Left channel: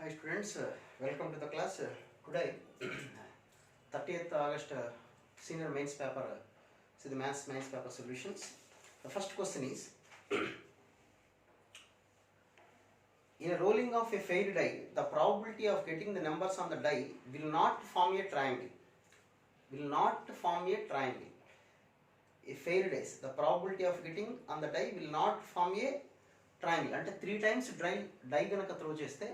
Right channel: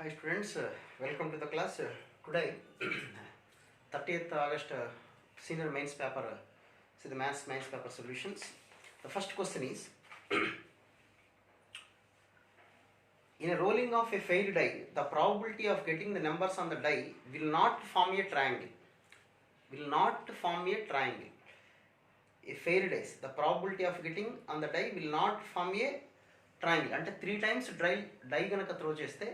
Hi students, welcome to the class. Today, 30th August senior mains paper, the maths mains paper solutions. The first question is, in a rolling of a failed die, the probability of getting the numbers on the die will not form a triangle. Will not form a triangle. A failed dice, the probability of getting on the die will not form a triangle. అంటే 3 times die కనుక throw చేస్తే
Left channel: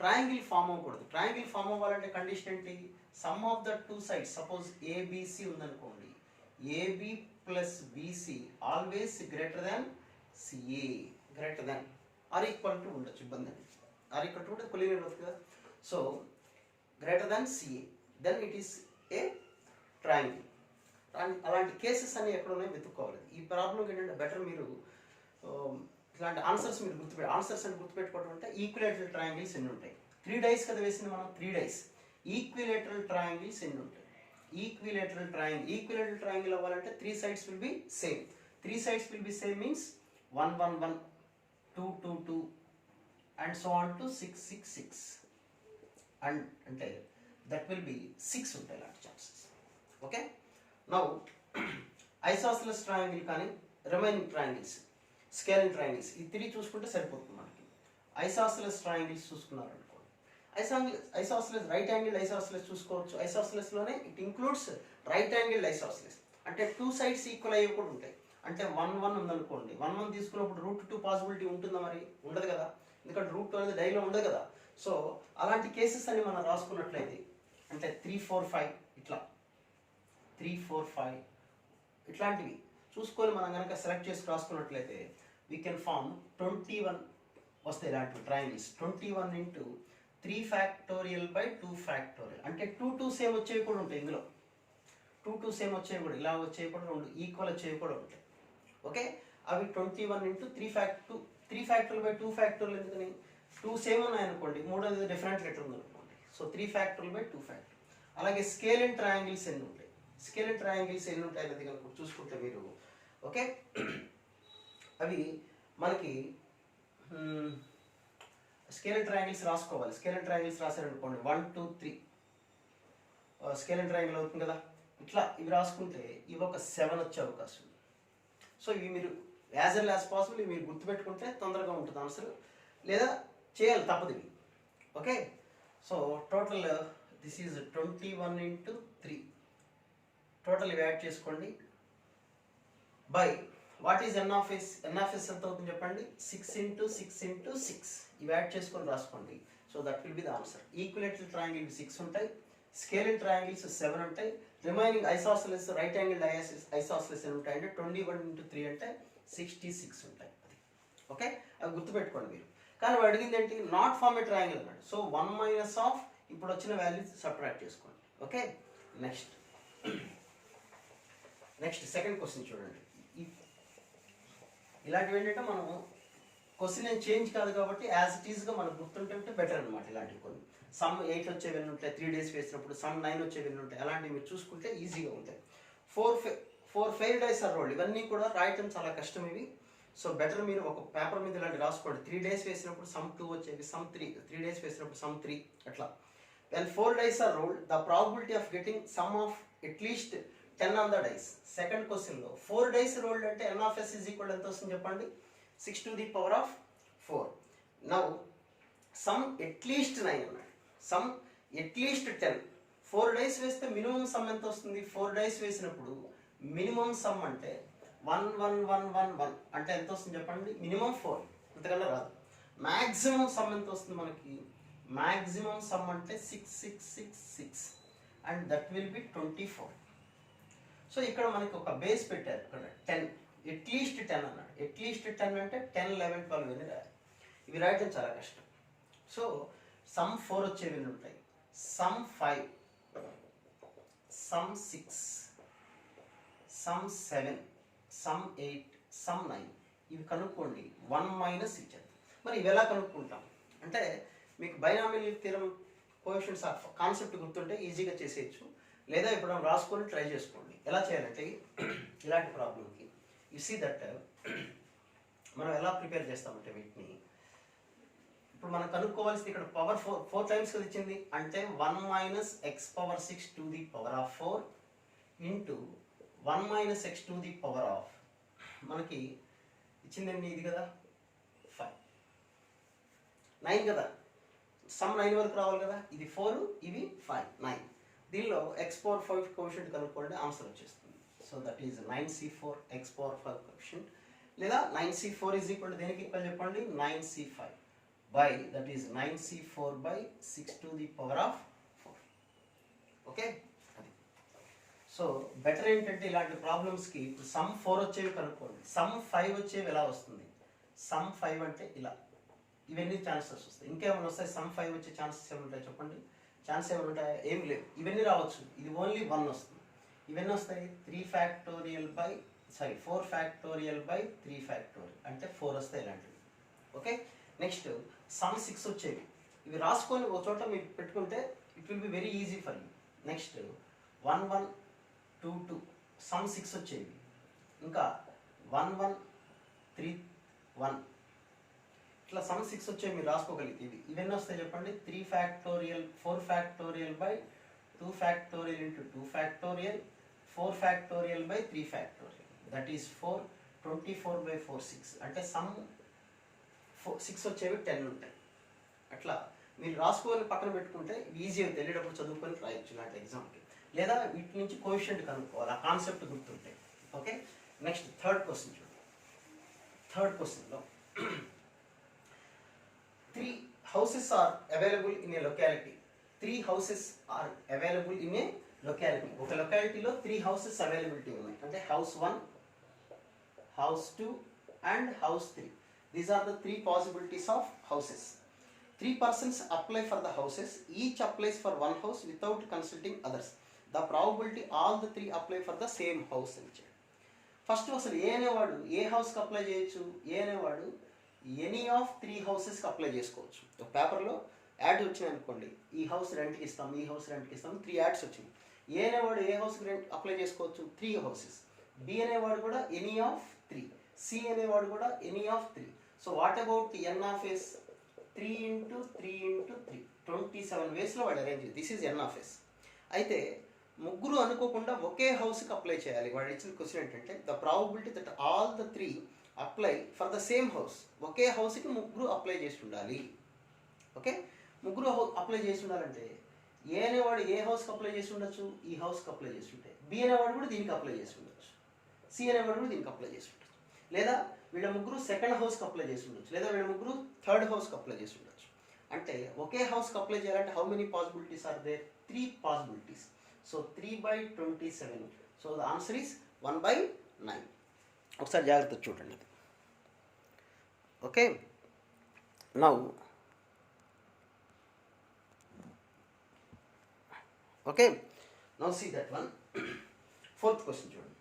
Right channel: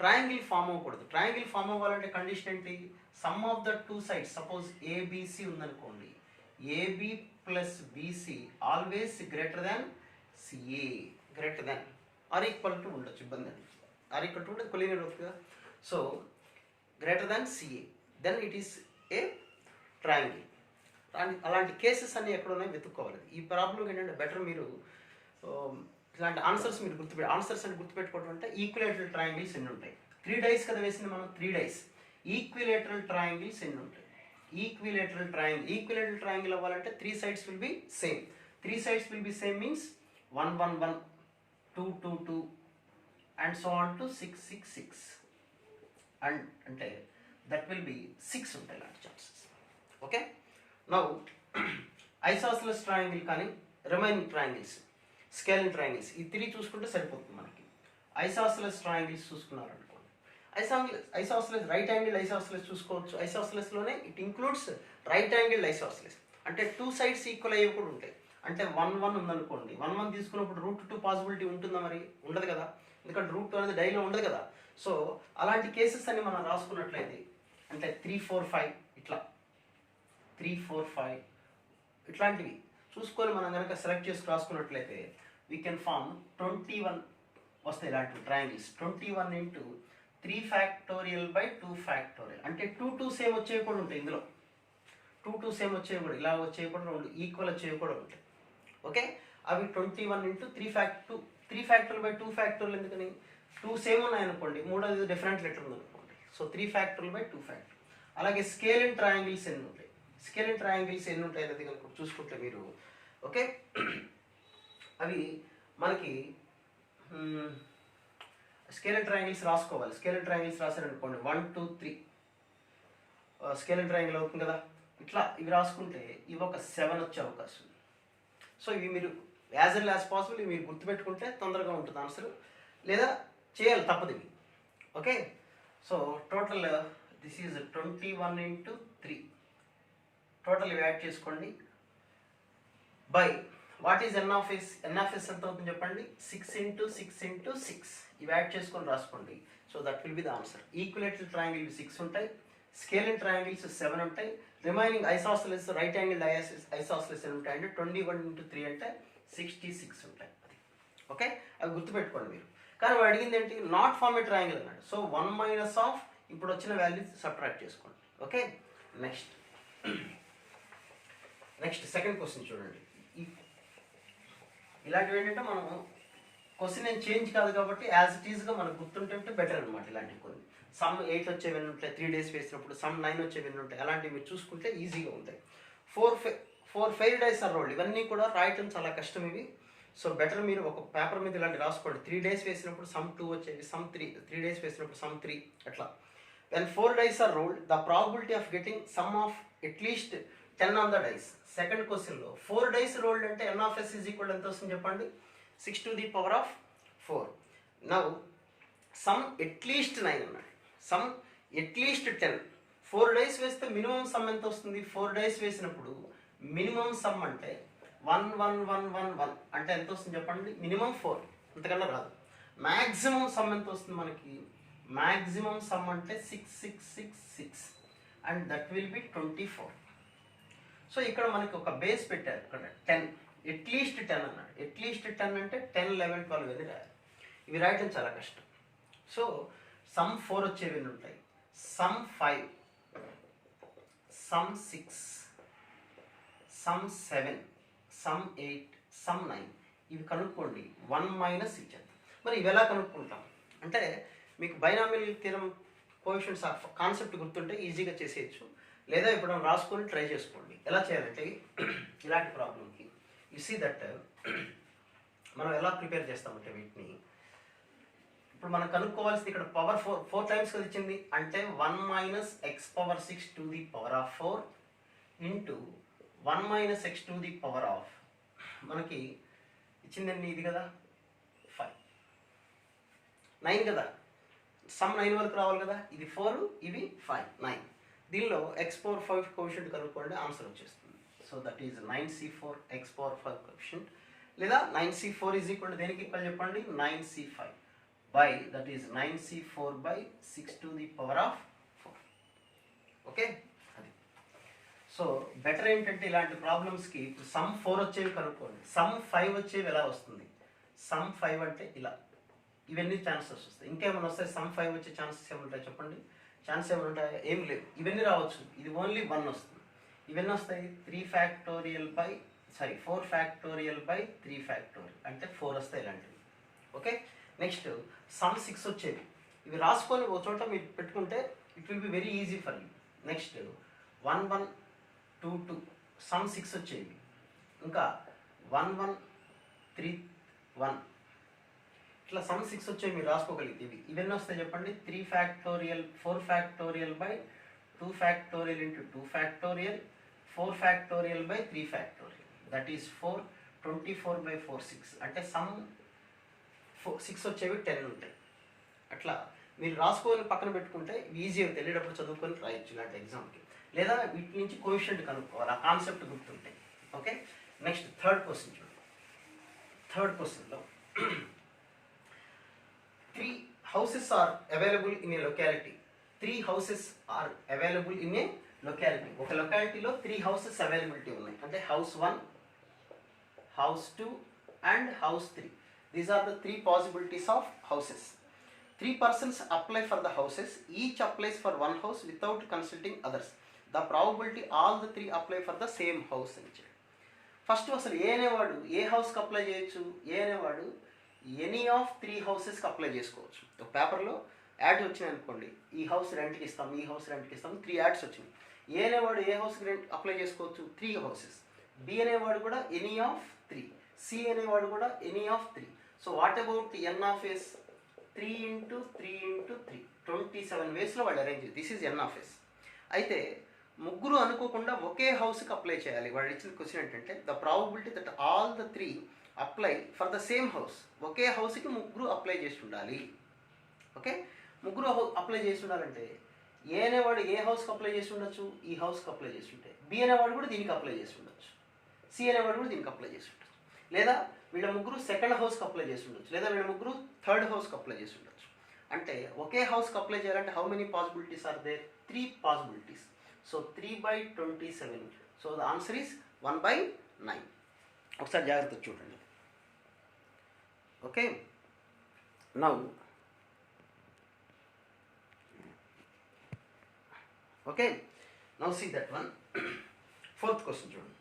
triangle form అవ్వకూడదు. Triangle form అవ్వాలంటే condition ఏంటి? Sum of the two sides, suppose ABC ఉందనుకోండి, AB plus BC always greater than CA, greater than or equal to ఉండొచ్చు, ఇబ్బంది అండి. ఆర్ ఈక్వల్ టు ఉంటే కొలీనియర్ అవుతుంది కదా. So greater than CA, then it is a triangle. అలాంటి cases అన్ని ఎక్కడ ఉన్నాయో వెతుక్కోవాలి. ఈ ప్రాబ్లం ఏంటంటే బెటర్ మీరు ఇలాంటి ఆన్సర్స్ మీరు ఆన్సర్స్ అని గుర్తుపెట్టుకోవడం అంటే ఈక్విలేటరల్ ట్రయాంగిల్స్ ఎన్ని ఉంటాయి. 3 డైస్ కదా వేసింది మనం, 3 డైస్. ఈక్విలేటరల్ ట్రయాంగిల్స్ ఎన్ని ఉంటాయి? ఈక్విలేటరల్ ట్రయాంగిల్ అవ్వాలంటే 3 sides will be same. 3 sides will be same means 1 1 1 2 2 2 and so on to 6 6 6 and అంటే దట్ విల్ బి 6 ఉంటాయి ఇలాంటి chances. Okay, now isosceles triangle కానీ రిమైనింగ్ ట్రయాంగిల్స్, స్కేలింగ్ ట్రయాంగిల్స్, ఈ 3 చూసుకుంటే సరిపోతుంది మనకి. ఐసోసెలస్ ట్రయాంగిల్స్ చూసుకున్నారు అనుకోండి, ఐసోసెలస్ రైట్ యాంగిల్ ఐసోసెలస్ చూసుకోవచ్చు. ఐసోసెలస్లోనే it includes right angle isosceles, అంటే 2 sides ఈక్వల్ అయ్యేవి కూడా ఉంటాయి. అంటే 1 1 ఉందనుకోండి, 1 1 తీసుకున్నప్పుడు √2 పాసిబిలిటీ ఉంటుందా? మరి ఉండదు కదా, ఎందుకంటే √2 అనేది డైలో ఉండదు కదా. సో అలాంటి కేసెస్ అని మనం రాసుకున్నట్లయితే అంటే 3 4 5 ఇట్లా 3 4 5 ఇట్లాంటివి చూసుకొని మనం కనుక సెలెక్ట్ చేసి రాసుకున్నట్లయితే వీ కెన్ ఫార్మ్ 21 వస్తాయి ఇలాంటి triangles. 21 into 3 factorial by 2 factorial, అంటే 2 2 సేమ్ వచ్చేవి కూడా ఉంటాయి ఇందులో. 2 2 సేమ్ వచ్చేవి కూడా, ఇలా వచ్చేవి కూడా, 2 ఈక్వల్ వచ్చేవి కూడా ఉంటాయి. ఓకే, అవి 21 ఇంటూ 3 factorial by 2 factorial. ఎందుకని 2 సేమ్ ఉన్నాయనుకోండి, మూడోది డిఫరెంట్ లెటర్ ఉందనుకోండి, సో 3 factorial by 2 factorial. అలాగే స్కేల్ అండ్ ట్రయాంగిల్స్ ఎన్ని ఉంటాయి? స్కేల్ అండ్ ట్రయాంగిల్స్ ఎన్ని ఉంటాయి అనేది కనుక చూసుకుంటే మీరు, ఓకే, అవి మనకి స్కేల్ అండ్ ట్రయాంగిల్స్ రాసుకోవాలి. స్కేల్ అండ్ ట్రయాంగిల్స్ రాశారనుకోండి 1 2 3 స్కేల్ అండ్ ట్రయాంగిల్ అవుతుంది కదా. ఇట్లా ఇవి రాసుకుంటే ఇవి ఒక 7 వచ్చే అవకాశం ఉంది. సో ఇవి మీరు యాజ్ ఎల్ యాజ్ పాసిబుల్ ఇవి మీరు గుర్తుపెట్టుకుంటే తొందరగా ఉంటుంది ఆన్సర్, లేదా చేయాలి తప్పదు ఇవి. Okay, so total this is 21 into 3, total ఇవి యాడ్ చేసుకోండి by what is N of S. N of S ఎంత అవుతుంది చెప్పండి? 6 ఇంటూ 6 ఇంటూ 6, ఇవి యాడ్ చేసుకొని రాసుకోండి. So that will be the answer. Equilateral triangle 6 ఉంటాయి, స్కేల్ అండ్ ట్రయాంగిల్స్ 7 ఉంటాయి, remaining isosceles right angle isosceles ఎన్ని ఉంటాయి అంటే 21 ఇంటూ 3 అంటే 66 ఉంటాయి. అది ఓకే, అవి గుర్తుపెట్టుకోండి మీరు. కానీ వాడు అడిగింది ఏంటి? నాట్ ఫార్మ్ ఏ ట్రయాంగిల్ అన్నాడు. సో 1 మైనస్ ఆఫ్ ఇప్పుడు వచ్చిన వాల్యూస్ సబ్ట్రాక్ట్ చేసుకోండి. ఓకే, నెక్స్ట్ సెకండ్ క్వశ్చన్ చూడండి. ఇలాంటివి ఏంటంటే మనం క్వశ్చన్ ఏం చేంజ్ కాదు కాబట్టి యాజ్ ఇట్ ఈస్గా మనకు గుర్తుంటే బెటర్ అనమాట. ఇలాంటివి కొన్ని సమ్ 8 వచ్చేవి ఉంటాయి 3 days వేసినప్పుడు, సమ్ 9 వచ్చేవి ఉంటాయి, అలాంటివి మీరు చూసుకుంటే ఈజీగా ఉంటాయి. 4 failed dice are rolled, ఇవన్నీ కూడా రాయటం చాలా కష్టం ఇవి. సో బెటర్ మీరు ఒక పేపర్ మీద ఇలాంటి రాసుకోండి. 3 days వేసినప్పుడు సమ్ 2 వచ్చేవి, సమ్ 3 days వేసినప్పుడు సమ్ 3 అట్లా. When 4 dice are rolled, the probability of getting sum of at least 10 on the dice. Second క్వశ్చన్లో 4 dice rolled అంటే n of s is equal ఎంత వస్తుంది చెప్పండి? 6 to the power of 4. Now some at least 9 ఉన్నాయి, some at least 10. 4 dice వేస్తే minimum some ఎంత వస్తుంది? 4 dice వేసినప్పుడు మినిమం సమ్ అంటే 1 1 1 1 1 అంటే ఎంత వస్తుంది చెప్పండి? మినిమం 4, అంతకన్నా రాదు. మ్యాక్సిమం సమ్ ఎంత వస్తుంది మనకి? మ్యాక్సిమం సమ్ అంటే 6 6 6 6 and that will be 24. So ఇక్కడ మనకి ఒక బేస్ పెట్టారు ఇక్కడ 10, ఎట్లీస్ట్ 10 అన్నాడు. ఎట్లీస్ట్ 10 అంటే 10 11 12 అని రాయాలి. ఇవి రాయటం చాలా కష్టం. సో సమ్ 4 వచ్చేవి ఉంటాయి, some 5, some 6, some 7, some 8, some 9, ఇవి కనుక్కోండి. 1 మైనస్ ఇచ్చేది. మరి ఇవి ఎలా కనుక్కుంటాం అంటే మీకు binomial theorem coefficients of concept గుర్తుంటే ఈజీగా చేసేయచ్చు, లేదా ఇప్పుడు మనం రాసుకొని ట్రై చేసుకోండి. ఎలా చేయాలంటే ఇలాంటి ప్రాబ్లంకి యు సీ దట్ మనం ఎలా ప్రిపేర్ చేస్తామంటే వీటిని ఇప్పుడు ఇప్పుడు మనం కనుక్కోవాల్సింది ఇక్కడ పవర్ 4 టైమ్స్ కదా ఇచ్చింది, అంటే 1 minus X power 6 to the power of 4 into 1 minus X to the power of మనకి ఇచ్చిందండి ఇది కదా 5 9 కదా, సమ్ 9 వరకు రావాలి కదా, ఇది 4 ఇవి 5 9. దీనిలో ఎక్స్ పవర్ 5 కోఎఫిషియంట్ కనుక్కోండి, ఆన్సర్ వచ్చేస్తుంది. So that is 9c4 X power 5 coefficient, లేదా 9c4 ఈజ్ ఈక్వల్ టు దేనికి ఈక్వల్ చెప్పండి, 9c5 by that is 9c4 by 6 to the power of 4. Okay, అది. సో బెటర్ ఏంటంటే ఇలాంటి ప్రాబ్లమ్స్కి ఇప్పుడు సమ్ 4 వచ్చేవి కనుక్కోండి, సమ్ 5 వచ్చేవి ఎలా వస్తుంది, సమ్ 5 అంటే ఇలా, ఇవన్నీ ఛాన్సెస్ వస్తాయి. ఇంకేమైనా వస్తాయి సమ్ 5 వచ్చే ఛాన్సెస్ ఏముంటాయి చెప్పండి, ఛాన్స్ ఏముంటాయి, ఏం లేవు. ఇవన్నీ రావచ్చు, ఇది ఓన్లీ 1 వస్తుంది. ఇవన్నీ వస్తాయి 3 factorial by 4 factorial by 3 factorial అంటే 4 వస్తాయి ఇలాంటివి. ఓకే, నెక్స్ట్ సమ్ 6 వచ్చేవి, ఇవి రాసుకొని ఒక చోట మీరు పెట్టుకుంటే it will be very easy for you. Next 1 1 2 2 some 6 వచ్చేవి, ఇంకా 1 1 3 1 ఇట్లా సమ్ 6 వచ్చేవి మీరు రాసుకోగలిగితే ఇవన్నీ వస్తాయి చెప్పండి, 3 factorial 4 factorial by 2 factorial into 2 factorial 4 factorial by 3 factorial that is 4 24 by 4 6 అంటే సమ్ 6 వచ్చేవి 10 ఉంటాయి. అట్లా మీరు రాసుకొని పక్కన పెట్టుకుంటే ఈజీగా తెలియటప్పుడు చదువుకొని రాయొచ్చు ఇలాంటి ఎగ్జామ్కి, లేదా వీటి నుంచి కోఎఫిషియంట్ కనుక్కోవాలి, ఆ కాన్సెప్ట్ గుర్తుంటాయి. ఓకే, నెక్స్ట్ థర్డ్ క్వశ్చన్ చూడండి. థర్డ్ క్వశ్చన్లో 3 houses are available in a locality. 3 houses are available in a locality. ఒక లొకాలిటీలో 3 houses అవైలబిలిటీ ఉన్నాయి, అంటే house 1, house 2 and house 3. These are the 3 possibilities of houses. 3 persons apply for the houses. Each applies for one house without consulting others. The probability all the 3 apply for the same house అని చెప్పారు. First అసలు ఏ అనేవాడు ఏ హౌస్కి apply చేయొచ్చు, ఏ అనేవాడు any of 3 హౌసెస్కి apply చేసుకోవచ్చు. ఒక పేపర్లో యాడ్ వచ్చినాయి అనుకోండి, ఈ హౌస్ రెంట్కి ఇస్తాం, ఈ హౌస్ రెంట్కి ఇస్తాం, 3 యాడ్స్ వచ్చినాయి. ఏ అనేవాడు ఏ హౌస్కి రెంట్ అప్లై చేసుకోవచ్చు, 3 హౌసెస్. బి అనేవాడు కూడా ఎనీ ఆఫ్ 3, సి అనేవాడు కూడా any of 3. So what about N of S, 3 into 3 into 3 27 వేస్లో వాడు arrange. This is N of S. అయితే ముగ్గురు అనుకోకుండా ఒకే హౌస్కి అప్లై చేయాలి. వాళ్ళు ఇచ్చిన క్వశ్చన్ ఏంటంటే the probability that all the 3 apply for the same house. ఒకే హౌస్కి ముగ్గురు అప్లై చేసి ఉండాలి. ఓకే, ముగ్గురు అప్లై చేసి ఉండాలంటే ఏ అనేవాడు ఏ హౌస్కి అప్లై చేసి ఉండొచ్చు, ఈ హౌస్కి అప్లై చేసి ఉంటే, బి అనేవాడు కూడా దీనికి అప్లై చేసి ఉండొచ్చు, సి అనేవాడు కూడా దీనికి అప్లై చేసి ఉండొచ్చు, లేదా వీళ్ళ ముగ్గురు సెకండ్ హౌస్కి అప్లై చేసి ఉండొచ్చు, లేదా వీళ్ళ ముగ్గురు థర్డ్ హౌస్కి అప్లై చేసి ఉండొచ్చు. అంటే ఒకే హౌస్కి అప్లై చేయాలంటే how many possibilities are there, 3 possibilities. So 3/27. So the answer is 1/9. ఒకసారి జాగ్రత్త చూడండి. Okay, now see that one. Fourth question చూడండి.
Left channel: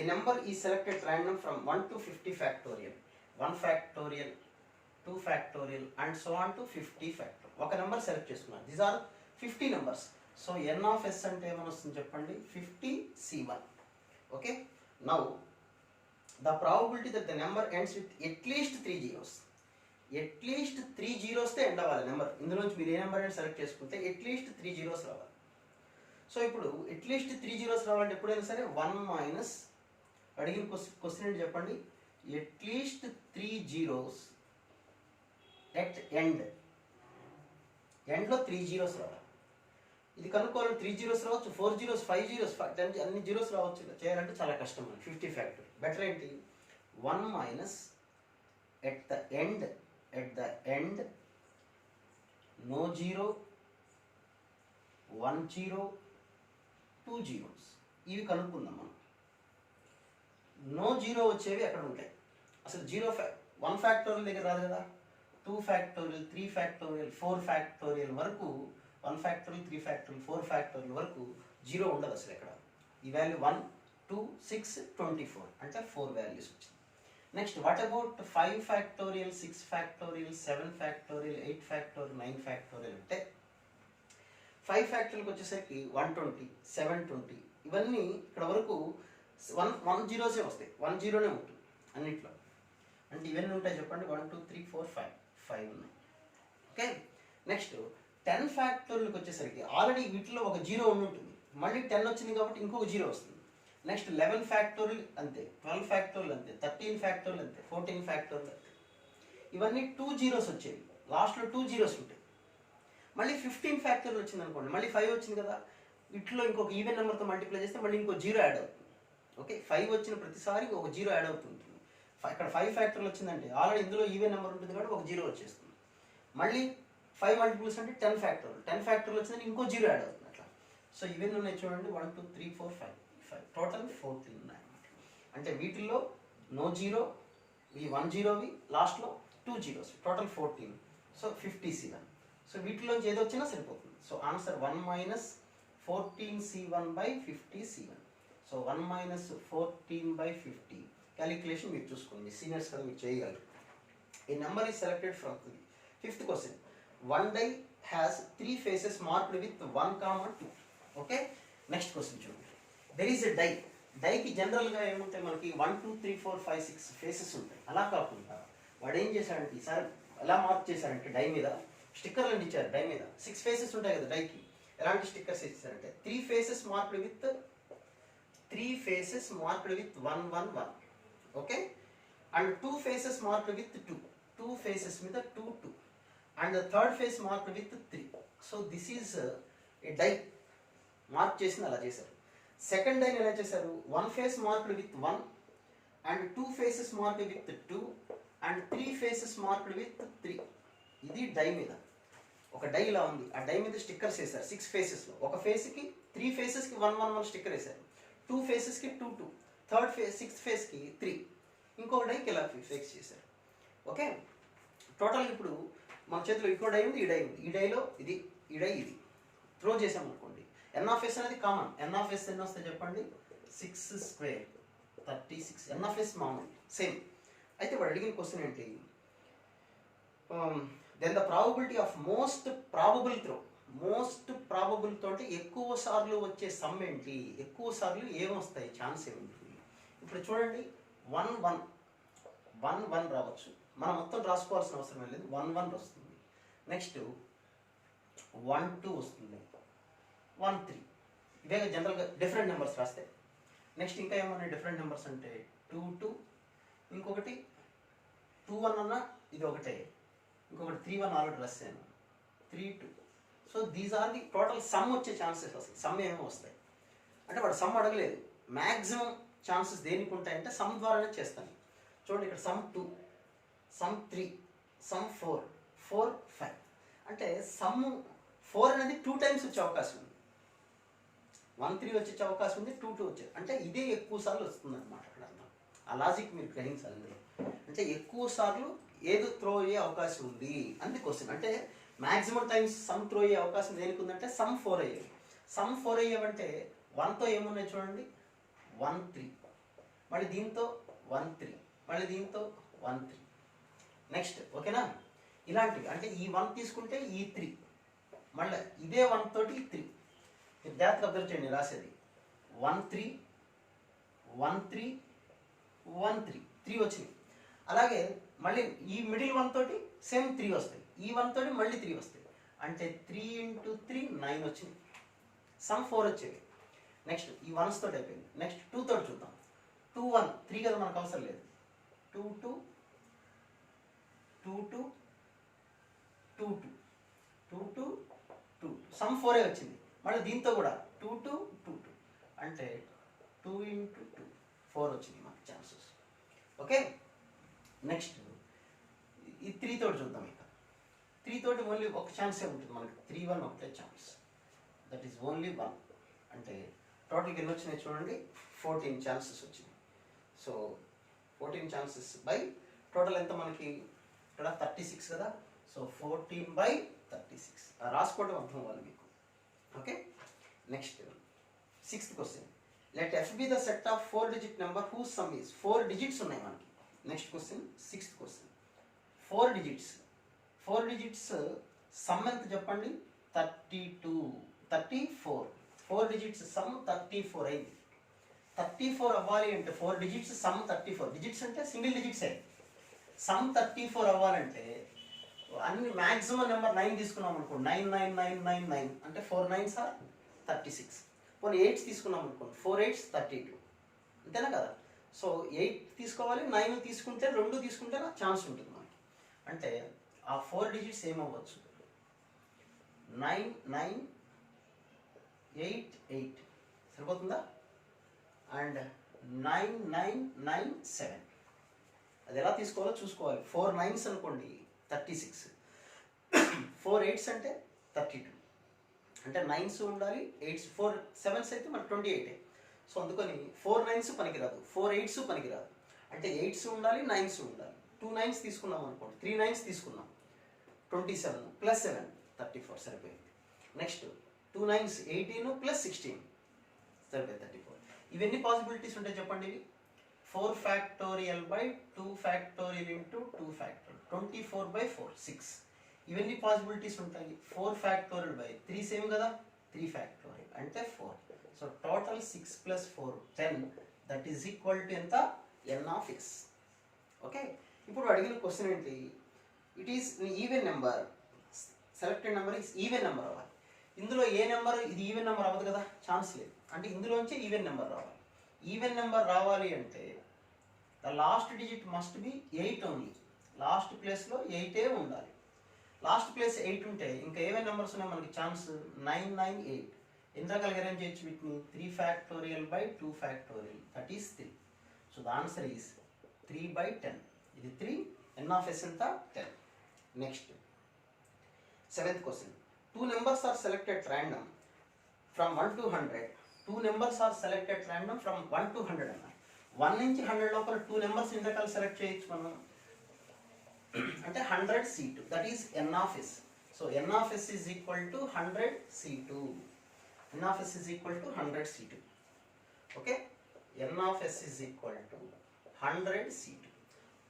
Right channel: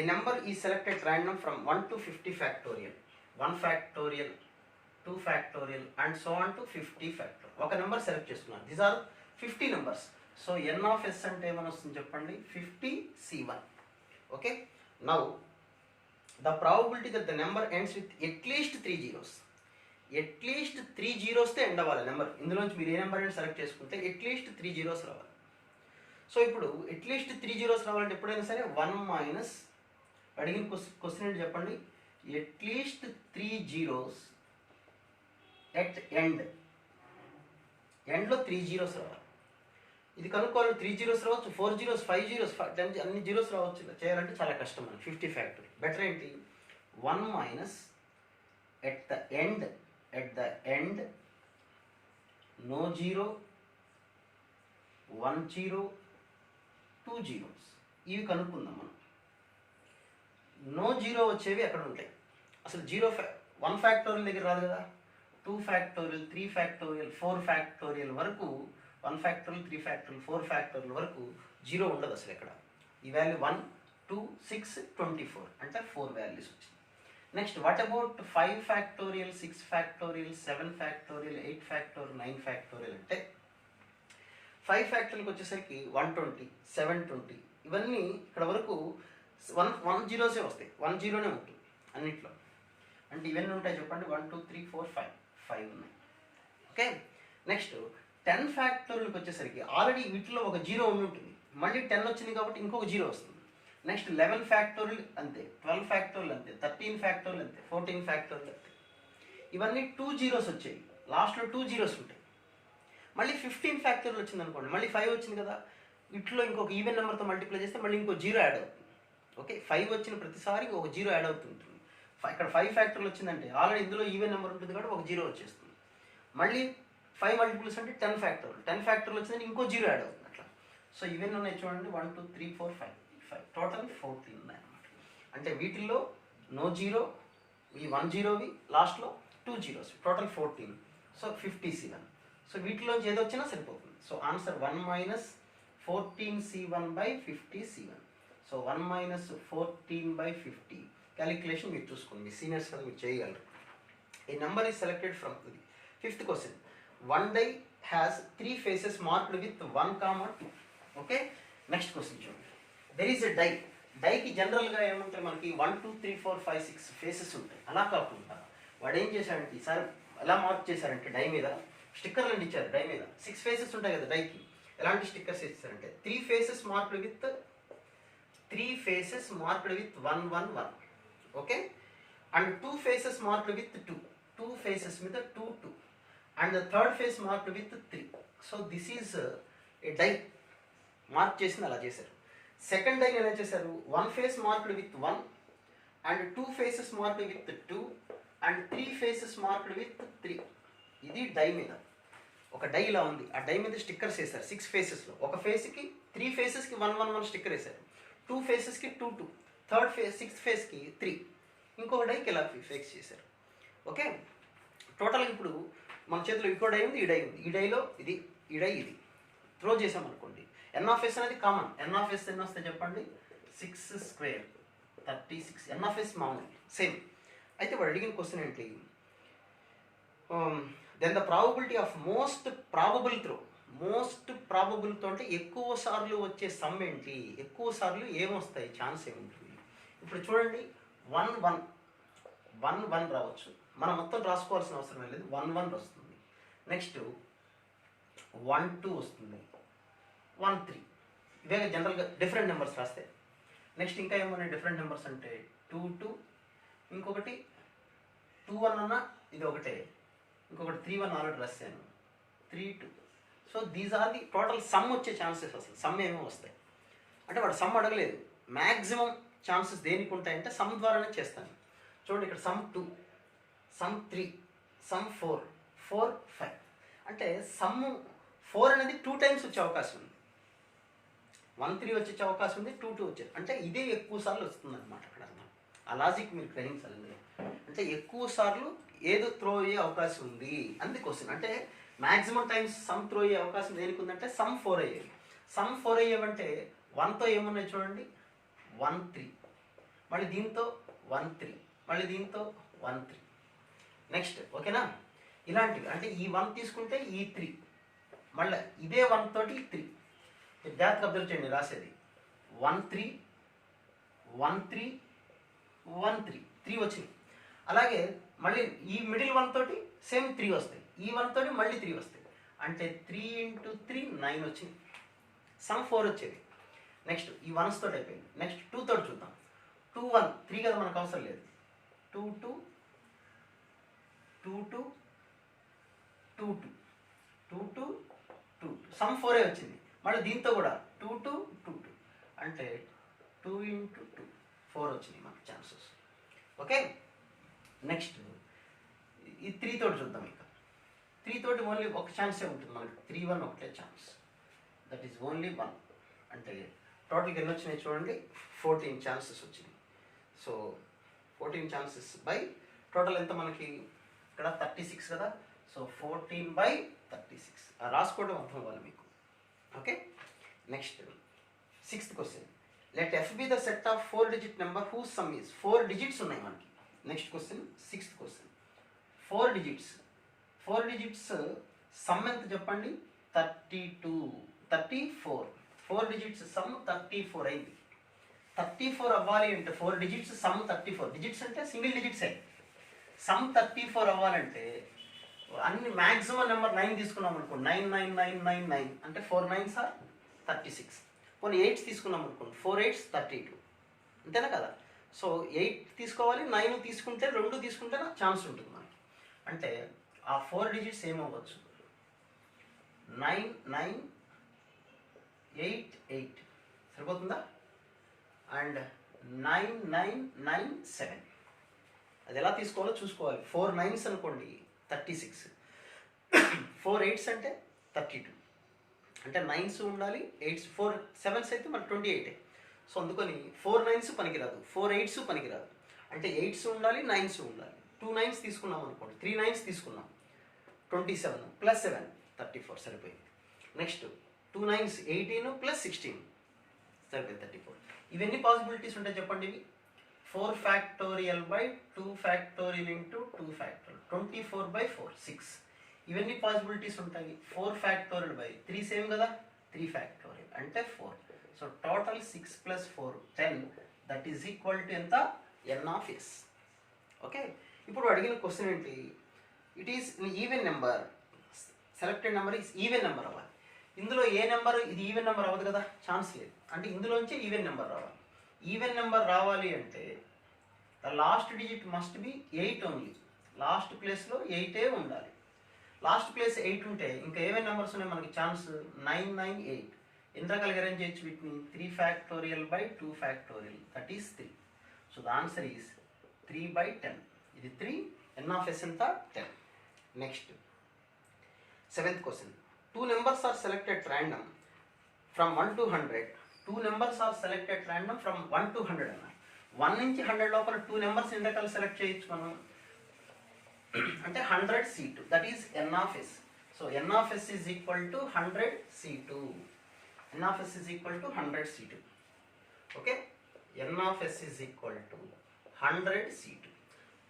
A number is selected random from 1 to 50 factorial, 1 factorial, 2 factorial and so on to 50 factorial. ఒక number select చేస్తున్నారు. These are 50 numbers. So n of s అంటే ఏమని వస్తుంది చెప్పండి, 50c1. Okay, now the probability that the number ends with at least 3 zeros. at least 3 zeros తో end అవ్వాలి number. ఇందులోంచి మీరు ఏ నెంబర్ అయినా సెలెక్ట్ చేసుకుంటే at least 3 zeros రావాలి. సో ఇప్పుడు at least 3 zeros రావాలంటే ఎప్పుడైనా సరే 1 మైనస్ అడిగిన క్వశ్చన్ ఏంటి చెప్పండి, at least 3 zeros at end. ఎండ్లో 3 zeros రావాలి. ఇది కనుక్కోవాలి, 3 zeros రావచ్చు, 4 zeros, 5 zeros, 10 అన్ని జీరోస్ రావచ్చు. ఇలా చేయాలంటే చాలా కష్టం. 50 ఫ్యాక్టరీ బెటర్ ఏంటి, 1 minus at the end no zero, 1 0, 2 zeros. ఇవి కనుక్కుందాం మనం. నో జీరో వచ్చేవి ఎక్కడ ఉంటాయి అసలు, 1 ఫ్యాక్టోరియల్ దగ్గర రాదు కదా, 2 ఫ్యాక్టోరియల్, 3 ఫ్యాక్టోరియల్, 4 ఫ్యాక్టోరియల్ వరకు, 1 ఫ్యాక్టోరియల్, 3 ఫ్యాక్టోరియల్, 4 ఫ్యాక్టోరియల్ వరకు జీరో ఉండదు అసలు ఎక్కడ. ఈ వాల్యూ 1 2 6 24 అంటే 4 వాల్యూస్ వచ్చింది. Next what about 5 factorial, 6 factorial, 7 factorial, 8 factorial, 9 factorial అంటే 5 ఫ్యాక్టోరియల్కి వచ్చేసరికి 120, 720 ఇవన్నీ ఇక్కడ వరకు 1 జీరోసే వస్తాయి, 1 జీరోనే ఉంటుంది అన్నిట్లో. అంటే ఇవన్నీ ఉంటాయి చెప్పండి, 1 2 3 4 5 ఉన్నాయి. ఓకే, నెక్స్ట్ 10 ఫ్యాక్టోరియల్కి వచ్చేసరికి ఆల్రెడీ వీటిలో ఒక జీరో ఉండి ఉంటుంది, మళ్ళీ 10 వచ్చింది కాబట్టి ఇంకొక జీరో వస్తుంది. నెక్స్ట్ 11 ఫ్యాక్టోరియల్ అంతే, 12 ఫ్యాక్టోరియల్ అంతే, 13 ఫ్యాక్టోరియల్ అంతే, 14 ఫ్యాక్టోరియల్ అంతే. ఇవన్నీ 2 జీరోస్ వచ్చాయి, లాస్ట్లో 2 జీరోస్ ఉంటాయి. మళ్ళీ 15 ఫ్యాక్టోరియల్ వచ్చింది అనుకోండి, మళ్ళీ 5 వచ్చింది కదా, వీటిలో ఇంకొక ఈవెన్ నెంబర్తో మల్టిప్లై చేస్తే మళ్ళీ ఇంకో జీరో యాడ్ అవుతుంది. ఓకే, 5 వచ్చిన ప్రతిసారి ఒక జీరో యాడ్ అవుతుంటుంది. ఇక్కడ 5 ఫ్యాక్టోరియల్ వచ్చిందంటే ఆల్రెడీ ఇందులో ఈవెన్ నెంబర్ ఉంటుంది కాబట్టి ఒక జీరో వచ్చేస్తుంది. మళ్ళీ 5 మల్టిపుల్స్ అంటే 10 ఫ్యాక్టోరియల్, 10 ఫ్యాక్టోరియల్ వచ్చిందంటే ఇంకో జీరో యాడ్ అవుతుంది అట్లా. సో ఈవెన్ ఉన్నాయి చూడండి, 1 2 3 4 5 టోటల్ 14 ఉన్నాయి అన్నమాట. అంటే వీటిల్లో నో జీరో, ఈ 1 జీరోవి, లాస్ట్లో 2 జీరోస్, టోటల్ 14. సో 57. సో వీటిలోంచి ఏదో వచ్చినా సరిపోతుంది. So answer 1 minus 14C1/50C1. So 1 minus 14/50 calculation మీరు చూసుకోండి, మీ సీనియర్స్ కదా మీరు చేయగలరు. A number is selected from the fifth question. One die has 3 faces marked with 1, 2. Okay. Next question చూడండి. There is a die. డైకి జనరల్గా ఏముంటాయి మనకి 1 2 3 4 5 6 ఫేసెస్ ఉంటాయి. అలా కాకుండా వాడు ఏం చేశాడంటే ఈసారి ఎలా మార్క్ చేశారంటే డై మీద స్టిక్కర్లు ఇచ్చారు. డై మీద 6 ఫేసెస్ ఉంటాయి కదా డైకి. ఎలాంటి స్టిక్కర్స్ ఇచ్చారంటే 3 faces marked with 1 1 1. Okay, and 2 faces marked with 2 faces మీద 2 2, and the third face marked with 3. So this is a die mark చేసింది అలా చేశారు. సెకండ్ డైని ఎలా చేశారు, 1 face marked with 1, and 2 faces marked with 2, and 3 faces marked with 3. ఇది die మీద ఒక డై ఇలా ఉంది. ఆ డై మీద స్టిక్కర్స్ వేశారు 6 ఫేసెస్లో. ఒక ఫేస్కి 3 ఫేసెస్కి 1 1 1 స్టిక్కర్ వేశారు, 2 ఫేసెస్కి 2 2, థర్డ్ ఫేస్ 6th ఫేస్కి 3, ఇంకొక డైకి ఇలా ఫిక్స్ చేశారు. ఓకే, టోటల్ ఇప్పుడు మన చేతిలో ఇంకో డై ఉంది, ఈ డై ఉంది. ఈ డైలో ఇది, ఈ డై ఇది త్రో చేసామనుకోండి, ఎన్ఆఫ్ఎస్ అనేది కామన్. ఎన్ఆఫ్ఎస్ ఎన్ని వస్తాయి చెప్పండి, 6 స్క్వేర్ 36. ఎన్ఆఫ్ఎస్ మామూలు సేమ్. అయితే వాడు అడిగిన క్వశ్చన్ ఏంటి, then the probability of most ప్రాబబుల్తో అంటే ఎక్కువ సార్లు వచ్చే సమ్ ఏంటి, ఎక్కువ సార్లు ఏమొస్తాయి, ఛాన్స్ ఏముంటుంది. ఇప్పుడు చూడండి 1 1 1 1 రావచ్చు, మనం మొత్తం రాసుకోవాల్సిన అవసరం లేదు. 1 1 వస్తుంది, నెక్స్ట్ 1 2 వస్తుంది, 1 3. ఇవే జనరల్గా డిఫరెంట్ నెంబర్స్ రాస్తే. నెక్స్ట్ ఇంకా ఏమన్నా డిఫరెంట్ నెంబర్స్ అంటే 2 2, ఇంకొకటి 2 1 అన్న ఇది ఒకటే, ఇంకొకటి 3 1 ఆల్రెడీ రాశాను, 3 2. So these are the total sum వచ్చే ఛాన్సెస్. అసలు సమ్ ఏమో వస్తాయి అంటే వాడు సమ్ అడగలేదు. మ్యాక్సిమం ఛాన్సెస్ దేనికి ఉంటాయంటే సమ్ ద్వారానే చేస్తాను. చూడండి ఇక్కడ సమ్ 2, సమ్ 3, సమ్ 4, 4 5. అంటే సమ్ 4 అనేది 2 టైమ్స్ వచ్చే అవకాశం ఉంది. 1 3 వచ్చే అవకాశం ఉంది, 2 2 వచ్చే, అంటే ఇదే ఎక్కువ సార్లు వస్తుంది అనమాట. అక్కడ ఆ లాజిక్ మీరు గ్రహించాలి. ఇందులో అంటే ఎక్కువ సార్లు ఏదో త్రో అయ్యే అవకాశం ఉంది అంది క్వశ్చన్. అంటే మ్యాక్సిమం టైమ్స్ సమ్ త్రో అయ్యే అవకాశం దేనికి ఉందంటే సమ్ 4 అయ్యేవి. సమ్ 4 అయ్యేవంటే 1తో ఏమున్నాయి చూడండి, 1 3, మళ్ళీ దీంతో 1 3, మళ్ళీ దీంతో 1 3. నెక్స్ట్ ఓకేనా, ఇలాంటివి. అంటే ఈ 1 తీసుకుంటే ఈ 3, మళ్ళీ ఇదే 1 తోటి 3. మీరు జాగ్రత్తగా అబ్జర్వ్ చేయండి రాసేది 1 3 1 3 1 3, 3 వచ్చింది. అలాగే మళ్ళీ ఈ మిడిల్ 1 తోటి సేమ్ 3 వస్తాయి, ఈ 1 తోటి మళ్ళీ 3 వస్తాయి. అంటే 3 × 3 9 వచ్చింది. సమ్ 4 వచ్చేది. నెక్స్ట్ ఈ 1s తోటి అయిపోయింది. నెక్స్ట్ 2 తోటి చూద్దాం. 2 1 3 కదా మనకు అవసరం లేదు. 2 2 2 2 2 2 2 2 2 సమ్ 4 వచ్చింది. మళ్ళీ దీంతో కూడా 2 2 2 2, అంటే 2 × 2 4 వచ్చింది మనకు ఛాన్సెస్. ఓకే, నెక్స్ట్ ఈ 3 తోటి చూద్దాం. ఇక 3 తోటి ఓన్లీ ఒక ఛాన్సే ఉంటుంది మనకి, 3 1 ఒకటే ఛాన్స్, దట్ ఈస్ ఓన్లీ 1. అంటే టోటల్కి ఎన్ని వచ్చినాయి చూడండి, 14 ఛాన్సెస్ వచ్చినాయి. సో 14 ఛాన్సెస్ బై టోటల్ ఎంత మనకి ఇక్కడ 36 కదా. సో 14/36 రాసుకోవడం అర్థం అవ్వాలి మీకు. Okay, next 6th question. Let F be the set of 4 digit number whose sum is. 4 digits ఉన్నాయి మనకి. Next question 6th question. 4 digits sum ఎంత చెప్పండి, 32 34. 4 digits సమ్ 34 అయింది. 34 అవ్వాలి అంటే 4 digits సమ్ 34. డిజిట్స్ అంటే సింగిల్ డిజిట్సే. సమ్ 34 అవ్వాలంటే అన్ని మ్యాక్సిమం నెంబర్ 9 తీసుకున్నాం అనుకోండి, 99999 అంటే 4 9s ఆర్ 36. కొన్ని 8s తీసుకున్నాం అనుకోండి, 4 8s 32. అంతేనా కదా? సో 8 తీసుకోవాలి, 9 తీసుకుంటే 2 తీసుకుంటే ఛాన్స్ ఉంటుంది మనకి. అంటే ఆ 4 డిజిట్స్ ఏమవ్వచ్చు, 9988 సరిపోతుందా? అండ్ 9997. అది ఎలా తీసుకోవాలో చూసుకోవాలి. 4 9s అనుకోండి 36, 4 8s అంటే 32, అంటే 9s ఉండాలి, 8s 4 7s అయితే మరి 28. సో అందుకని 4 9s పనికిరాదు, 4 8s పనికిరాదు, అంటే 8s ఉండాలి, 9s ఉండాలి. 2 9s తీసుకున్నాం అనుకోండి, 3 9s తీసుకున్నాం, 27 + 7 34 సరిపోయింది. నెక్స్ట్ 2 9s 18 + 16 సరిపోయింది 34. ఇవన్నీ పాసిబిలిటీస్ ఉంటాయి చెప్పండి. ఇవి 4 factorial by 2 factorial into 2 factorial, 24/4 6. ఇవన్నీ పాసిబిలిటీస్ ఉంటాయి. 4 factorial by 3 సేమ్ కదా, 3 factorial అంటే 4. So total 6 + 4 10, that is equal to ఎంత, n of s. ఓకే, ఇప్పుడు అడిగిన క్వశ్చన్ ఏంటి, it is even number, selected number is even number అవ్వాలి. ఇందులో ఏ నెంబర్, ఇది ఈవెన్ నెంబర్ అవ్వదు కదా, ఛాన్స్ లేదు. అంటే ఇందులోంచి ఈవెన్ నెంబర్ రావాలి. ఈవెన్ నెంబర్ రావాలి అంటే the last digit must be 8 only. Last ప్లేస్లో 8 ఉండాలి. లాస్ట్ ప్లేస్ 8 ఉంటే ఇంకా ఏమేమి నెంబర్స్ ఉన్నాయి మనకి ఛాన్స్, 998. ఎన్ని రకాలుగా అరేంజ్ చేయొచ్చు వీటిని, 3 factorial by 2 factorial, that is 3. So the answer is 3/10. ఇది 3, n of s ఎంత, 10. Next 7th question. 2 numbers are selected random from 1 to 100. 2 numbers are selected random from 1 to 100 అన్న. 1 నుంచి 100 లోపల 2 నెంబర్స్ ఎన్ని రకాలు సెలెక్ట్ చేయొచ్చు మనం అంటే 100 C2, that is n of s. So n of s is equal to 100 C2. n of s is equal to 100 C2. Okay, n of s is equal to 100 C2.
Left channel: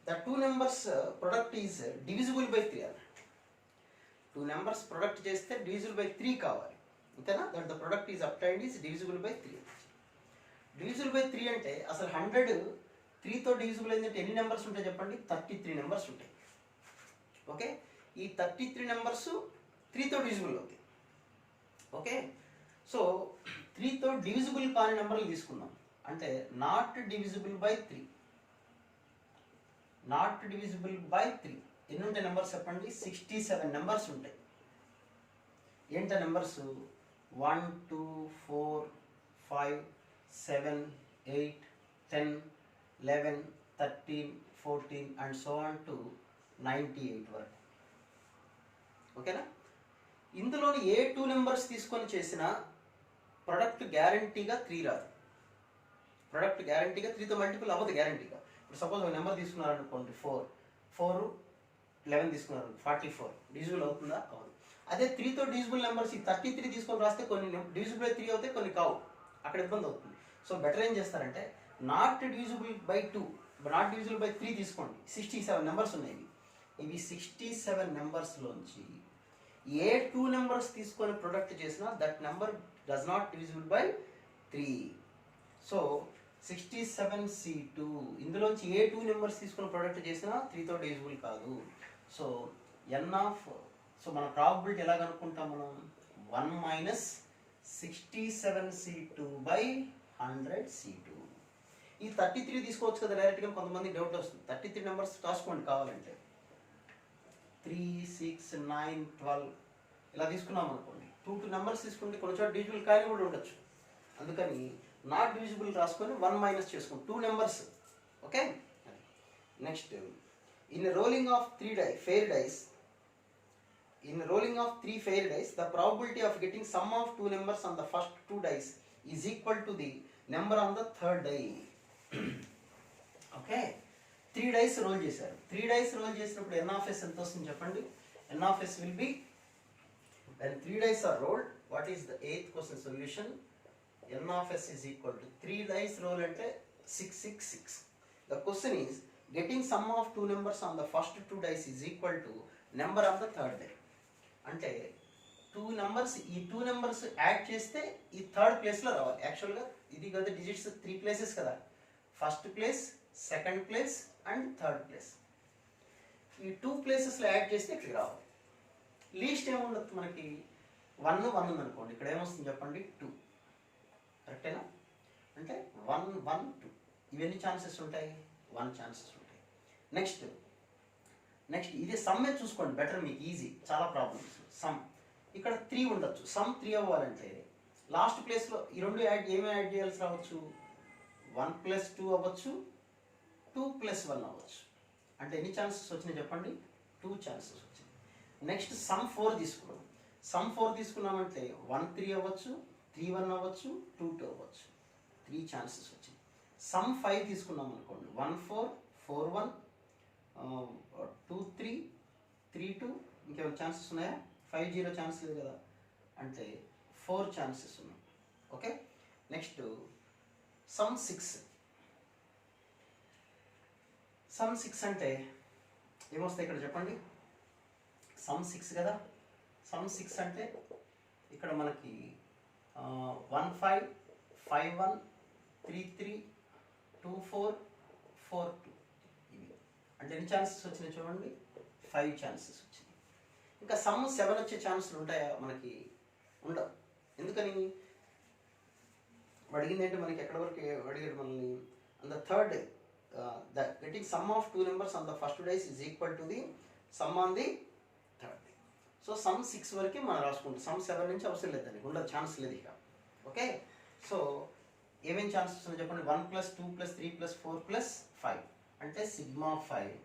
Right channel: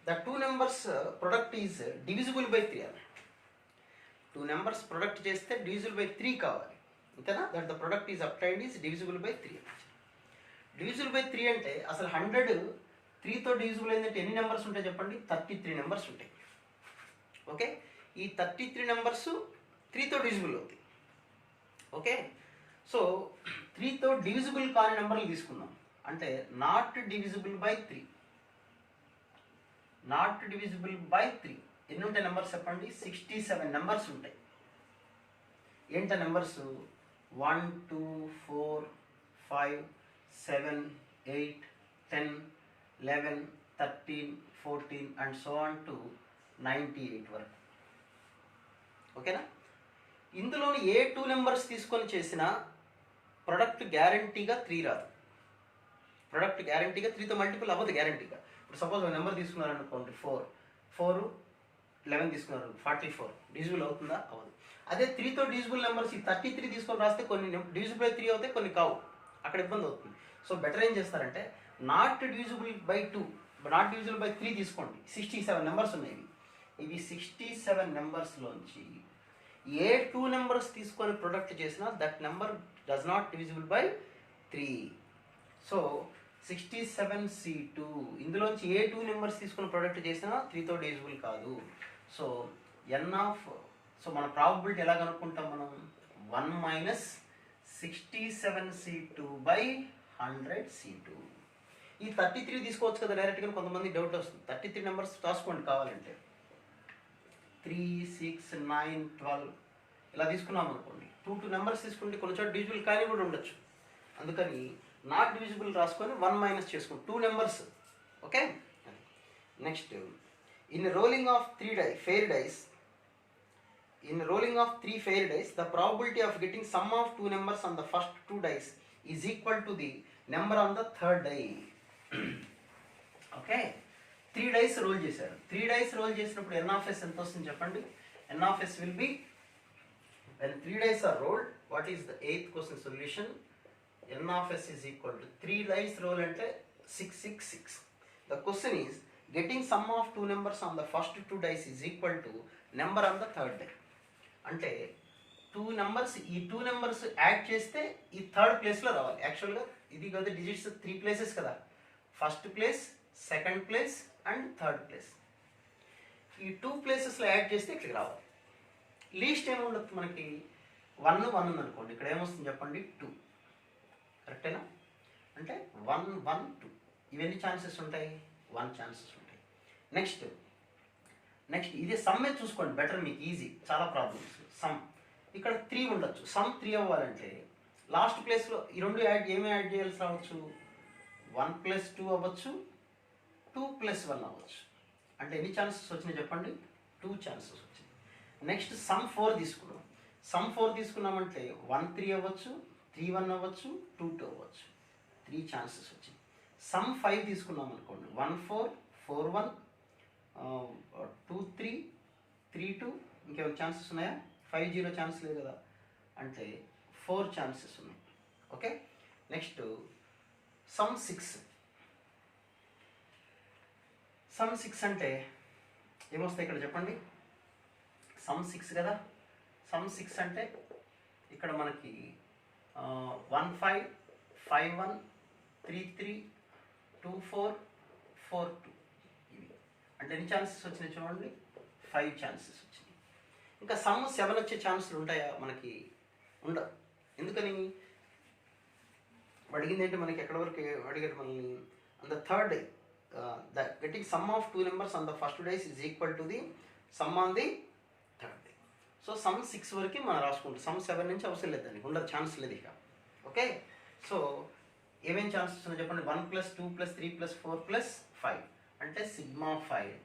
The 2 numbers product is divisible by 3 అన్న. 2 numbers product చేస్తే divisible by 3 కావాలి, అంతేనా? That the product is obtained is divisible by 3. divisible by 3 అంటే అసలు 100 3తో divisible అయిందంటే ఎన్ని numbers ఉంటాయి చెప్పండి, 33 నెంబర్స్ ఉంటాయి. ఓకే, ఈ 33 నెంబర్స్ 3తో divisible అవుతాయి. ఓకే, సో 3తో divisible కాని నెంబర్లు తీసుకుందాం. అంటే not divisible by 3, not divisible by 3 ఎన్ని ఉంటాయి నెంబర్స్ చెప్పండి, 67 నెంబర్స్ ఉంటాయి. ఏంట numbers, 1 2 4 5 7 8 10 11 13 14 and so on to 98 వరకు. ఓకేనా? ఇందులోని ఏ 2 నెంబర్స్ తీసుకొని చేసిన ప్రొడక్ట్ గ్యారంటీగా 3 రాదు. ప్రొడక్ట్ గ్యారంటీగా 3తో మల్టిపుల్ అవ్వదు గ్యారంటీగా. ఇప్పుడు సపోజ్ ఒక నెంబర్ తీసుకున్నారనుకోండి, 4 11 తీసుకున్నారు, 44 డివిజిబుల్ అవుతుందా, అవ్వదు. అదే 3తో డివిజిబుల్ నెంబర్స్ ఈ 33 తీసుకొని రాస్తే కొన్ని డివిజిబుల్ బై 3 అవుతాయి, కొన్ని కావు, అక్కడ ఇబ్బంది అవుతుంది. సో బెటర్ ఏం చేస్తారంటే not divisible by 2, not divisible by 3 తీసుకోండి. 67 నెంబర్స్ ఉన్నాయి. ఇవి 67 నెంబర్స్లోంచి ఏ 2 నెంబర్స్ తీసుకొని ప్రొడక్ట్ చేసినా that number does not divisible by 3. So 67C2 ఇందులోంచి ఏ 2 నెంబర్స్ తీసుకొని ప్రొడక్ట్ చేసినా 3తో డివిజిబుల్ కాదు. సో సో మన ప్రాబబిలిటీ ఎలా కనుక్కుంటాం మనం, 1 - 67C2/100C2. ఈ 33 తీసుకోవచ్చు కదా డైరెక్ట్గా, కొంతమంది డౌట్ వస్తుంది. 33 నెంబర్స్ రాసుకోండి కావాలంటే, 3 6 9 12 ఇలా తీసుకున్నాం అనుకోండి. 2 నెంబర్స్ తీసుకుంటే కొన్ని చోట డివిజిబుల్ కానీ కూడా ఉండొచ్చు. అందుకని నాట్ డివిజిబుల్ రాసుకొని 1 మైనస్ చేసుకోండి 2 numbers. Okay, next in rolling of 3 fair dice, in rolling of 3 fair dice, the probability of getting sum of 2 numbers on the first 2 dice is equal to the number on the third die. Okay, 3 dice roll చేశారు. 3 dice roll చేసినప్పుడు n of s ఎంత వస్తుంది చెప్పండి. n of s will be, when 3 dice are rolled, what is the 8th question solution? n of s is equal to 3 dice roll అంటే 666. The question is getting sum of 2 numbers on the first 2 dice is equal to number on the third die. అంటే 2 numbers, ఈ 2 numbers add చేస్తే ఈ third ప్లేస్లో రావాలి. యాక్చువల్గా ఇది కదా డిజిట్స్ 3 ప్లేసెస్ కదా, first place, second place and third place. ఈ 2 ప్లేసెస్లో యాడ్ చేస్తే ఇక్కడికి రావాలి. లీస్ట్ ఏముండదు మనకి 1 ఉందనుకోండి, ఇక్కడ ఏమొస్తుంది చెప్పండి 2. కరెక్టేనా? అంటే 1 1 2 ఇవన్నీ ఛాన్సెస్ ఉంటాయి, 1 ఛాన్సెస్ ఉంటాయి. నెక్స్ట్ ఇది సమ్మే చూసుకోండి, బెటర్ మీకు ఈజీ. చాలా ప్రాబ్లమ్స్ సమ్ ఇక్కడ 3 ఉండొచ్చు. సమ్ 3 అవ్వాలంటే లాస్ట్ ప్లేస్లో ఈ రెండు ఏమి యాడ్ చేయాల్సి రావచ్చు? 1 + 2 అవ్వచ్చు, 2 + 1 అవ్వచ్చు. అంటే ఎన్ని ఛాన్సెస్ వచ్చినాయి చెప్పండి? 2 ఛాన్సెస్ వచ్చినాయి. నెక్స్ట్ సమ్ 4 తీసుకున్నాం. సమ్ 4 తీసుకున్నామంటే 1 3 అవ్వచ్చు, 3 1 అవ్వచ్చు, 2 2 అవ్వచ్చు. 3 ఛాన్సెస్ వచ్చింది. సమ్ 5 తీసుకున్నాం అనుకోండి, 1 4 4 1 2 3 3 2. ఇంకేమైనా ఛాన్సెస్ ఉన్నాయా? 5 0 ఛాన్స్ లేదు కదా, అంటే 4 ఛాన్సెస్ ఉన్నాయి. ఓకే. Next some 6. సమ్ 6 అంటే ఏమొస్తాయి ఇక్కడ చెప్పండి? సమ్ 6 కదా. సమ్ 6 అంటే ఇక్కడ మనకి 1 5 5 1 3 3 2 4 4 2 ఇవి. అంటే ఎన్ని ఛాన్సెస్ వచ్చినాయి చూడండి? 5 ఛాన్సెస్ వచ్చినాయి. ఇంకా సమ్ 7 వచ్చే ఛాన్సులు ఉంటాయా? మనకి ఉండవు. ఎందుకని? అడిగింది ఏంటి మనకి? ఎక్కడి వరకు అడిగారు మనల్ని? On the third day the getting some of 2 numbers on the first days is equal to the some on the third day. So some 6 వరకు మనం రాసుకుంటాం. సమ్ 7 నుంచి అవసరం లేదు, దానికి ఉండదు, ఛాన్స్ లేదు ఇక. ఓకే. సో ఏమేమి ఛాన్సెస్ ఉన్నాయి చెప్పండి? 1 + 2 + 3 + 4 + 5 అంటే సిగ్మా 5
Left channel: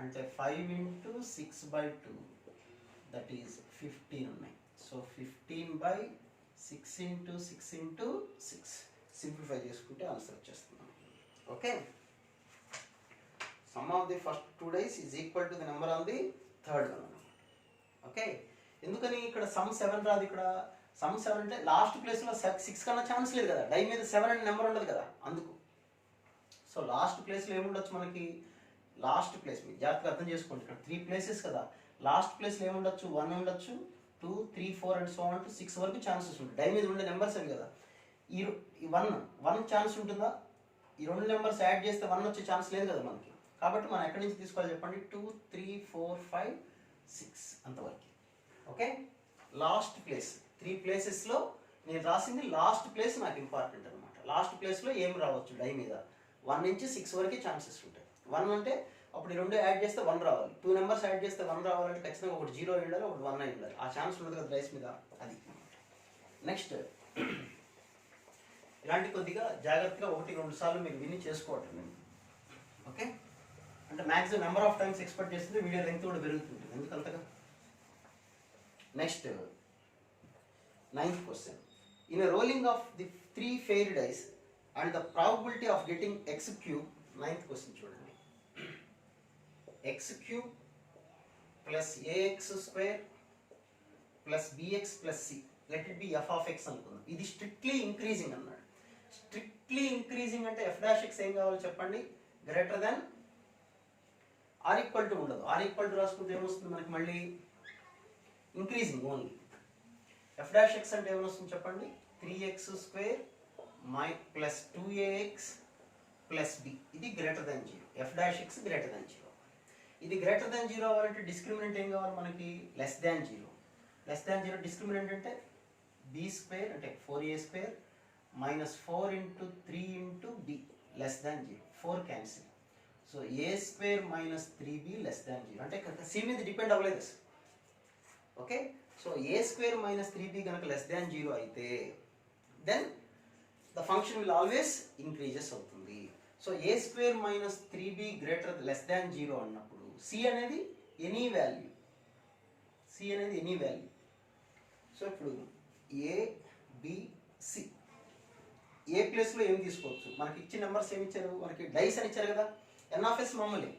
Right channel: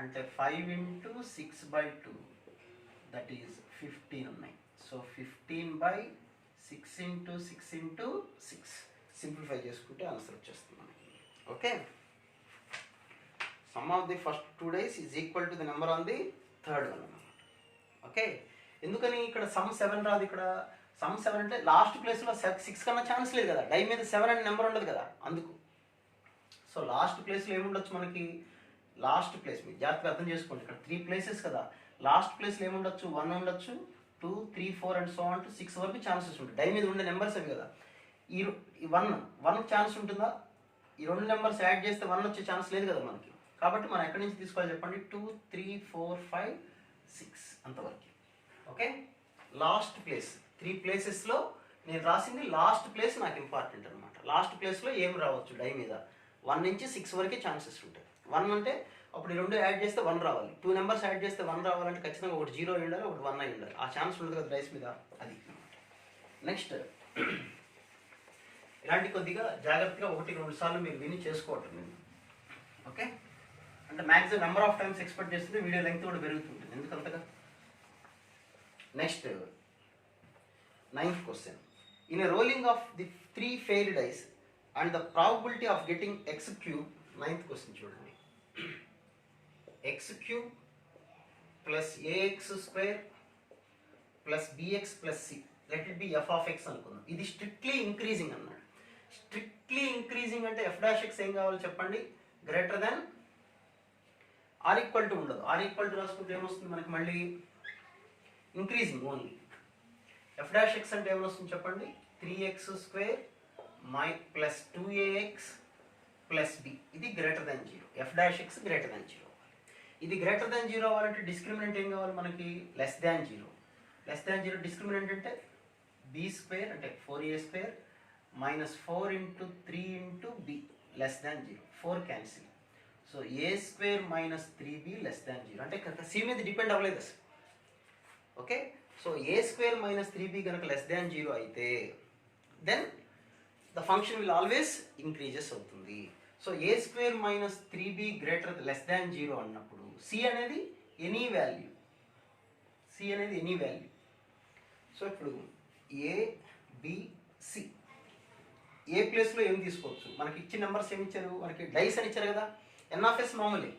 అంటే 5 × 6/2 దట్ ఈజ్ 15 ఉన్నాయి. సో 15/6 × 6 × 6 సింప్లిఫై చేసుకుంటే ఆన్సర్ వచ్చేస్తుంది మనకి. Okay. Some of the first 2 days is equal to the number on the third one అన్నమాట. ఓకే. ఎందుకని ఇక్కడ సమ్ 7 రాదు? ఇక్కడ సమ్ 7 అంటే లాస్ట్ ప్లేస్లో 6 కన్నా ఛాన్స్ లేదు కదా, డై మీద 7 అనే నెంబర్ ఉండదు కదా, అందుకు. సో లాస్ట్ ప్లేస్లో ఏముండొచ్చు మనకి? లాస్ట్ ప్లేస్ మీరు జాగ్రత్తగా అర్థం చేసుకోండి. ఇక్కడ 3 ప్లేసెస్ కదా, లాస్ట్ ప్లేస్లో ఏముండొచ్చు? 1 ఉండొచ్చు, 2 3 4 అండ్ సో ఆన్ టు 6 వరకు ఛాన్సెస్ ఉంటాయి. డై మీద ఉండే నెంబర్స్ అవి కదా. ఈ 1 ఛాన్స్ ఉంటుందా? ఈ 2 నెంబర్స్ యాడ్ చేస్తే 1 వచ్చే ఛాన్స్ లేదు కదా మనకి. కాబట్టి మనం ఎక్కడి నుంచి తీసుకోవాలి చెప్పండి? 2 3 4 5 6 అంతవరకు. ఓకే. లాస్ట్ ప్లేస్ 3 ప్లేసెస్లో నేను రాసింది లాస్ట్ ప్లేస్ నాకు ఇంపార్టెంట్ అనమాట. లాస్ట్ ప్లేస్లో ఏం రావచ్చు? డై మీద 1 నుంచి 6 వరకు ఛాన్సెస్ ఉంటాయి. 1 అంటే అప్పుడు ఈ 2 యాడ్ చేస్తే 1 రావాలి. 2 నెంబర్స్ యాడ్ చేస్తే 1 రావాలంటే ఖచ్చితంగా ఒకటి 0 అయి ఉండాలి, ఒకటి 1 అయి ఉండాలి. ఆ ఛాన్స్ ఉండదు కదా డైస్ మీద, అది అనమాట. నెక్స్ట్ ఇలాంటి కొద్దిగా జాగ్రత్తగా 1 2 సార్లు మీరు విని చేసుకోవటం. ఓకే. అంటే maximum number of times expect చేస్తుంది, వీడియో లెంగ్త్ కూడా పెరుగుతుంది. ఎందుకంతగా? Next 9th question. In a rolling of the 3 fair dice and the probability of getting x cube, 9th question చూడండి. x cube plus ax square plus bx plus c, let it be f of x అనుకుందాం. ఇది strictly increasing అన్నాడు. Strictly increasing అంటే f dash x ఏం కావాలి చెప్పండి? Greater than or equal to ఉండదు. Or equal to రాసుకుంటే ఏమొస్తుంది మనకి? మళ్ళీ increasing only. f dash x అంటే ఏమొస్తుంది చెప్పండి? 3x square plus 2ax plus b. ఇది greater than 0. f dash x greater than 0. ఇది గ్రేటర్ దెన్ 0 అవ్వాలంటే డిస్క్రిమినెంట్ ఏం కావాలి మనకి? Less than 0. Less than 0 discriminant అంటే b² అంటే 4a² minus 4 × 3 × b less than 0. 4 cancel. So a² minus 3b less than 0. అంటే c మీద డిపెండ్ అవ్వలేదు అసలు. Okay. So a² minus 3b కనుక లెస్ దాన్ 0 అయితే then the function will always increases అవుతుంది. So a² minus 3b greater less than 0 అన్నప్పుడు c అనేది any value. c అనేది ఎనీ వాల్యూ. సో ఇప్పుడు a b c ఏ ప్లేస్లో ఏం తీసుకోవచ్చు? మనకి ఇచ్చిన నెంబర్స్ ఏమి ఇచ్చారు? మనకి డైస్ అని ఇచ్చారు కదా. NF మామూలే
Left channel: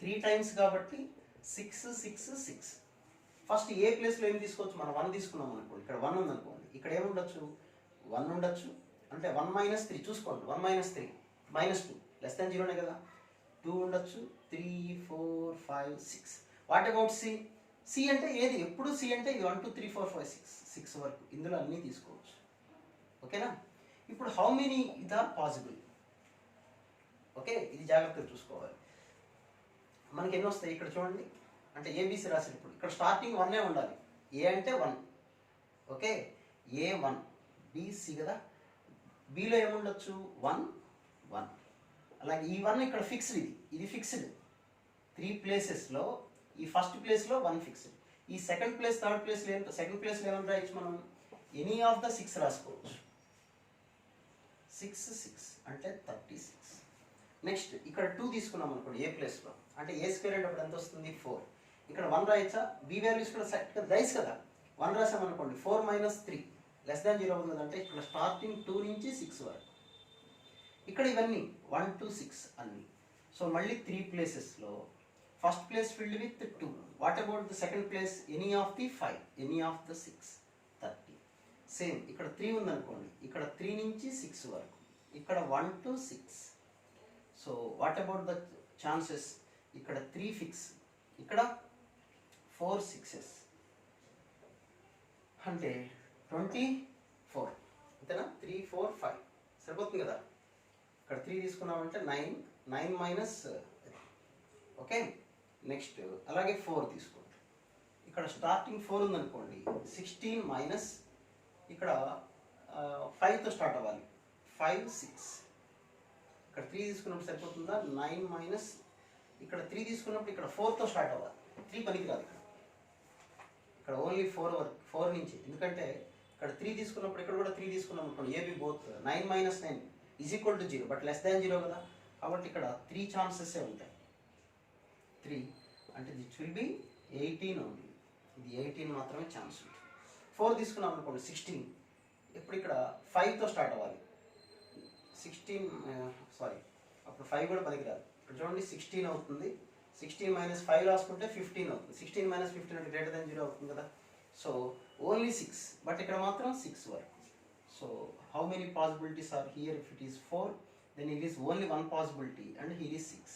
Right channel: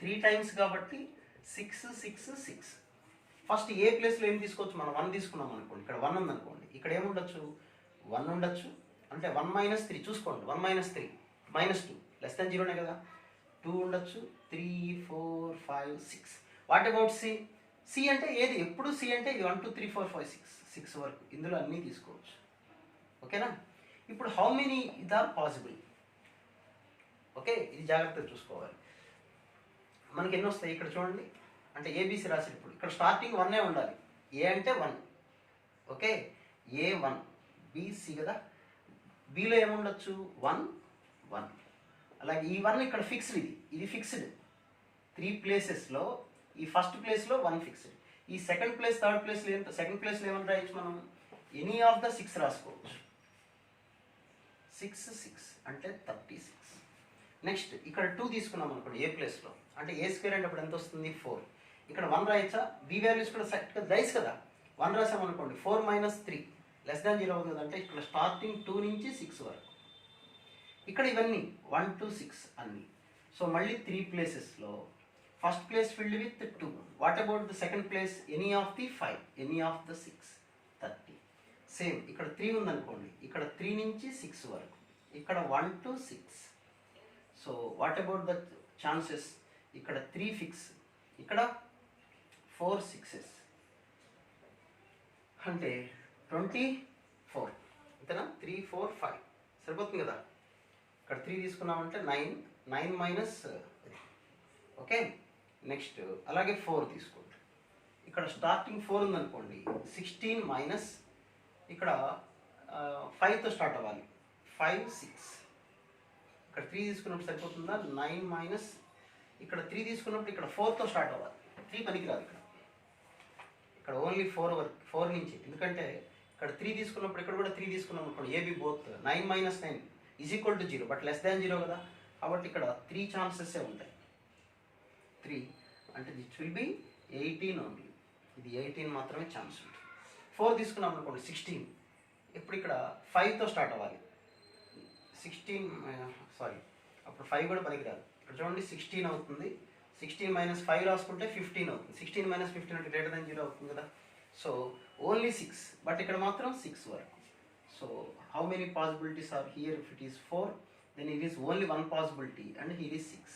3 times కాబట్టి 6 6 6. ఫస్ట్ ఏ ప్లేస్లో ఏం తీసుకోవచ్చు? మనం 1 తీసుకున్నాం అనుకోండి, ఇక్కడ 1 ఉందనుకోండి, ఇక్కడ ఏముండొచ్చు? 1 ఉండొచ్చు. అంటే 1 - 3 చూసుకోండి. 1 - 3 -2 లెస్ దాన్ 0నే కదా. 2 ఉండొచ్చు, 3 4 5 6. What about C? సి అంటే ఏది? ఎప్పుడు సి అంటే 1 2 3 4 5 6 వరకు ఇందులో అన్నీ తీసుకోవచ్చు. ఓకేనా? ఇప్పుడు హౌ మెనీ ఇద్ ఆర్ పాసిబుల్? ఓకే. ఇది జాగ్రత్తగా చూసుకోవాలి. మనకి ఎన్ని వస్తాయి ఇక్కడ చూడండి. అంటే ఏబీసీ రాసేటప్పుడు ఇక్కడ స్టార్టింగ్ 1 ఉండాలి. ఏ అంటే 1, ఓకే, A1 BC కదా. బీలో ఏముండొచ్చు 1 1. అలాగే ఈ 1 ఇక్కడ ఫిక్స్డ్, ఇది ఫిక్స్డ్ 3 ప్లేసెస్లో. ఈ ఫస్ట్ ప్లేస్లో 1 ఫిక్స్డ్. ఈ సెకండ్ ప్లేస్ థర్డ్ ప్లేస్లో సెకండ్ ప్లేస్లో ఏమని రాయొచ్చు మనం, ఎనీ ఆఫ్ ద 6 రాసుకోవచ్చు. 6 6 అంటే 36. నెక్స్ట్ ఇక్కడ 2 తీసుకున్నాం అనుకోండి ఏ ప్లేస్లో, అంటే ఏ స్క్వేర్ అంటే అప్పుడు ఎంత వస్తుంది 4. ఇక్కడ 1 రాయొచ్చా, బీ వాల్యూస్ కూడా సెట్ రైస్ కదా. 1 రాసామనుకోండి 4 - 3 <0 అవుతుంది కదంటే ఇక్కడ స్టార్టింగ్ 2 నుంచి 6 వరకు. ఇక్కడ ఇవన్నీ 1 to 6 అన్నీ. సో మళ్ళీ 3 ప్లేసెస్లో first place filled with 2. What about the second place, any of the 5, any of the 6, 30. Same ఇక్కడ 3 ఉందనుకోండి, ఇక్కడ 3 నుంచి 6 వరకు, ఇక్కడ 1 to 6. So what about the chances, ఇక్కడ 3 ఫిక్స్, ఇక్కడ 4 6s అంటే 24. అంతేనా, 3 4 5 సరిపోతుంది కదా. ఇక్కడ 3 తీసుకున్నామంటే 9 9 - ఓకే. నెక్స్ట్ అలాగే 4 తీసుకోండి. ఇక్కడ స్టార్టింగ్ 4 ఉందనుకోండి, 16 - ఇక్కడ 5తో స్టార్ట్ అవ్వాలి, 5 6. ఇక్కడ 3 తీసుకున్నప్పుడు సరిపోతుందా, 9 ఇక్కడ 3 తీసుకున్నప్పుడు ఇక్కడ 4తో స్టార్ట్ అవ్వాలి. 3 పనికిరాదు ఇక్కడ ఓన్లీ 4 నుంచి. ఎందుకంటే ఇక్కడ 3 తీసుకున్నప్పుడు ఇక్కడ కూడా 3 తీసుకున్నాం అనుకోండి, ఏబీ బోత్ 9 - 9 = 0, బట్ <0 కదా. కాబట్టి ఇక్కడ 3 ఛాన్సెస్ ఉంటాయి. 3 అంటే దిట్ విల్ బి 18 ఓన్లీ. ఇది 18 మాత్రమే ఛాన్స్ ఉంటుంది. 4 తీసుకున్నాం అనుకోండి 16. ఇప్పుడు ఇక్కడ 5తో స్టార్ట్ అవ్వాలి, 16 అప్పుడు 5 కూడా పనికిరాదు. ఇక్కడ చూడండి 16 అవుతుంది. 16 - 5 రాసుకుంటే 15 అవుతుంది. 16 - 15 అంటే <0 అవుతుంది కదా. సో ఓన్లీ 6, బట్ ఇక్కడ మాత్రం 6 వరకు. So how many possibilities are here? If it is 4, then it is only 1 possibility and here is 6.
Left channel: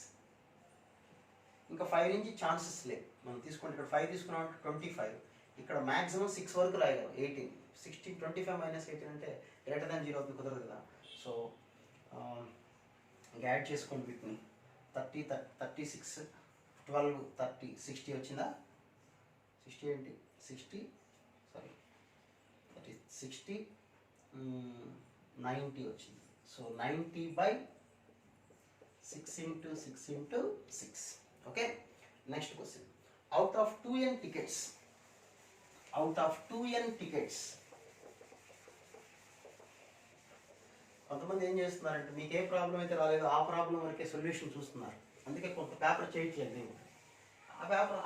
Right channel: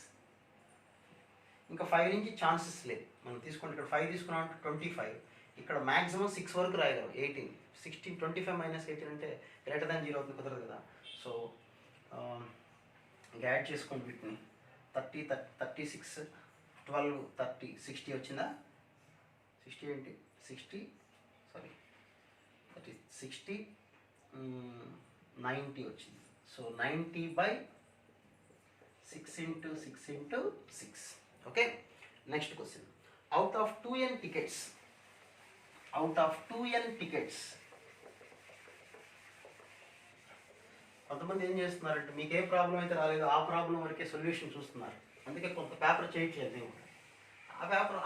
ఇంకా 5 నుంచి ఛాన్సెస్ లేదు. మనం తీసుకుంటే ఇక్కడ 5 తీసుకున్నామంటే 25. ఇక్కడ మ్యాక్సిమం 6 వరకు రాయగలం. 18 16 25 - 18 అంటే <0 అవుతుంది, కుదరదు కదా. సో యాడ్ చేసుకోండి వీటిని. 30 36 12 30 60 వచ్చిందా? 60 ఏంటి 60 90 వచ్చింది. So 90/6 × 6 × 6. Okay. Next question, out of 2n tickets కొంతమంది ఏం చేస్తున్నారంటే, మీకు ఏ ప్రాబ్లం అయితే రాలేదో ఆ ప్రాబ్లం వరకే సొల్యూషన్ చూస్తున్నారు. అందుకే కొంత పేపర్ చేయట్లేదు.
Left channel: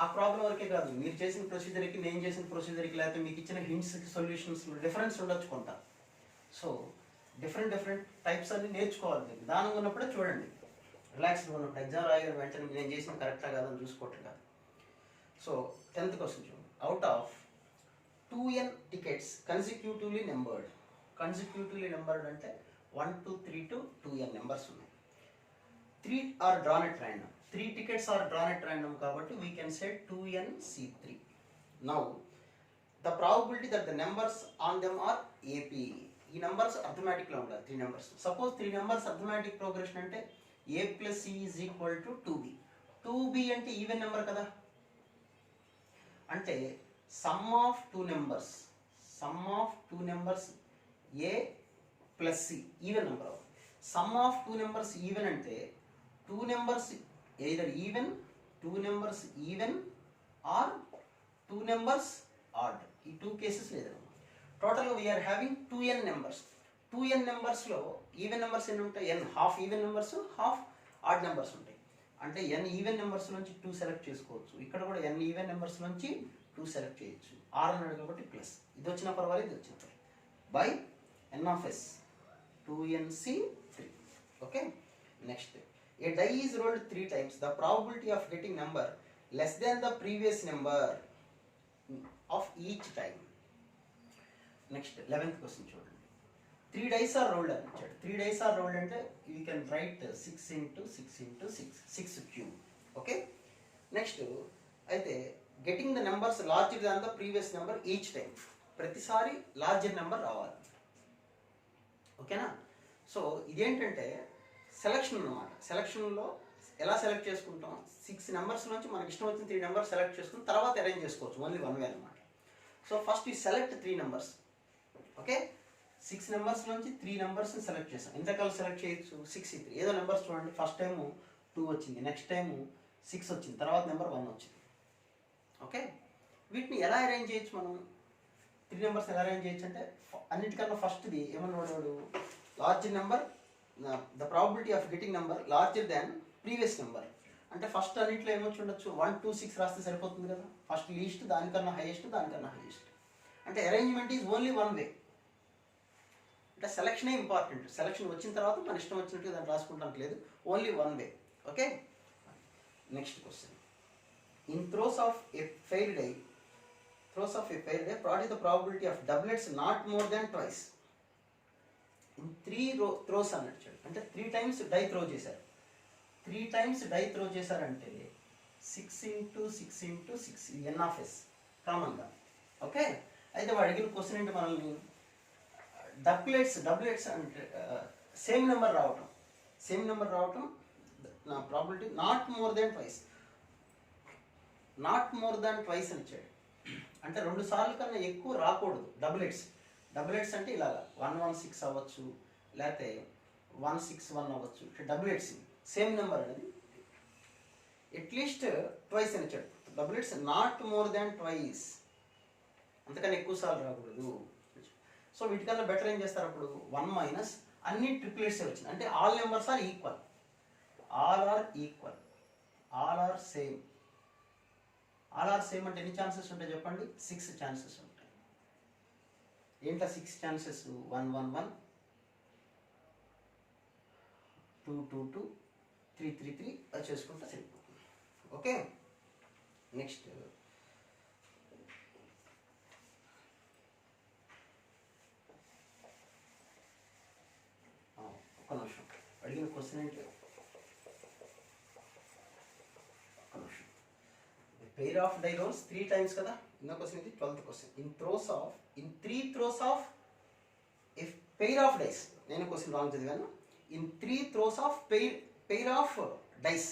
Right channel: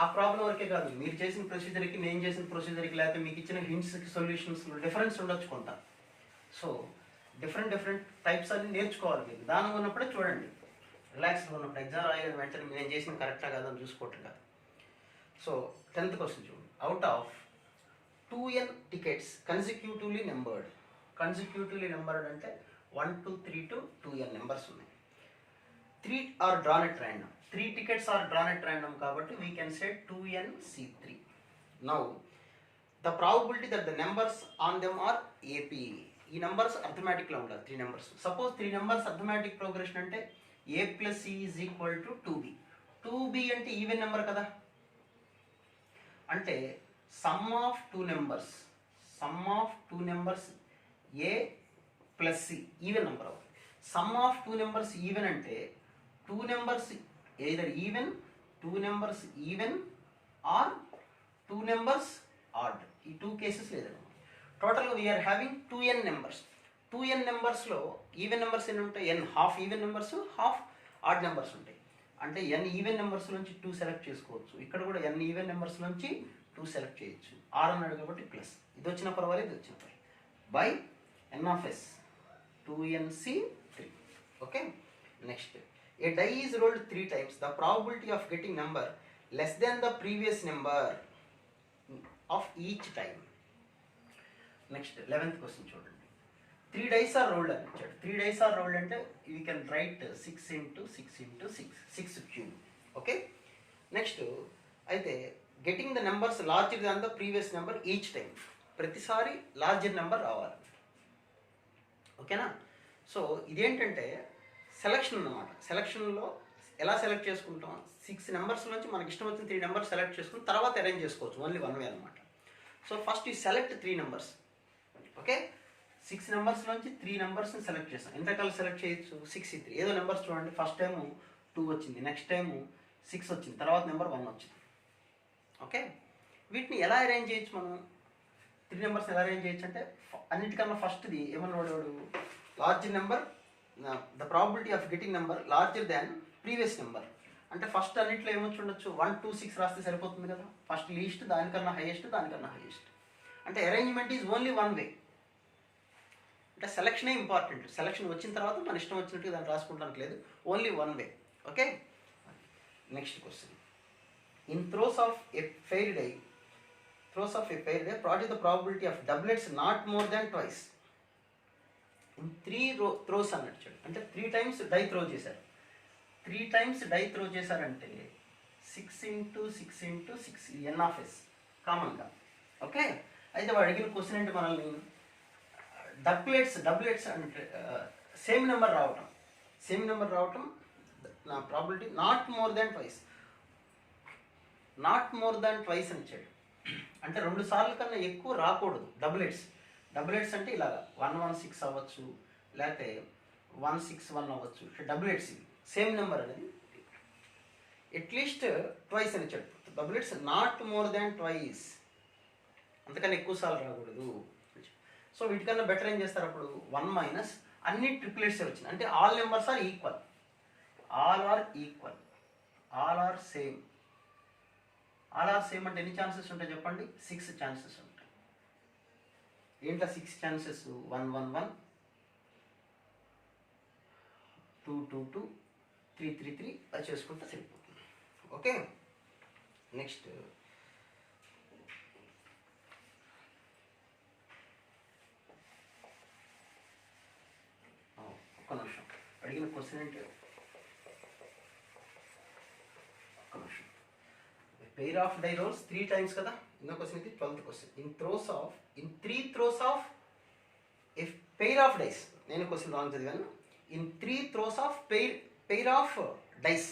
ఆ ప్రాబ్లం వరకే కాదు, మీరు చేసిన ప్రొసీజర్కి నేను చేసిన ప్రొసీజర్కి, లేకపోతే మీకు ఇచ్చిన హింట్స్కి సొల్యూషన్స్ డిఫరెన్స్ ఉండొచ్చు కొంత. సో డిఫరెంట్ టైప్స్ అన్ని నేర్చుకోవాలి. మీరు దానిగా ఉన్నప్పుడే చూడండి, రిలాక్స్గా ఉన్నప్పుడు. ఎగ్జామ్ రాయగానే వెంటనే నేను చేసింది కరెక్టా కాదా అని చూసుకోవటం కాదు. సో 10th క్వశ్చన్ చూడండి. Out of 2n tickets consecutively numbered అంటే 1 2 3 to 2n నెంబర్స్ ఉన్నాయి. 3 are drawn at random. 3 tickets are drawn at random కాబట్టి we can say 2nC3. Now the probability that the numbers on them are AP. ఈ numbers అర్థమెటిక్లో ఉండాలి. 3 numbers. Suppose 3 numbers arithmetic progression అంటే A + C = 2B. 2B అంటే even number కదా. అంటే sum of two numbers A + C even number అవుతుంది. Sum of 2 numbers even అంటే 2 numbers either even, 2 numbers even or 2 numbers odd. ఈ 2 cases లేదన్నమాట. టోటల్గా we are having 2n numbers. 2n నెంబర్స్లో even numbers ఎన్ని ఉంటాయి? n half even numbers, half odd numbers ఉంటాయి. అంటే n ఈవెన్ నెంబర్స్ నుంచి 2 సెలెక్ట్ చేసుకోవచ్చు. ఇక్కడ కూడా n ఈవెన్ నెంబర్స్ నుంచి 2 సెలెక్ట్ చేయొచ్చు. r అన్నాడు కాబట్టి ప్లస్, ఇది వచ్చిన పర్వాలేదు, ఇది వచ్చిన పర్వాలేదు, by n(s) 2nC3. Okay. Next, a die is rolled 3 times. The probability of getting number less than the previous number of each time. Next 11th question చూడండి. 3 dice are rolled అని ఇచ్చాడు. 3 dice are rolled అంటే we can write 6 × 6 × 6 cube. Okay. Next అయితే getting the numbers larger than the previous number each time. ప్రతిసారి larger number రావాలి. ఓకేనా. So ఇదేంటంటే selection అన్నమాట. సెలక్షన్లో ఎలా సెలెక్ట్ చేసుకుంటాం? 6 నెంబర్స్ నుంచి మనకి ఇష్టం వచ్చిన 3 నెంబర్స్ సెలెక్ట్ చేసుకుని తర్వాత అరేంజ్ చేసుకోవచ్చు, ఓన్లీ వన్ వే అనమాట. So first you select 3 numbers. Okay, 6 numbers నుంచి 3 నెంబర్స్ని సెలెక్ట్ చేస్తాం. ఎంత రకాలు సెలెక్ట్ చేయొచ్చు? 6 3 ఏదో నెంబర్స్ చూడండి. ఫస్ట్ టైము 2 వచ్చింది, నెక్స్ట్ టైము 6 వచ్చింది, తర్వాత నెంబర్ 1 వచ్చింది. ఓకే, వీటిని ఎలా అరేంజ్ చేయొచ్చు మనం? 3 నెంబర్స్ ఎలా అరేంజ్ చేయొచ్చు అంటే అన్నిటికన్నా ఫస్ట్ది ఏమన్నా వాడు large number, the probability of getting number larger than previous number. అంటే ఫస్ట్ అన్నింటిలో ఏమొచ్చి ఉండొచ్చు? 1 2 6 రాస్తే సరిపోతుంది కదా. ఫస్ట్ లీస్ట్, దానికన్నా హైయెస్ట్, దానికన్నా హైయెస్ట్. అంటే అరేంజ్మెంట్ ఈజ్ ఓన్లీ వన్ వే. అంటే సెలక్షనే ఇంపార్టెంట్. సెలక్షన్ వచ్చిన తర్వాత మన ఇష్టం వచ్చినట్టు దాన్ని రాసుకుంటానికి లేదు, only one way. Okay, next question. In throws of a fair die, what is the probability of doublets not more than twice? In 3 throws అన్నట్టు, అంటే 3 times డై త్రో చేశారు. 3 times డై త్రో చేశారంటే 6 into 6 into 6 ఇది ఎన్ of yes కామన్గా. Okay, అయితే వాడు అడిగిన question ఏంటి మనల్ని? డబ్లెట్స్ అంటే సేమ్ నెంబర్ రావటం నా probability not more than twice అని ఇచ్చాడు. అంటే 2 సార్లు కన్నా ఎక్కువ రాకూడదు డబులెట్స్ అంటే ఇలా 1 1 6 అవ్వచ్చు, లేకపోతే 1 6 1 అవ్వచ్చు. డబులెట్స్ సేమ్ నెంబర్ అనేది అట్లీస్ట్ ట్వైస్ అని ఇచ్చాడు. డబులెట్స్ నాట్ మోర్ దాన్ ట్వైస్, అంతకన్నా ఎక్కువ సార్లు రాకూడదు. సో వీటికన్నా బెటర్ ఏం చేస్తారు అప్పుడు? 1 మైనస్ అన్ని ట్రిప్లెట్స్ వచ్చినాయి అంటే all numbers are equal, all are same. All are same అంటే ఎన్ని ఛాన్సెస్ ఉంటాయి చెప్పండి? 6 ఛాన్సెస్ ఉంటాయి. ఏంటో 6 ఛాన్సెస్? 1 1 1, 2 2 2, 3 3 3 అది చేసుకుంటే సరిపోతుంది. ఓకే, నెక్స్ట్ ఒక్క నిమిషం. అడిగిన క్వశ్చన్ ఏంటి? ఒక్క నిమిషం. Pair of die rolls 3 times కదా. ఇంకో క్వశ్చన్ ఇది 12th question. In 3 throws of if pair of dice, నేను క్వశ్చన్ రాంగ్ చదివాను. ఇన్ 3 throws of pair of dice,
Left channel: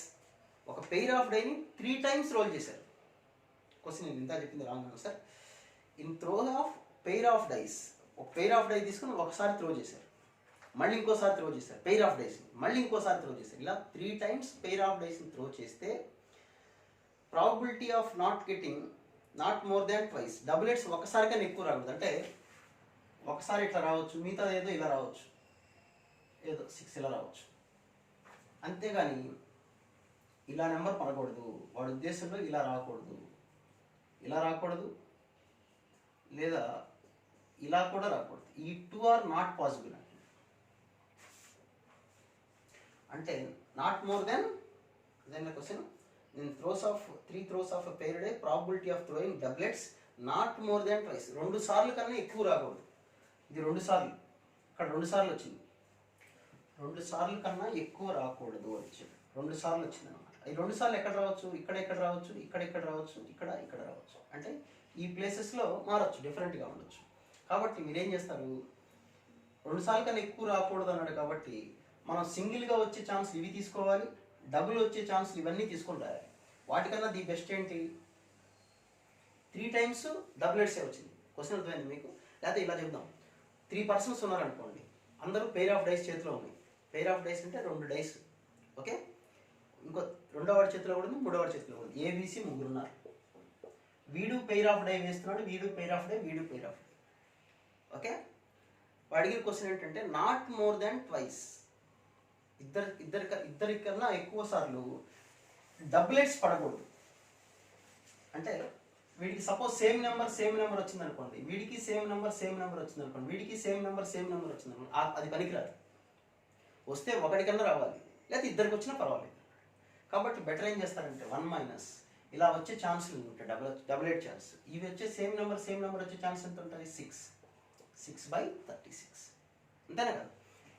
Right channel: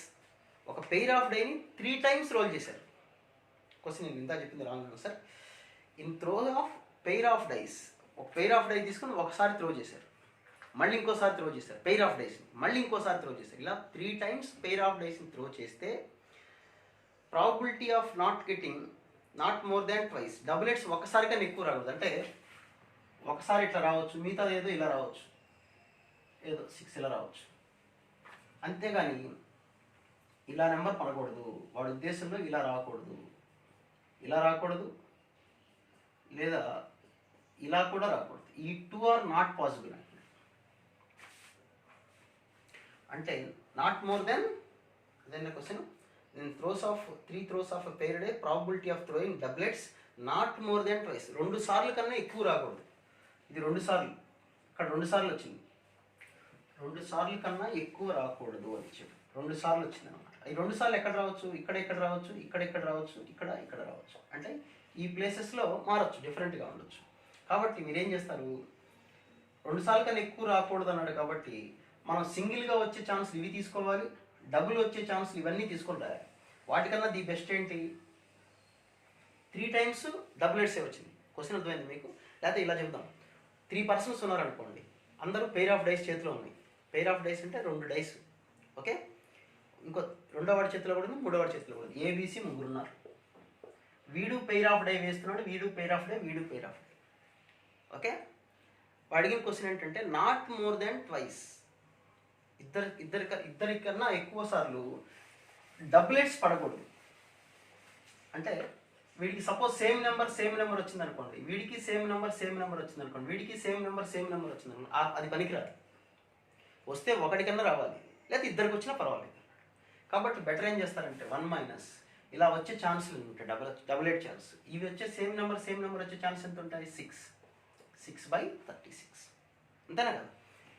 ఒక పెయిర్ ఆఫ్ డైని 3 times రోల్ చేశారు. క్వశ్చన్ నేను ఇంత చెప్పింది wrong sir. In throw of pair of dice, ఒక పెయిర్ ఆఫ్ డై తీసుకుని ఒకసారి త్రో చేశారు, మళ్ళీ ఇంకోసారి త్రో చేశారు పెయిర్ ఆఫ్ డైస్ని, మళ్ళీ ఇంకోసారి త్రో చేశారు. ఇలా 3 times పెయిర్ ఆఫ్ డైస్ని త్రో చేస్తే probability of not more than twice. Doublets ఒకసారి కన్నా ఎక్కువ రాకూడదు. అంటే ఒకసారి ఇట్లా రావచ్చు, మిగతాది ఏదో ఇలా రావచ్చు, ఏదో 6 ఇలా రావచ్చు. అంతేగాని ఇలా నెంబర్ పడకూడదు. వాడి ఉద్దేశంలో ఇలా రాకూడదు, లేదా ఇలా కూడా రాకూడదు. ఈ 2 are నాట్ పాసిబుల్. అంటే not more than than question. నేను 3 throws ఆఫ్ పెయిర్ డే, probability of throwing doublets not more than twice. 2 సార్లు కన్నా ఎక్కువ రాకూడదు. ఇది 2 సార్లు, ఇక్కడ 2 సార్లు వచ్చింది. 2 సార్లు కన్నా ఎక్కువ రాకూడదు అని చెప్పి 2 సార్లు వచ్చింది అనమాట. ఈ 2 సార్లు ఎక్కడ రావచ్చు? ఇక్కడ రావచ్చు, ఇక్కడ రావచ్చు, ఇక్కడ రావచ్చు. అంటే ఈ ప్లేసెస్లో మారచ్చు, డిఫరెంట్గా ఉండొచ్చు. కాబట్టి మీరేం చేస్తారు? 2 సార్లు కన్నా ఎక్కువ రాకూడదు అన్నాడు కాబట్టి మనం సింగిల్గా వచ్చే ఛాన్స్ ఇవి తీసుకోవాలి, డబుల్ వచ్చే ఛాన్స్ ఇవన్నీ తీసుకుంటారు. వాటికన్నా ది బెస్ట్ ఏంటి? 3 times డబులెట్సే వచ్చింది. క్వశ్చన్ అర్థమైంది మీకు? లేకపోతే ఇలా చెప్దాం, 3 persons ఉన్నారనుకోండి, అందరూ పెయిర్ ఆఫ్ డైస్ చేతిలో ఉన్నాయి. పెయిర్ ఆఫ్ డైస్ అంటే 2 డైస్. ఓకే, ఇంకో 2వ వాడి చేతిలో కూడా ఉంది, 3వ వాడి చేతిలో కూడా ఉంది. ఏబీసీ 3 ఉన్నారు. వీడు పెయిర్ ఆఫ్ డై వేస్తున్నాడు, వీడు పెయిర్ ఆఫ్ డై, వీడు పెయిర్ ఆఫ్ డై. ఓకే, అడిగిన క్వశ్చన్ ఏంటంటే నాట్ మోర్ దాన్ ట్వైస్. ఇద్దరికన్నా ఎక్కువ సార్లు డబులెట్స్ పడకూడదు. అంటే వీడికి సపోజ్ సేమ్ నెంబర్ వచ్చింది అనుకోండి, వీడికి సేమ్ నెంబర్ వచ్చింది అనుకోండి, వీడికి సేమ్ నెంబర్ వచ్చింది అనుకోండి, అది పనికిరాదు. వస్తే ఒకటికన్నా రావాలి, లేదా ఇద్దరికి వచ్చినా పర్వాలేదు. కాబట్టి బెటర్ ఏం చేస్తారంటే 1 మైనస్ ఇలా వచ్చే ఛాన్సులు ఉంటాయి, డబులెట్ ఛాన్స్. ఇవి వచ్చే సేమ్ నెంబర్ వచ్చే ఛాన్స్ ఎంత ఉంటాయి? 6/36. అంతేనా కదా?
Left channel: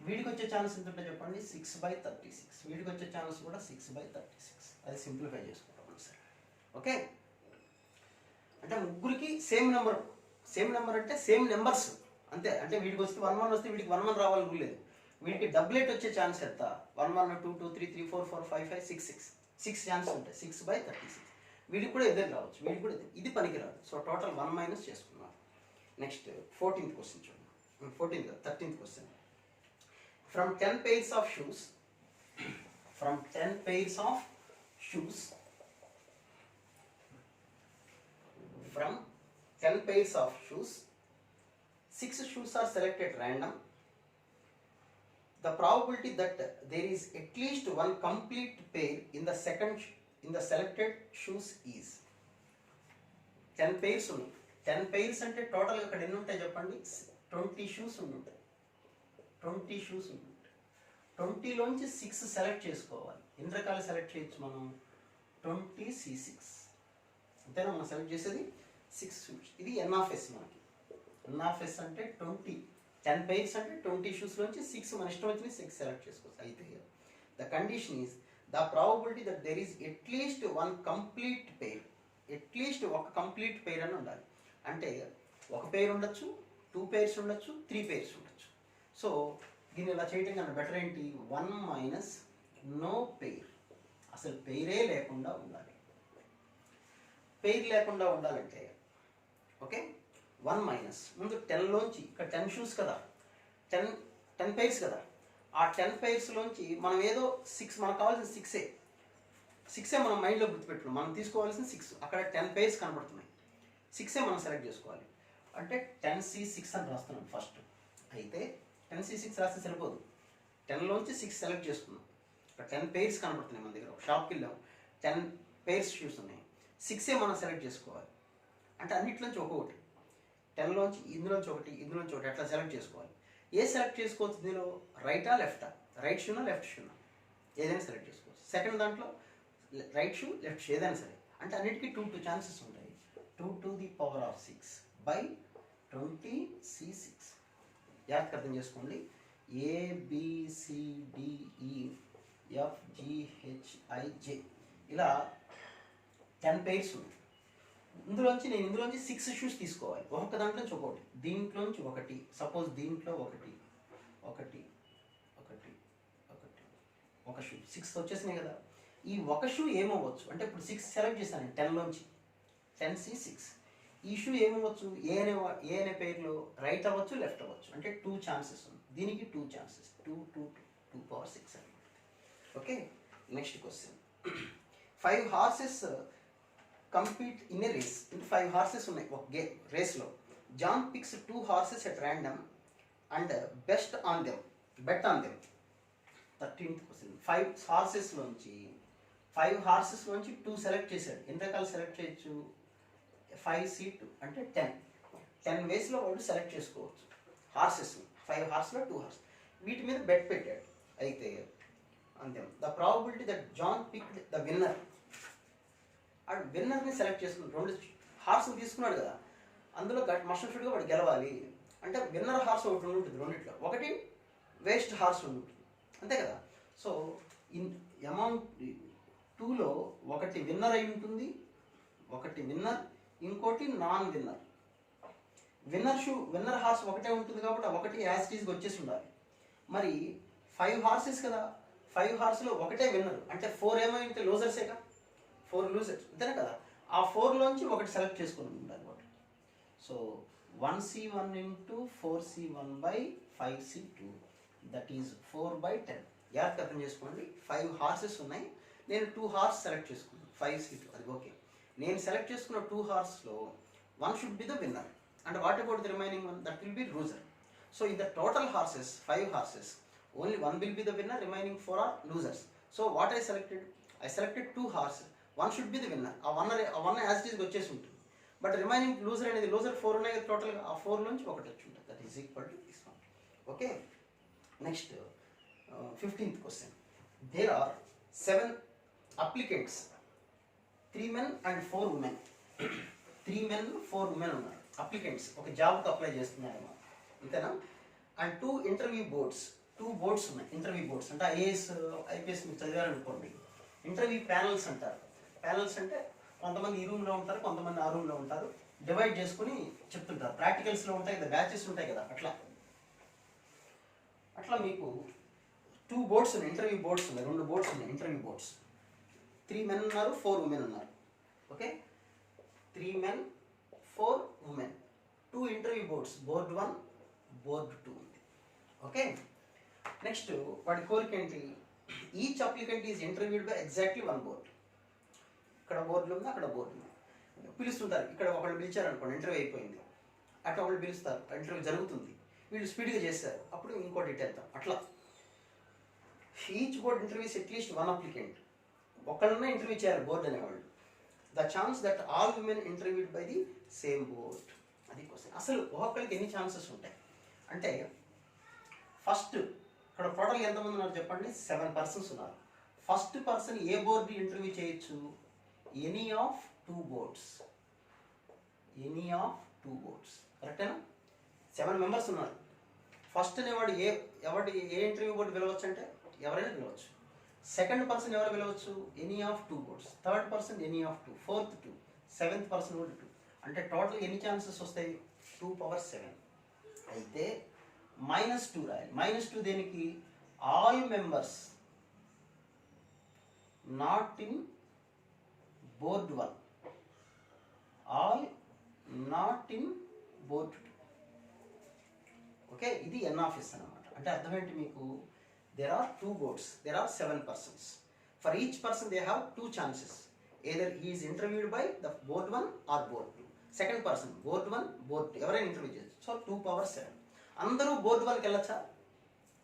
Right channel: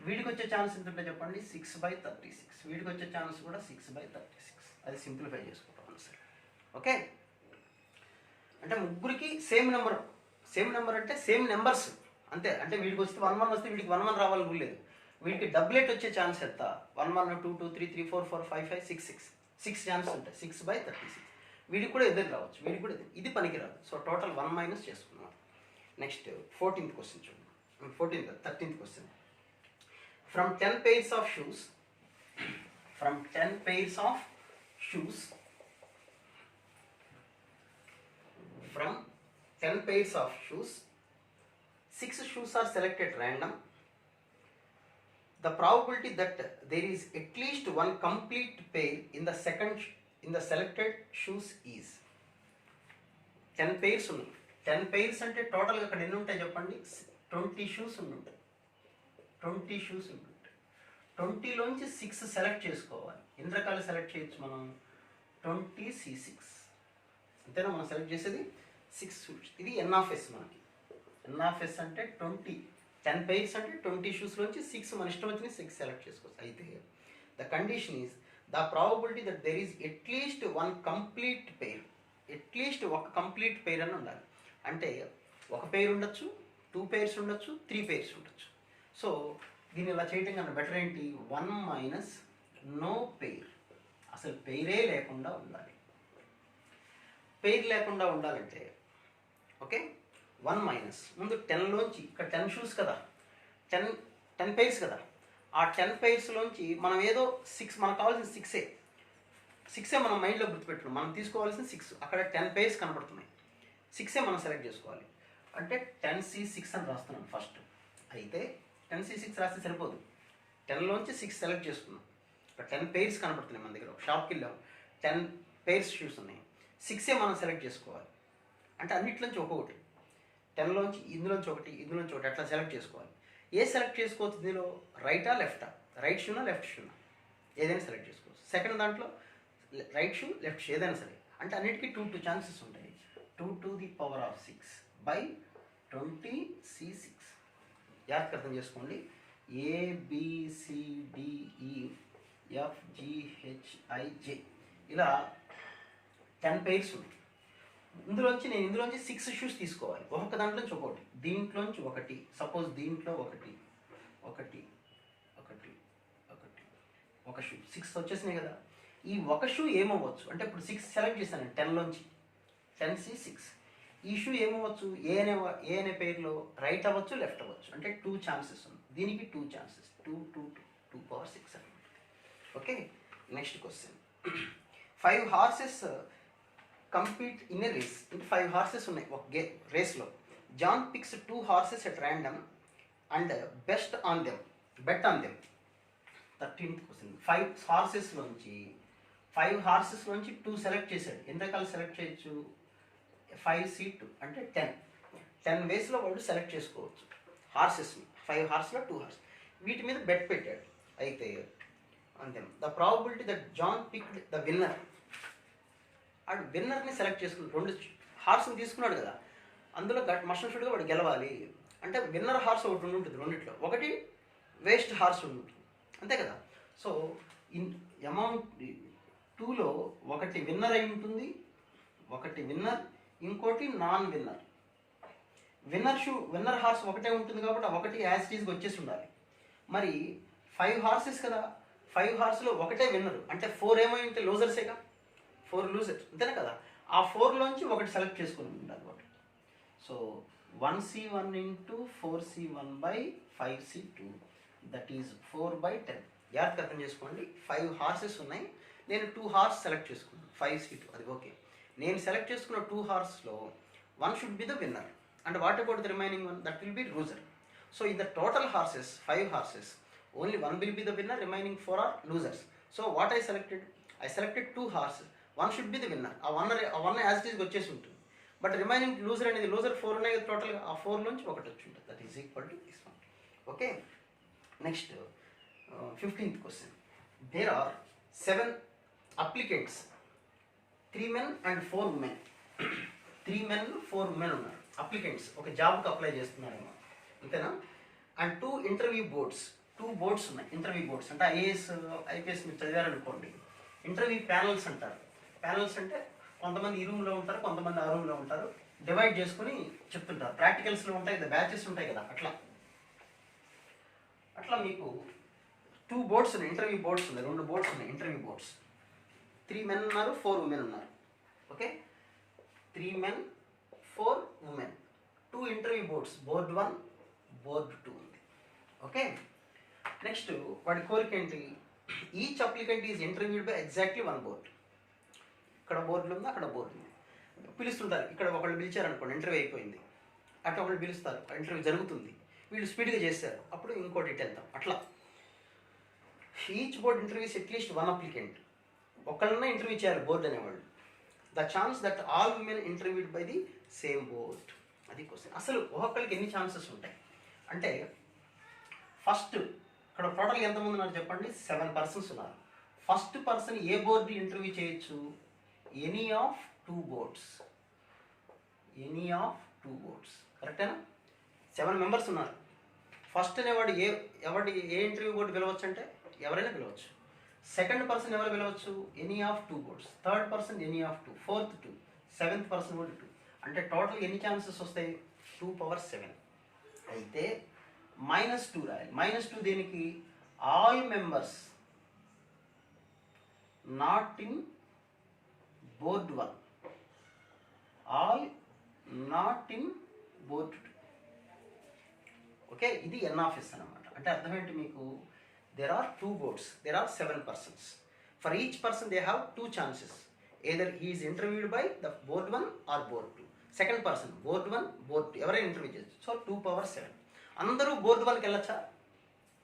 వీడికి వచ్చే ఛాన్స్ ఎంత ఉంటాయి చెప్పండి? 6/36. వీడికి వచ్చే ఛాన్స్ కూడా 6/36. అది సింప్లిఫై చేసుకుంటాం సార్. ఓకే, అంటే ముగ్గురికి సేమ్ నెంబర్ అంటే సేమ్ నెంబర్స్ అంతే. అంటే వీడికి వస్తే 1 1 వస్తే వీడికి 1 1 రావాలని లేదు. వీడికి డబ్లెట్ వచ్చే ఛాన్స్ ఎంత? 1 1 2 2 3 3 4 4 5 5 6 6 6 ఛాన్స్ ఉంటాయి. 6/36. వీడికి కూడా ఎదురు రావచ్చు, వీడికి కూడా ఇది పనికిరాదు. సో టోటల్ 1 మైనస్ చేసుకున్నాం. నెక్స్ట్ 14th క్వశ్చన్ చూడండి. 13th question. From 10 pairs of shoes, from 10 pairs of shoes, from 10 pairs of shoes, 6 shoes are selected random. The probability that there is at least one complete pair in the selected shoes is 10 pairs ఉన్నాయి. 10 pairs అంటే టోటల్గా అక్కడ ఎన్ని ఉంటాయి చెప్పండి? 20 shoes ఉంటాయి. 20 shoes ఉంటాయి. 20లోంచి 6 select చేసుకోవాలి. ఎన్ని రకాలు సెలెక్ట్ చేయొచ్చు మనం? 20C6 అంతేనా మనం సెలెక్ట్ చేసేది? 6 షూస్. ఇది ఎన్ఆఫ్ఎస్ మనకి. ఎన్ఆఫ్ఎస్ అంటే 20. 10 pairs అంటే 20 షూస్లోంచి 6 మన ఇష్టం వచ్చిన 6 సెలెక్ట్ చేసుకోవచ్చు. అయితే the condition is the probability that there is at least one complete pair. At least ఒక కంప్లీట్ పెయిర్ అని ఉండాలి. అంటే ఒక పెయిర్ ఉండొచ్చు, 2 pairs ఉండొచ్చు, 3 pairs ఉండొచ్చు. సో దీన్ని ఇలా చేయటం కన్నా బెటర్ ఏంటి? 1 మైనస్ నో పెయిర్. అసలు పెయిరే లేకుండా ఉండాలి. పెయిర్ లేకుండా ఉండాలంటే ఓకే 1 మైనస్ ముందు 10లోంచి ఇక్కడ 10 షూస్ కదా, 10 pairs కదా, ఆ 10 pairsలోంచి మనం ఏదో 6 మనకు కావాల్సిన 6ఏ మనం మైండ్లో గుర్తుపెట్టుకున్నాం. మనం తీసుకోవాల్సిన 6 అక్కడ 10 pairs కనబడుతున్నాయి. 6ఏ మనం సెలెక్ట్ చేసుకోవాలి. అంటే 10C6 అని రాస్తున్నాం ఫస్ట్. అయితే 10C6 రాస్తే సరిపోదు. 10లోంచి 6 సెలెక్ట్ చేసుకున్నాం. ఇక్కడ 10 pairs కనబడుతున్నాయి మన దగ్గర. ఒక షాప్కి వెళ్ళాం, 10 pairs షూస్ ఉన్నాయి. 6ఏ మనం సెలెక్ట్ చేసుకోవాలి. అంటే అన్నిట్లోంచి ఒక్కొక్కటి, 10లోంచి ఇందులోంచి ఒకటి, ఇందులోంచి ఒకటి అట్లా సెలెక్ట్ చేసుకోవాలి. ఏ సెలెక్ట్ చేసుకోవచ్చు ఇందులో? రైటా లెఫ్టా? Right షూనా left షూనా? ఏదైనా సెలెక్ట్ చేసుకోవచ్చు. సెకండ్ దాంట్లో రైట్ షూ లెఫ్ట్ షూ ఏదైనా సరే. అంటే అన్నిటికీ 2 ఛాన్సెస్ ఉంటాయి. 2 to the power of 6 by 20C6. జాగ్రత్తగా అర్థం చేసుకోండి. ABCDEFGHIJ ఇలా 10 pairs ఉన్నాయి. ఇందులోంచి 6 షూస్ తీసుకోవాలి. ఒక్కొక్క దాంట్లోంచి ఒక్కొక్కటి, దీంట్లోంచి ఒకటి, సపోజ్ దీంట్లో ఒకటి ఒక షూ 6 వచ్చేసినాయి కదా. ఈ ఒక షూ ఏమవ్వచ్చు అంటే ఇప్పుడు 6 సెలెక్ట్ చేశాను 10లోంచి, 10C6. ఈ షూ ఏమవ్వచ్చు? ఏ అనే పేరులో రైట్ అవ్వచ్చు, లెఫ్ట్ అవ్వచ్చు. అంటే 2 ఛాన్సెస్ ఉంది. దీనికి 2 ఛాన్సెస్, 2 power 6 అనమాట. Okay next question. 5 horses compete in a race. అంటే 5 horses ఉన్నాయి ఒక రేస్లో. John picks 2 horses at random and bet on them. 13th question. 5 horses లోంచి 2 సెలెక్ట్ చేశాడు. ఎన్ని రకాలు సెలెక్ట్ చేయొచ్చు? 5C2 అంటే 10 వేస్లో వాడు సెలెక్ట్ చేసుకోవచ్చు హార్సెస్ని. 5 horses 2 horses వీటి మీద బెట్ పెట్టాడు. అయితే అంతే ద probability that John picked the winner. వాడు విన్నర్ని సెలెక్ట్ చేసుకున్నాడు. 2 హార్స్ని తీసుకున్నాడు కదా, అందులో మస్ట్ షుడ్గా వాడు గెలవాలి. అంటే విన్నర్ హార్స్ ఒకటి ఉంటుంది రెండిట్లో, ఒకటి వేస్ట్ హార్స్ ఉంటుంది అంతే కదా. సో అమౌంట్ 2లో ఒకటి విన్నర్ అయి ఉంటుంది, ఒకటి విన్నర్, ఇంకోటి నాన్ విన్నర్. విన్నర్ హార్స్ ఒకటే ఉంటుంది కాబట్టి ఒకటి యాజ్ టీజ్గా వచ్చేసి ఉండాలి. మరి 5 horses కదా, 5 horseలో ఒకటే విన్నర్ అంటే 4 ఏమో అంటే లూజర్సేగా, 4 లూజర్స్ అంతేనే కదా. ఆ 4లోంచి ఒకటి సెలెక్ట్ చేసుకుని ఉండాలి ఒకటి. So 1C1 into 4C1 by 5C2 that is 4/10. జాగ్రత్త అర్థం చేసుకోండి. 5 horses ఉన్నాయి, నేను 2 horses సెలెక్ట్ చేసుకున్నాను 5C2 అది ఓకే. నేను సెలెక్ట్ చేసుకున్న 2 horsesలో 1 should be the winner and what about the remaining one? That will be loser. So in the total horses, 5 horses, only 1 will be the winner, remaining 4 are losers. So what I selected 2 horses. 1 should be the winner. ఆ one as it is వచ్చేసి ఉంటుంది. But remaining loser అనేది loser 4 ఉన్నాయి కదా టోటల్గా, ఆ 4లోంచి ఒకటి వచ్చి ఉంటుంది. That is equal to this one. Okay next 15th question. There are 7 applicants, 3 men and 4 women. 3 men 4 women ఉన్నారు అప్లికెంట్స్, ఒక జాబ్కి అప్లై చేస్తున్నారేమో అంతేనా. అండ్ 2 interview boards, 2 boards ఉన్నాయి. ఇంటర్వ్యూ బోర్డ్స్ అంటే ఐపీఎస్ మీరు చదివారనుకోండి, ఇంటర్వ్యూ ప్యానల్స్ అంటారు. ప్యానల్స్ అంటే కొంతమంది ఈ రూమ్లో ఉంటారు, కొంతమంది ఆ రూమ్లో ఉంటారు, డివైడ్ చేసుకుని చెప్తుంటారు. ప్రాక్టికల్స్లో ఉంటాయి కదా, బ్యాచెస్ ఉంటాయి కదా, అట్లా అట్లా మీకు 2 బోర్డ్స్ ఉన్నాయి, ఇంటర్వ్యూ బోర్డ్స్ ఉన్నాయి, 2 బోర్డ్స్ ఉన్నాయి ఇంటర్వ్యూ బోర్డ్స్. 3 men ఉన్నారు, 4 women ఉన్నారు. Okay, 3 men 4 women, 2 interview boards, board 1 board 2 ఉంది. ఓకే, నెక్స్ట్ వాడి కోరిక ఏంటి? Each applicant is interviewed by exactly 1 board. ఇక్కడ బోర్డులు ఉంది, అక్కడ బోర్డు ఉంది, పిలుస్తుంటారు. ఇక్కడ ఒకళ్ళు పిలిచారనుకోండి, ఇంటర్వ్యూ అయిపోయింది, అట్లా ఒకళ్ళు పిలుస్తారు, ఇంటర్వ్యూ జరుగుతుంది, వీళ్ళు స్పీడ్గా చేస్తారు, అప్పుడు ఇంకోటి ఇట్టేద్దాం. అట్లా ఈచ్ బోర్డ్ ఇంటర్వ్యూస్ అట్లీస్ట్ 1 అప్లికెంట్, ఒకళ్ళనే ఇంటర్వ్యూ చేయాలి బోర్డు అనేవాళ్ళు. The chance that all women interviewed by the same board. అది క్వశ్చన్. అసలు ఒక్కొక్కరికి ఎన్ని ఛాన్సెస్ ఉంటాయి అంటే, ఫస్ట్ ఇక్కడ టోటల్ ఎంతమంది ఉన్నారు చెప్పండి? 7 persons ఉన్నారు. ఫస్ట్ పర్సన్ ఏ బోర్డు ఇంటర్వ్యూ చేయొచ్చు? Any of 2 boards. Any of 2 boards, కరెక్టేనా? 7 members ఉన్నారు. ఫస్ట్ అనేవాడు ఏ ఇంటర్వ్యూ బోర్డు పిలవచ్చు అంటే ఎవరైనా పిలవచ్చు. సెకండ్ పర్సన్ ఎవరు పిలవచ్చు? Any of 2 boards. Third person any of 2, fourth 2, seventh person కూడా 2. అంటే టోటల్ ఎన్ని ఛాన్సెస్ వస్తాయి? 2^7. అయితే -2 రాయాలి. -2 దేనికి? All members not in board 1, all not in board 2. Okay, ఇది NS అన్నమాట. అంటే అర్థం ఏంటి మీకు? there are 2 boards, there are 7 persons. For each person they have 2 chances. Either he is interviewed by the board 1 or board 2. Second person board 1 board 2 ఎవరైనా interview చేయొచ్చు. So 2^7. అందరూ board 1కి వెళ్ళొచ్చా?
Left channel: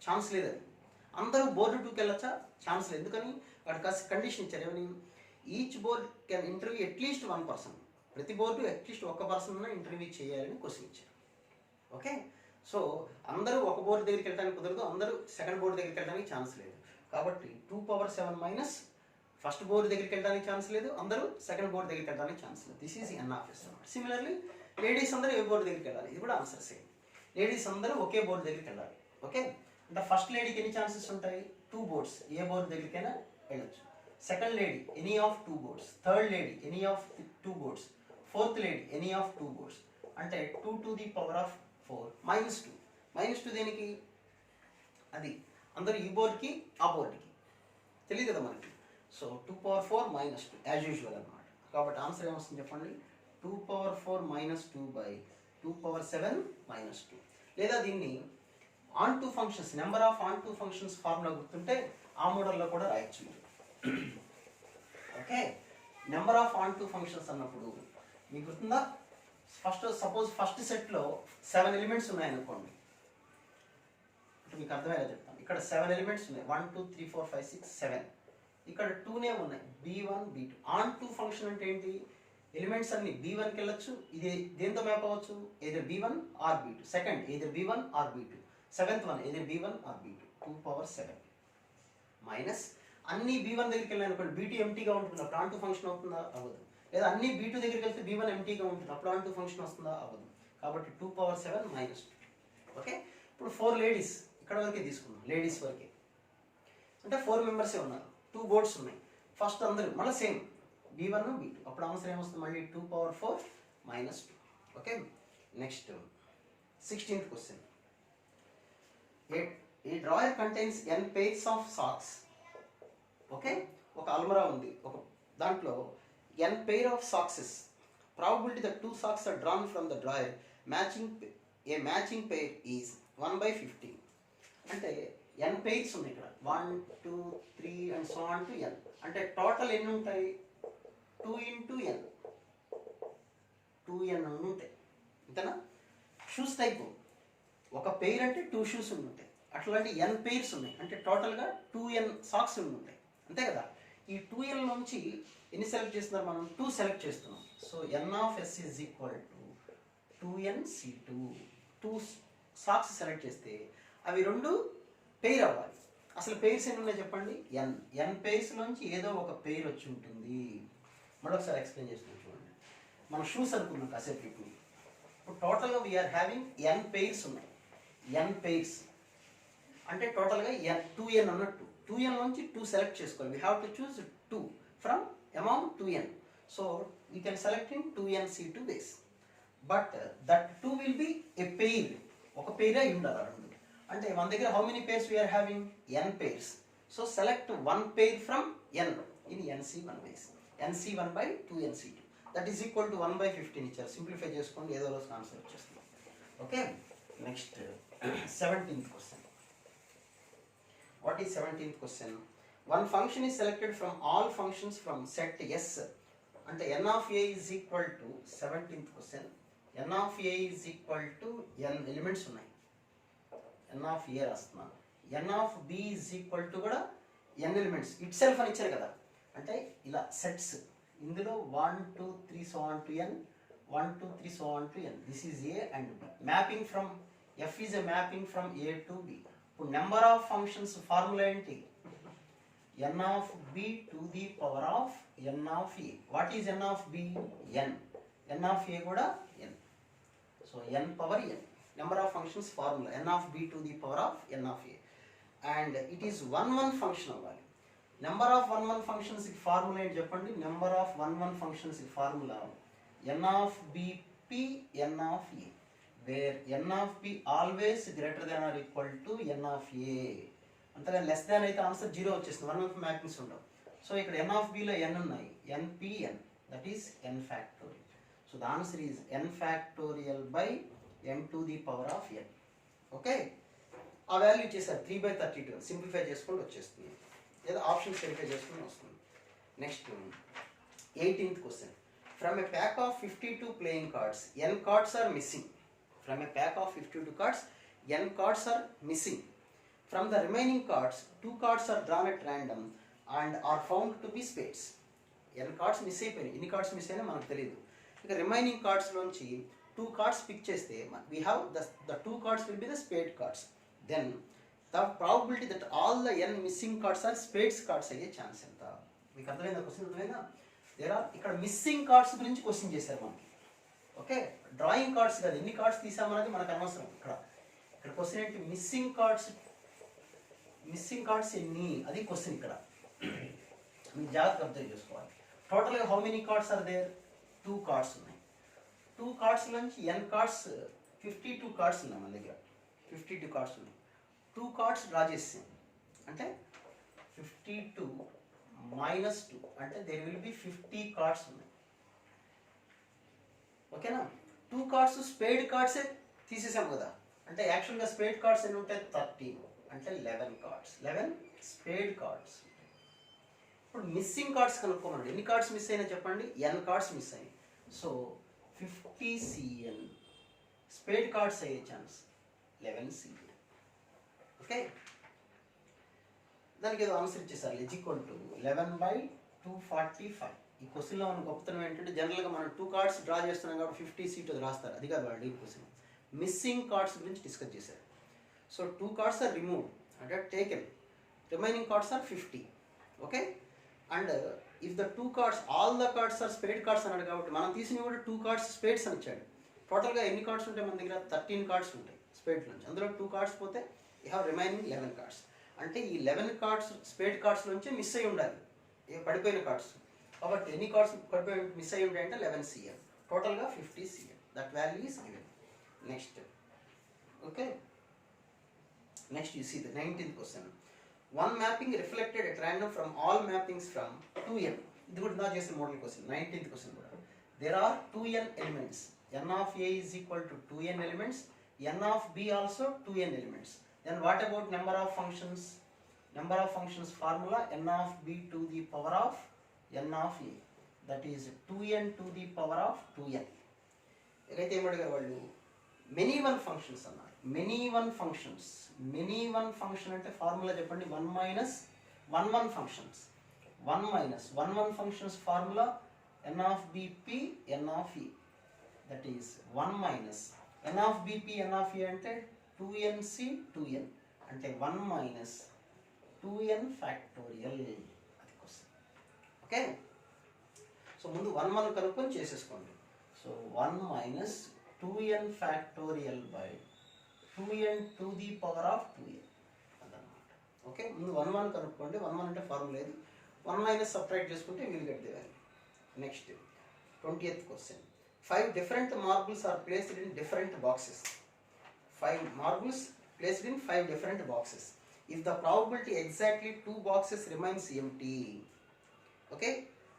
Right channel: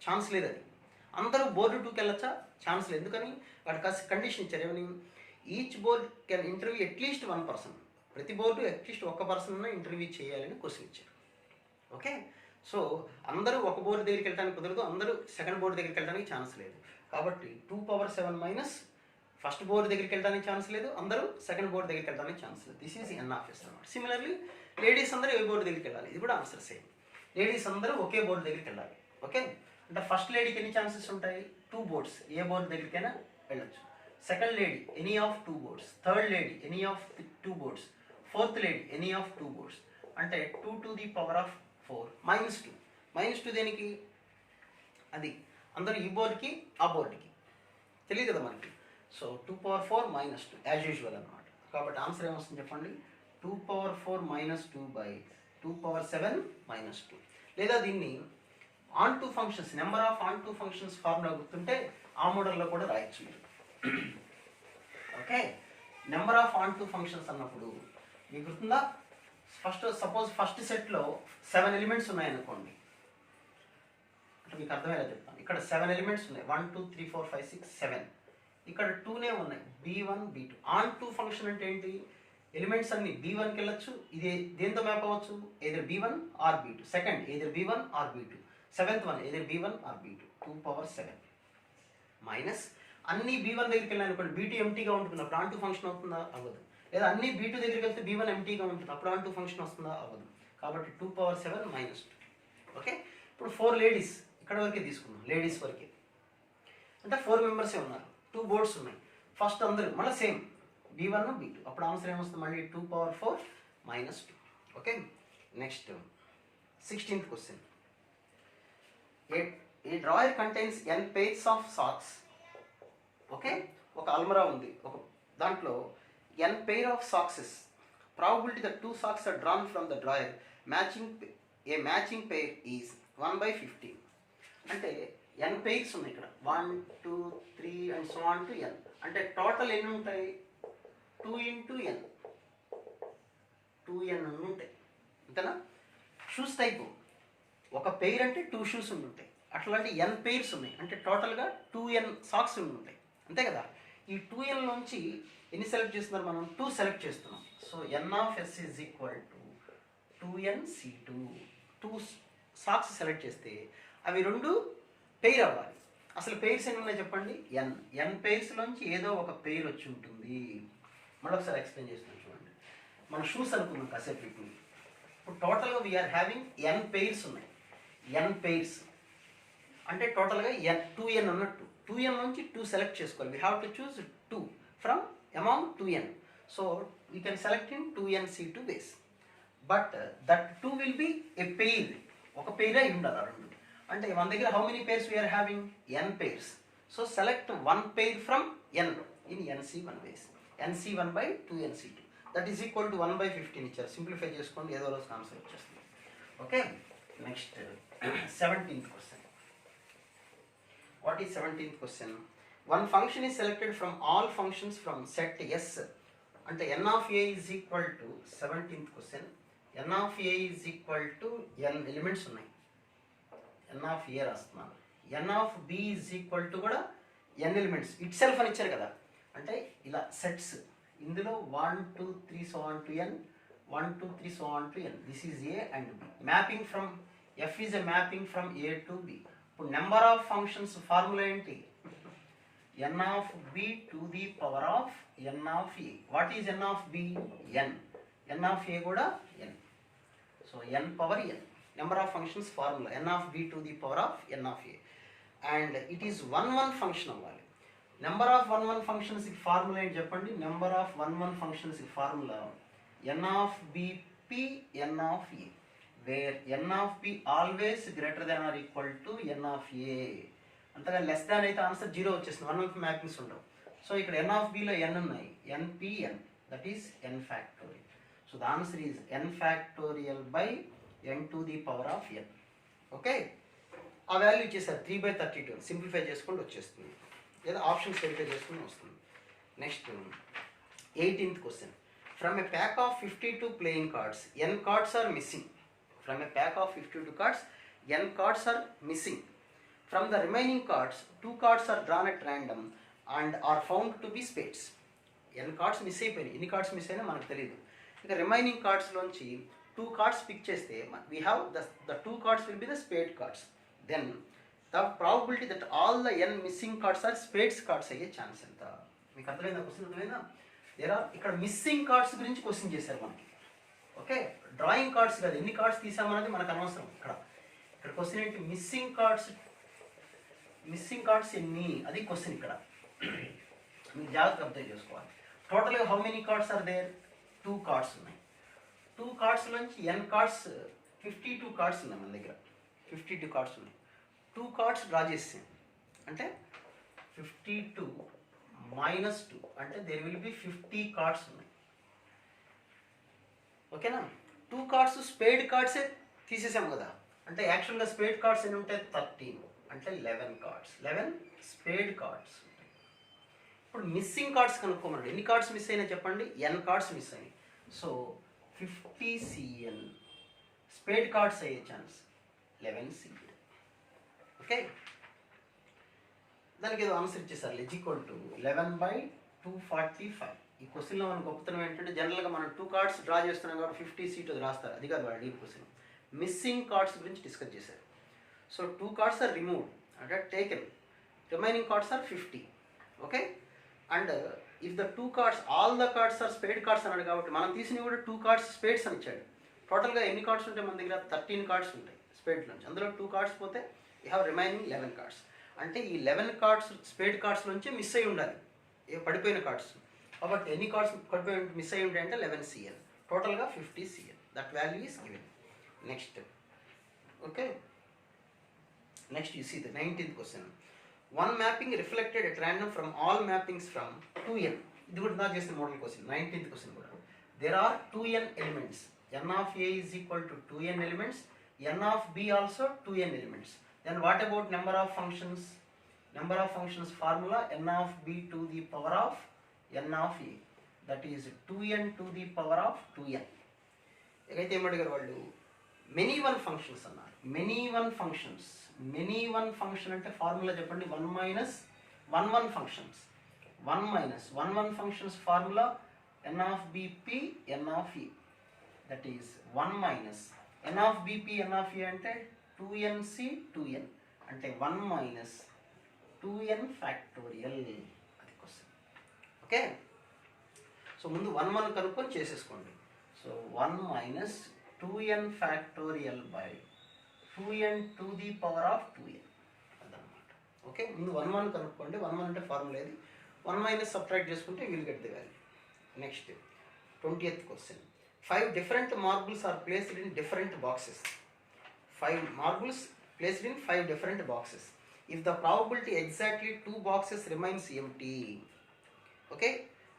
ఛాన్స్ లేదు. అది అందరూ బోర్డు 2కి వెళ్ళొచ్చా? ఛాన్స్ లేదు. ఎందుకని? వాటికి కండిషన్ ఇచ్చారు. ఏమని? Each board can interview at least 1 person. ప్రతి బోర్డు అట్లీస్ట్ 1 person ఇంటర్వ్యూ చేయాలని క్వశ్చన్ ఇచ్చారు. ఓకే, సో అందరూ ఒక బోర్డు దగ్గరికి వెళ్ళడానికి కుదరదు, అందరూ సెకండ్ బోర్డు దగ్గరికి వెళ్ళడానికి ఛాన్స్ లేదు. కాబట్టి 2^7 మైనస్ ఫస్ట్ బోర్డు దగ్గరికి వెళ్ళడానికి ఛాన్స్ లేదు, అందరూ సెకండ్ బోర్డు దగ్గరికి వెళ్ళడానికి ఛాన్స్ లేదు. దిస్ ఈజ్ NS అన్నమాట. సిమిలర్లీ లేడీస్ అందరూ ఏ బోర్డు దగ్గరికి వెళ్ళాలి? ఇది కూడా ఆన్సర్ సేమ్. లేడీస్ అందరూ ఒకే బోర్డు దగ్గరికి వెళ్ళాలి. ఓకే, అంటే ఫస్ట్ లేడీకి ఎన్ని ఛాన్సెస్ ఉంటాయి? 2 boards, ఏ బోర్డు దగ్గరికైనా వెళ్ళొచ్చు. Second lady any of 2 boards, third lady any of 2 boards, fourth lady any of 2 boards. అంటే 2 to the power of 4 -2. -2 దేనికి? అది అందరూ ఈ బోర్డుకి ఆ బోర్డుకి తెలియదు కదా మనకి. సో 2^4 -2 యాజ్ యూజువల్ అనమాట. కాబట్టి ఆన్సర్ ఏమొస్తుంది చెప్పండి? 2^4 - 2 by 2^7 - 2. లేదా దీన్ని onto functions, number of onto functions formula గుర్తుంటే ఆ మోడల్లో కూడా రాయొచ్చు మీరు. Okay, number of onto functions అన్నప్పుడు మీకు గుర్తుందా? ఫస్ట్ సెట్లో 7 ఎలిమెంట్స్ ఉన్నాయనుకోండి, అంటే మీకు అర్థమయ్యేలా చెప్తాను. ఇక్కడ 7 ఎలిమెంట్స్ ఉన్నాయి, 1 2 3 4 5 6 7. ఇక్కడ 2నే ఉన్నాయి, B1 B2. ఆన్2 ఫంక్షన్ అంటే ఏంటి? ఎలిమెంట్స్ అన్ని B1కి వెళ్ళొచ్చు. ఇది దేంతో మ్యాప్ అవ్వచ్చు? either B1 or B2. Second either B1 or B2. Seventh one either B1 or B2. 2^7 minus అన్ని B1 దగ్గరికి వెళ్ళాను అనుకోండి, B2 ఎంటీగా ఉంటుంది, అప్పుడు ఆన్2 ఫంక్షన్ అవుతుందా? అవ్వదు. లేదా అన్ని B2 దగ్గరికి వెళ్తే B1 ఎంటీగా ఉంటుంది, అప్పుడు ఆన్2 ఫంక్షన్ వస్తుందా? అవ్వదు. కాబట్టి 2^7 - 2. ఓకే, ఇప్పుడు 4 లేడీస్ ఇక్కడ వరకే తీసుకున్నాం, లేడీస్ వరకే. అంటే 4 members ఉన్నారు, 2 boards ఉన్నాయి. ఫస్ట్ అందరూ మళ్ళీ సేమ్ B1 B2, అప్పుడు ఆన్సర్ ఏమొస్తుంది? మళ్ళీ 2^4 - 2. Okay, next 16th question. A drawer contains n pairs of socks. Okay, ఒక అల్మరా ఉంది, ఒక దాంట్లో n pair of socks. Probability that 2 socks are drawn from the drawer a matching pair is 1/15. అంటే n pairs ఉన్నాయి ఇక్కడ, 1 2 3 and so on to n. అంటే total ఎన్ని ఉంటాయి? 2 into n, 2n ఉంటాయి, అంతేనా? షూస్ టైపు ఒక పెయిర్ అంటే 2 shoes ఉంటాయి, అట్లాంటి n pairs ఉన్నాయి, అంటే టోటల్గా 2n socks ఉంటాయి, అంతే కదా? ఈ 2n నుంచి ఎన్ని సెలెక్ట్ చేస్తున్నారు మనం? 2 సెలెక్ట్ చేస్తున్నాం. So NS is equal to 2nC2. 2 socks select చేస్తే అవి 2 పెయిర్ అవ్వాలి. అసలు పెయిర్స్ ఎన్ని ఉన్నాయి చెప్పండి? n pairs నుంచి ఏదో ఒక పెయిర్ వచ్చి ఉంటుంది. మరొకసారి ఎక్స్ప్లెయిన్ చేస్తున్నాను చూడండి. మనం షూస్ అనుకున్నాం కాసేపు. ఇప్పుడు టోటల్గా వీఆర్ హ్యావింగ్ n pairs ఉన్నాయి. n pairs అంటే టోటల్గా 2n అన్నట్టు. 2n నుంచి 2 సెలెక్ట్ చేసుకోవాలి. We have to choose 2 from among 2n. So we can select in 2nC2 ways. But that 2 will be a pair, ఒక పెయిర్ అయి ఉండాలి ఆ 2. అంటే మన దగ్గర how many pairs we are having ఎన్ pairs. So select one pair from N in NC1 ways, NC1 by 2NC2 that is equal to 1/15 ఇచ్చారు. Simplify చేసుకోండి, ఏదో రోజు ఆన్సర్ వచ్చేస్తుంది. Okay, next 17th question. What is 17th question? One function is selected from all functions from set S అంటే n of a is equal to 17th question. n of a is equal to n elements ఉన్నాయి, n of a రాస్తున్నాను. n of b is equal to కూడా n elements it self అని ఇచ్చారు కదా. అంటే ఇలా sets ఇందులో 1 2 3 so on to n, 1 2 3 so on to n. This is a and b. Mapping from f is a mapping from a to b. ఇప్పుడు number of functions formula ఏంటి? n of b to the power of n of a. What is n of b? n. n of a కూడా n. So n power n. Number of functions formula n of b to the power of n of a. And it is 1 function అవ్వాలి. Number of 1 functions formula ఏంటి చెప్పండి? Number of 1 functions formula n of b p n of a, where n of b always greater than or equal to n of a. అంతగా less than అయితే answer 0 వచ్చేస్తుంది. 1 mappings ఉండవు. So ఇక్కడ n of b లో n ఉన్నాయి, npn, that is n factorial. So the answer is n factorial by n to the power of n. Okay, ఆ value ఇచ్చేసారు 3/32. Simplify చేసుకుంటూ వచ్చేస్తుంది, లేదా ఆప్షన్స్ వెరిఫై చేసుకుని వస్తుంది. Next 18th question. From a pack of 52 playing cards n cards are missing. From a pack of 52 cards n cards are missing. From the remaining cards, 2 cards are drawn at random and are found to be spades. n cards miss అయిపోయినాయి, ఎన్ని cards miss అయినా మనకు తెలియదు. ఇక remaining కార్డ్స్లోంచి 2 cards pick చేస్తే we have the 2 cards will be the spade cards. Then the probability that all the n missing cards are spades cards అయ్యే chance ఎంత? మీకు అర్థమైందా క్వశ్చన్? అర్థమైందా? ఇక్కడ మిస్సింగ్ కార్డ్స్ గురించి క్వశ్చన్ చేశారు మనకి. ఓకే, డ్రాయింగ్ కార్డ్స్ కాదు, ఎన్ని కార్డ్స్ తీసామన్నది మనకు అనవసరం. ఇక్కడ క్వశ్చన్ ఏంటి? మిస్సింగ్ కార్డ్స్ ఎన్ని, అది క్వశ్చన్. ఇక్కడ మీరు జాగ్రత్తగా అబ్జర్వ్ చేసుకోవాలి. టోటల్గా how many cards are there? 2 cards ఉన్నాయి. 2 కార్డ్స్ నుంచి n కార్డ్స్ 52 కార్డ్స్ ఉన్నాయి మన దగ్గర. 52 కార్డ్స్ ఉన్నాయి. 2 కార్డ్స్ డ్రా చేస్తాం అంటే 52 - 2 అంటే దేర్ విల్ బి 50 కార్డ్స్ ఉన్నాయి. ఓకేనా? 2 కార్డ్స్ స్పేడ్ కార్డ్సే తీసేసాం కదా. అంటే యాక్చువల్గా స్పేడ్ కార్డ్స్ ఎన్ని ఉంటాయి? 13 అంటే 11 కార్డ్స్, 11 స్పేడ్ కార్డ్స్. ఇప్పుడు మిస్సింగ్ కార్డ్స్ కనుక్కోమండి. ఎన్ని కార్డ్స్ మిస్ అయినా చెప్పండి? n కార్డ్స్ మిస్ అయినాయి. సో 50 CN స్పేడ్ కార్డ్స్ అయ్యే ఛాన్స్ 11 CN. ఓకే, దానికి ఏదో ఆన్సర్ ఇచ్చేసారు. Equal to 11/245. ఈ క్వశ్చన్లో మన గొప్పతనం ఏంటంటే జనరల్గా మనం 2 కార్డ్స్ డ్రా చేస్తున్నాం కాబట్టి 50 సీట్ అది రాస్తారు. అది కాదు వాళ్ళు ఈ క్వశ్చన్. మిస్సింగ్ కార్డ్స్ గురించి డిస్కస్ చేశారు. So 2 cards are removed and are taken. Remaining cards are 50. Okay, and if the 2 cards, all the cards are spade cards అన్నాడు కాబట్టి మనం తీసినవి కూడా 2 cards spades అని ఇచ్చాడు. టోటల్గా ఎన్ని కార్డ్స్ ఉంటాయి మన దగ్గర? 13 కార్డ్స్ ఉంటాయి స్పేడ్ నుంచి. అందులో 2 కార్డ్స్ పోతే యూ హ్యావ్ రిమైనింగ్ 11 కార్డ్స్. అంటే ఈ 11 కార్డ్స్ స్పేడ్ కార్డ్స్ నుంచి మిస్ అయ్యి ఉండాలి, పడిపోయిన కార్డ్స్. కాబట్టి ఎన్ని కార్డ్స్ పడిపోయి మిస్ అయ్యి ఉంటాయి అంటే 11 CN. టోటల్గా 50 CN. That value is given. Next okay, next you see the 19th question. One mapping reflected at random from all mappings from 2n. ఇది కూడా నా చేసిన మోడల్ క్వశ్చన్. 19th క్వశ్చన్ కూడా. There are 2n elements. n of a is equal to 2n elements. n of b also 2n elements. Then what about number of functions? Number of functions formula n of b to the power of n of a. That is 2n to the power of 2n. ఎక్కడైతే ఏమడిగారు వాళ్ళు? Many one functions అన్నారు. Many one functions. Many one function అంటే formula చెప్పండి? 1 - 1 functions. 1 functions formula n of bp n of a. That is 1 - n of bp n of a అంటే 2nc 2n అంటే 1 - 2n factorial. అది question. Okay, so ముందు 1 కనుక్కొని చేసేసుకోండి. So 1 - 2n factorial by 2n to the power of 2n అదనమాట. Okay, ముందు 1 కనుక్కోండి. 1 అంటే ఫార్ములా ఏది? 1 - సబ్ట్రాక్ట్ చేసుకుంటే will get the value. Next 20th question. 5 different marbles are placed in different boxes. 5 marbles placed in 5 different boxes. If the probability exactly 2 boxes remains empty, okay,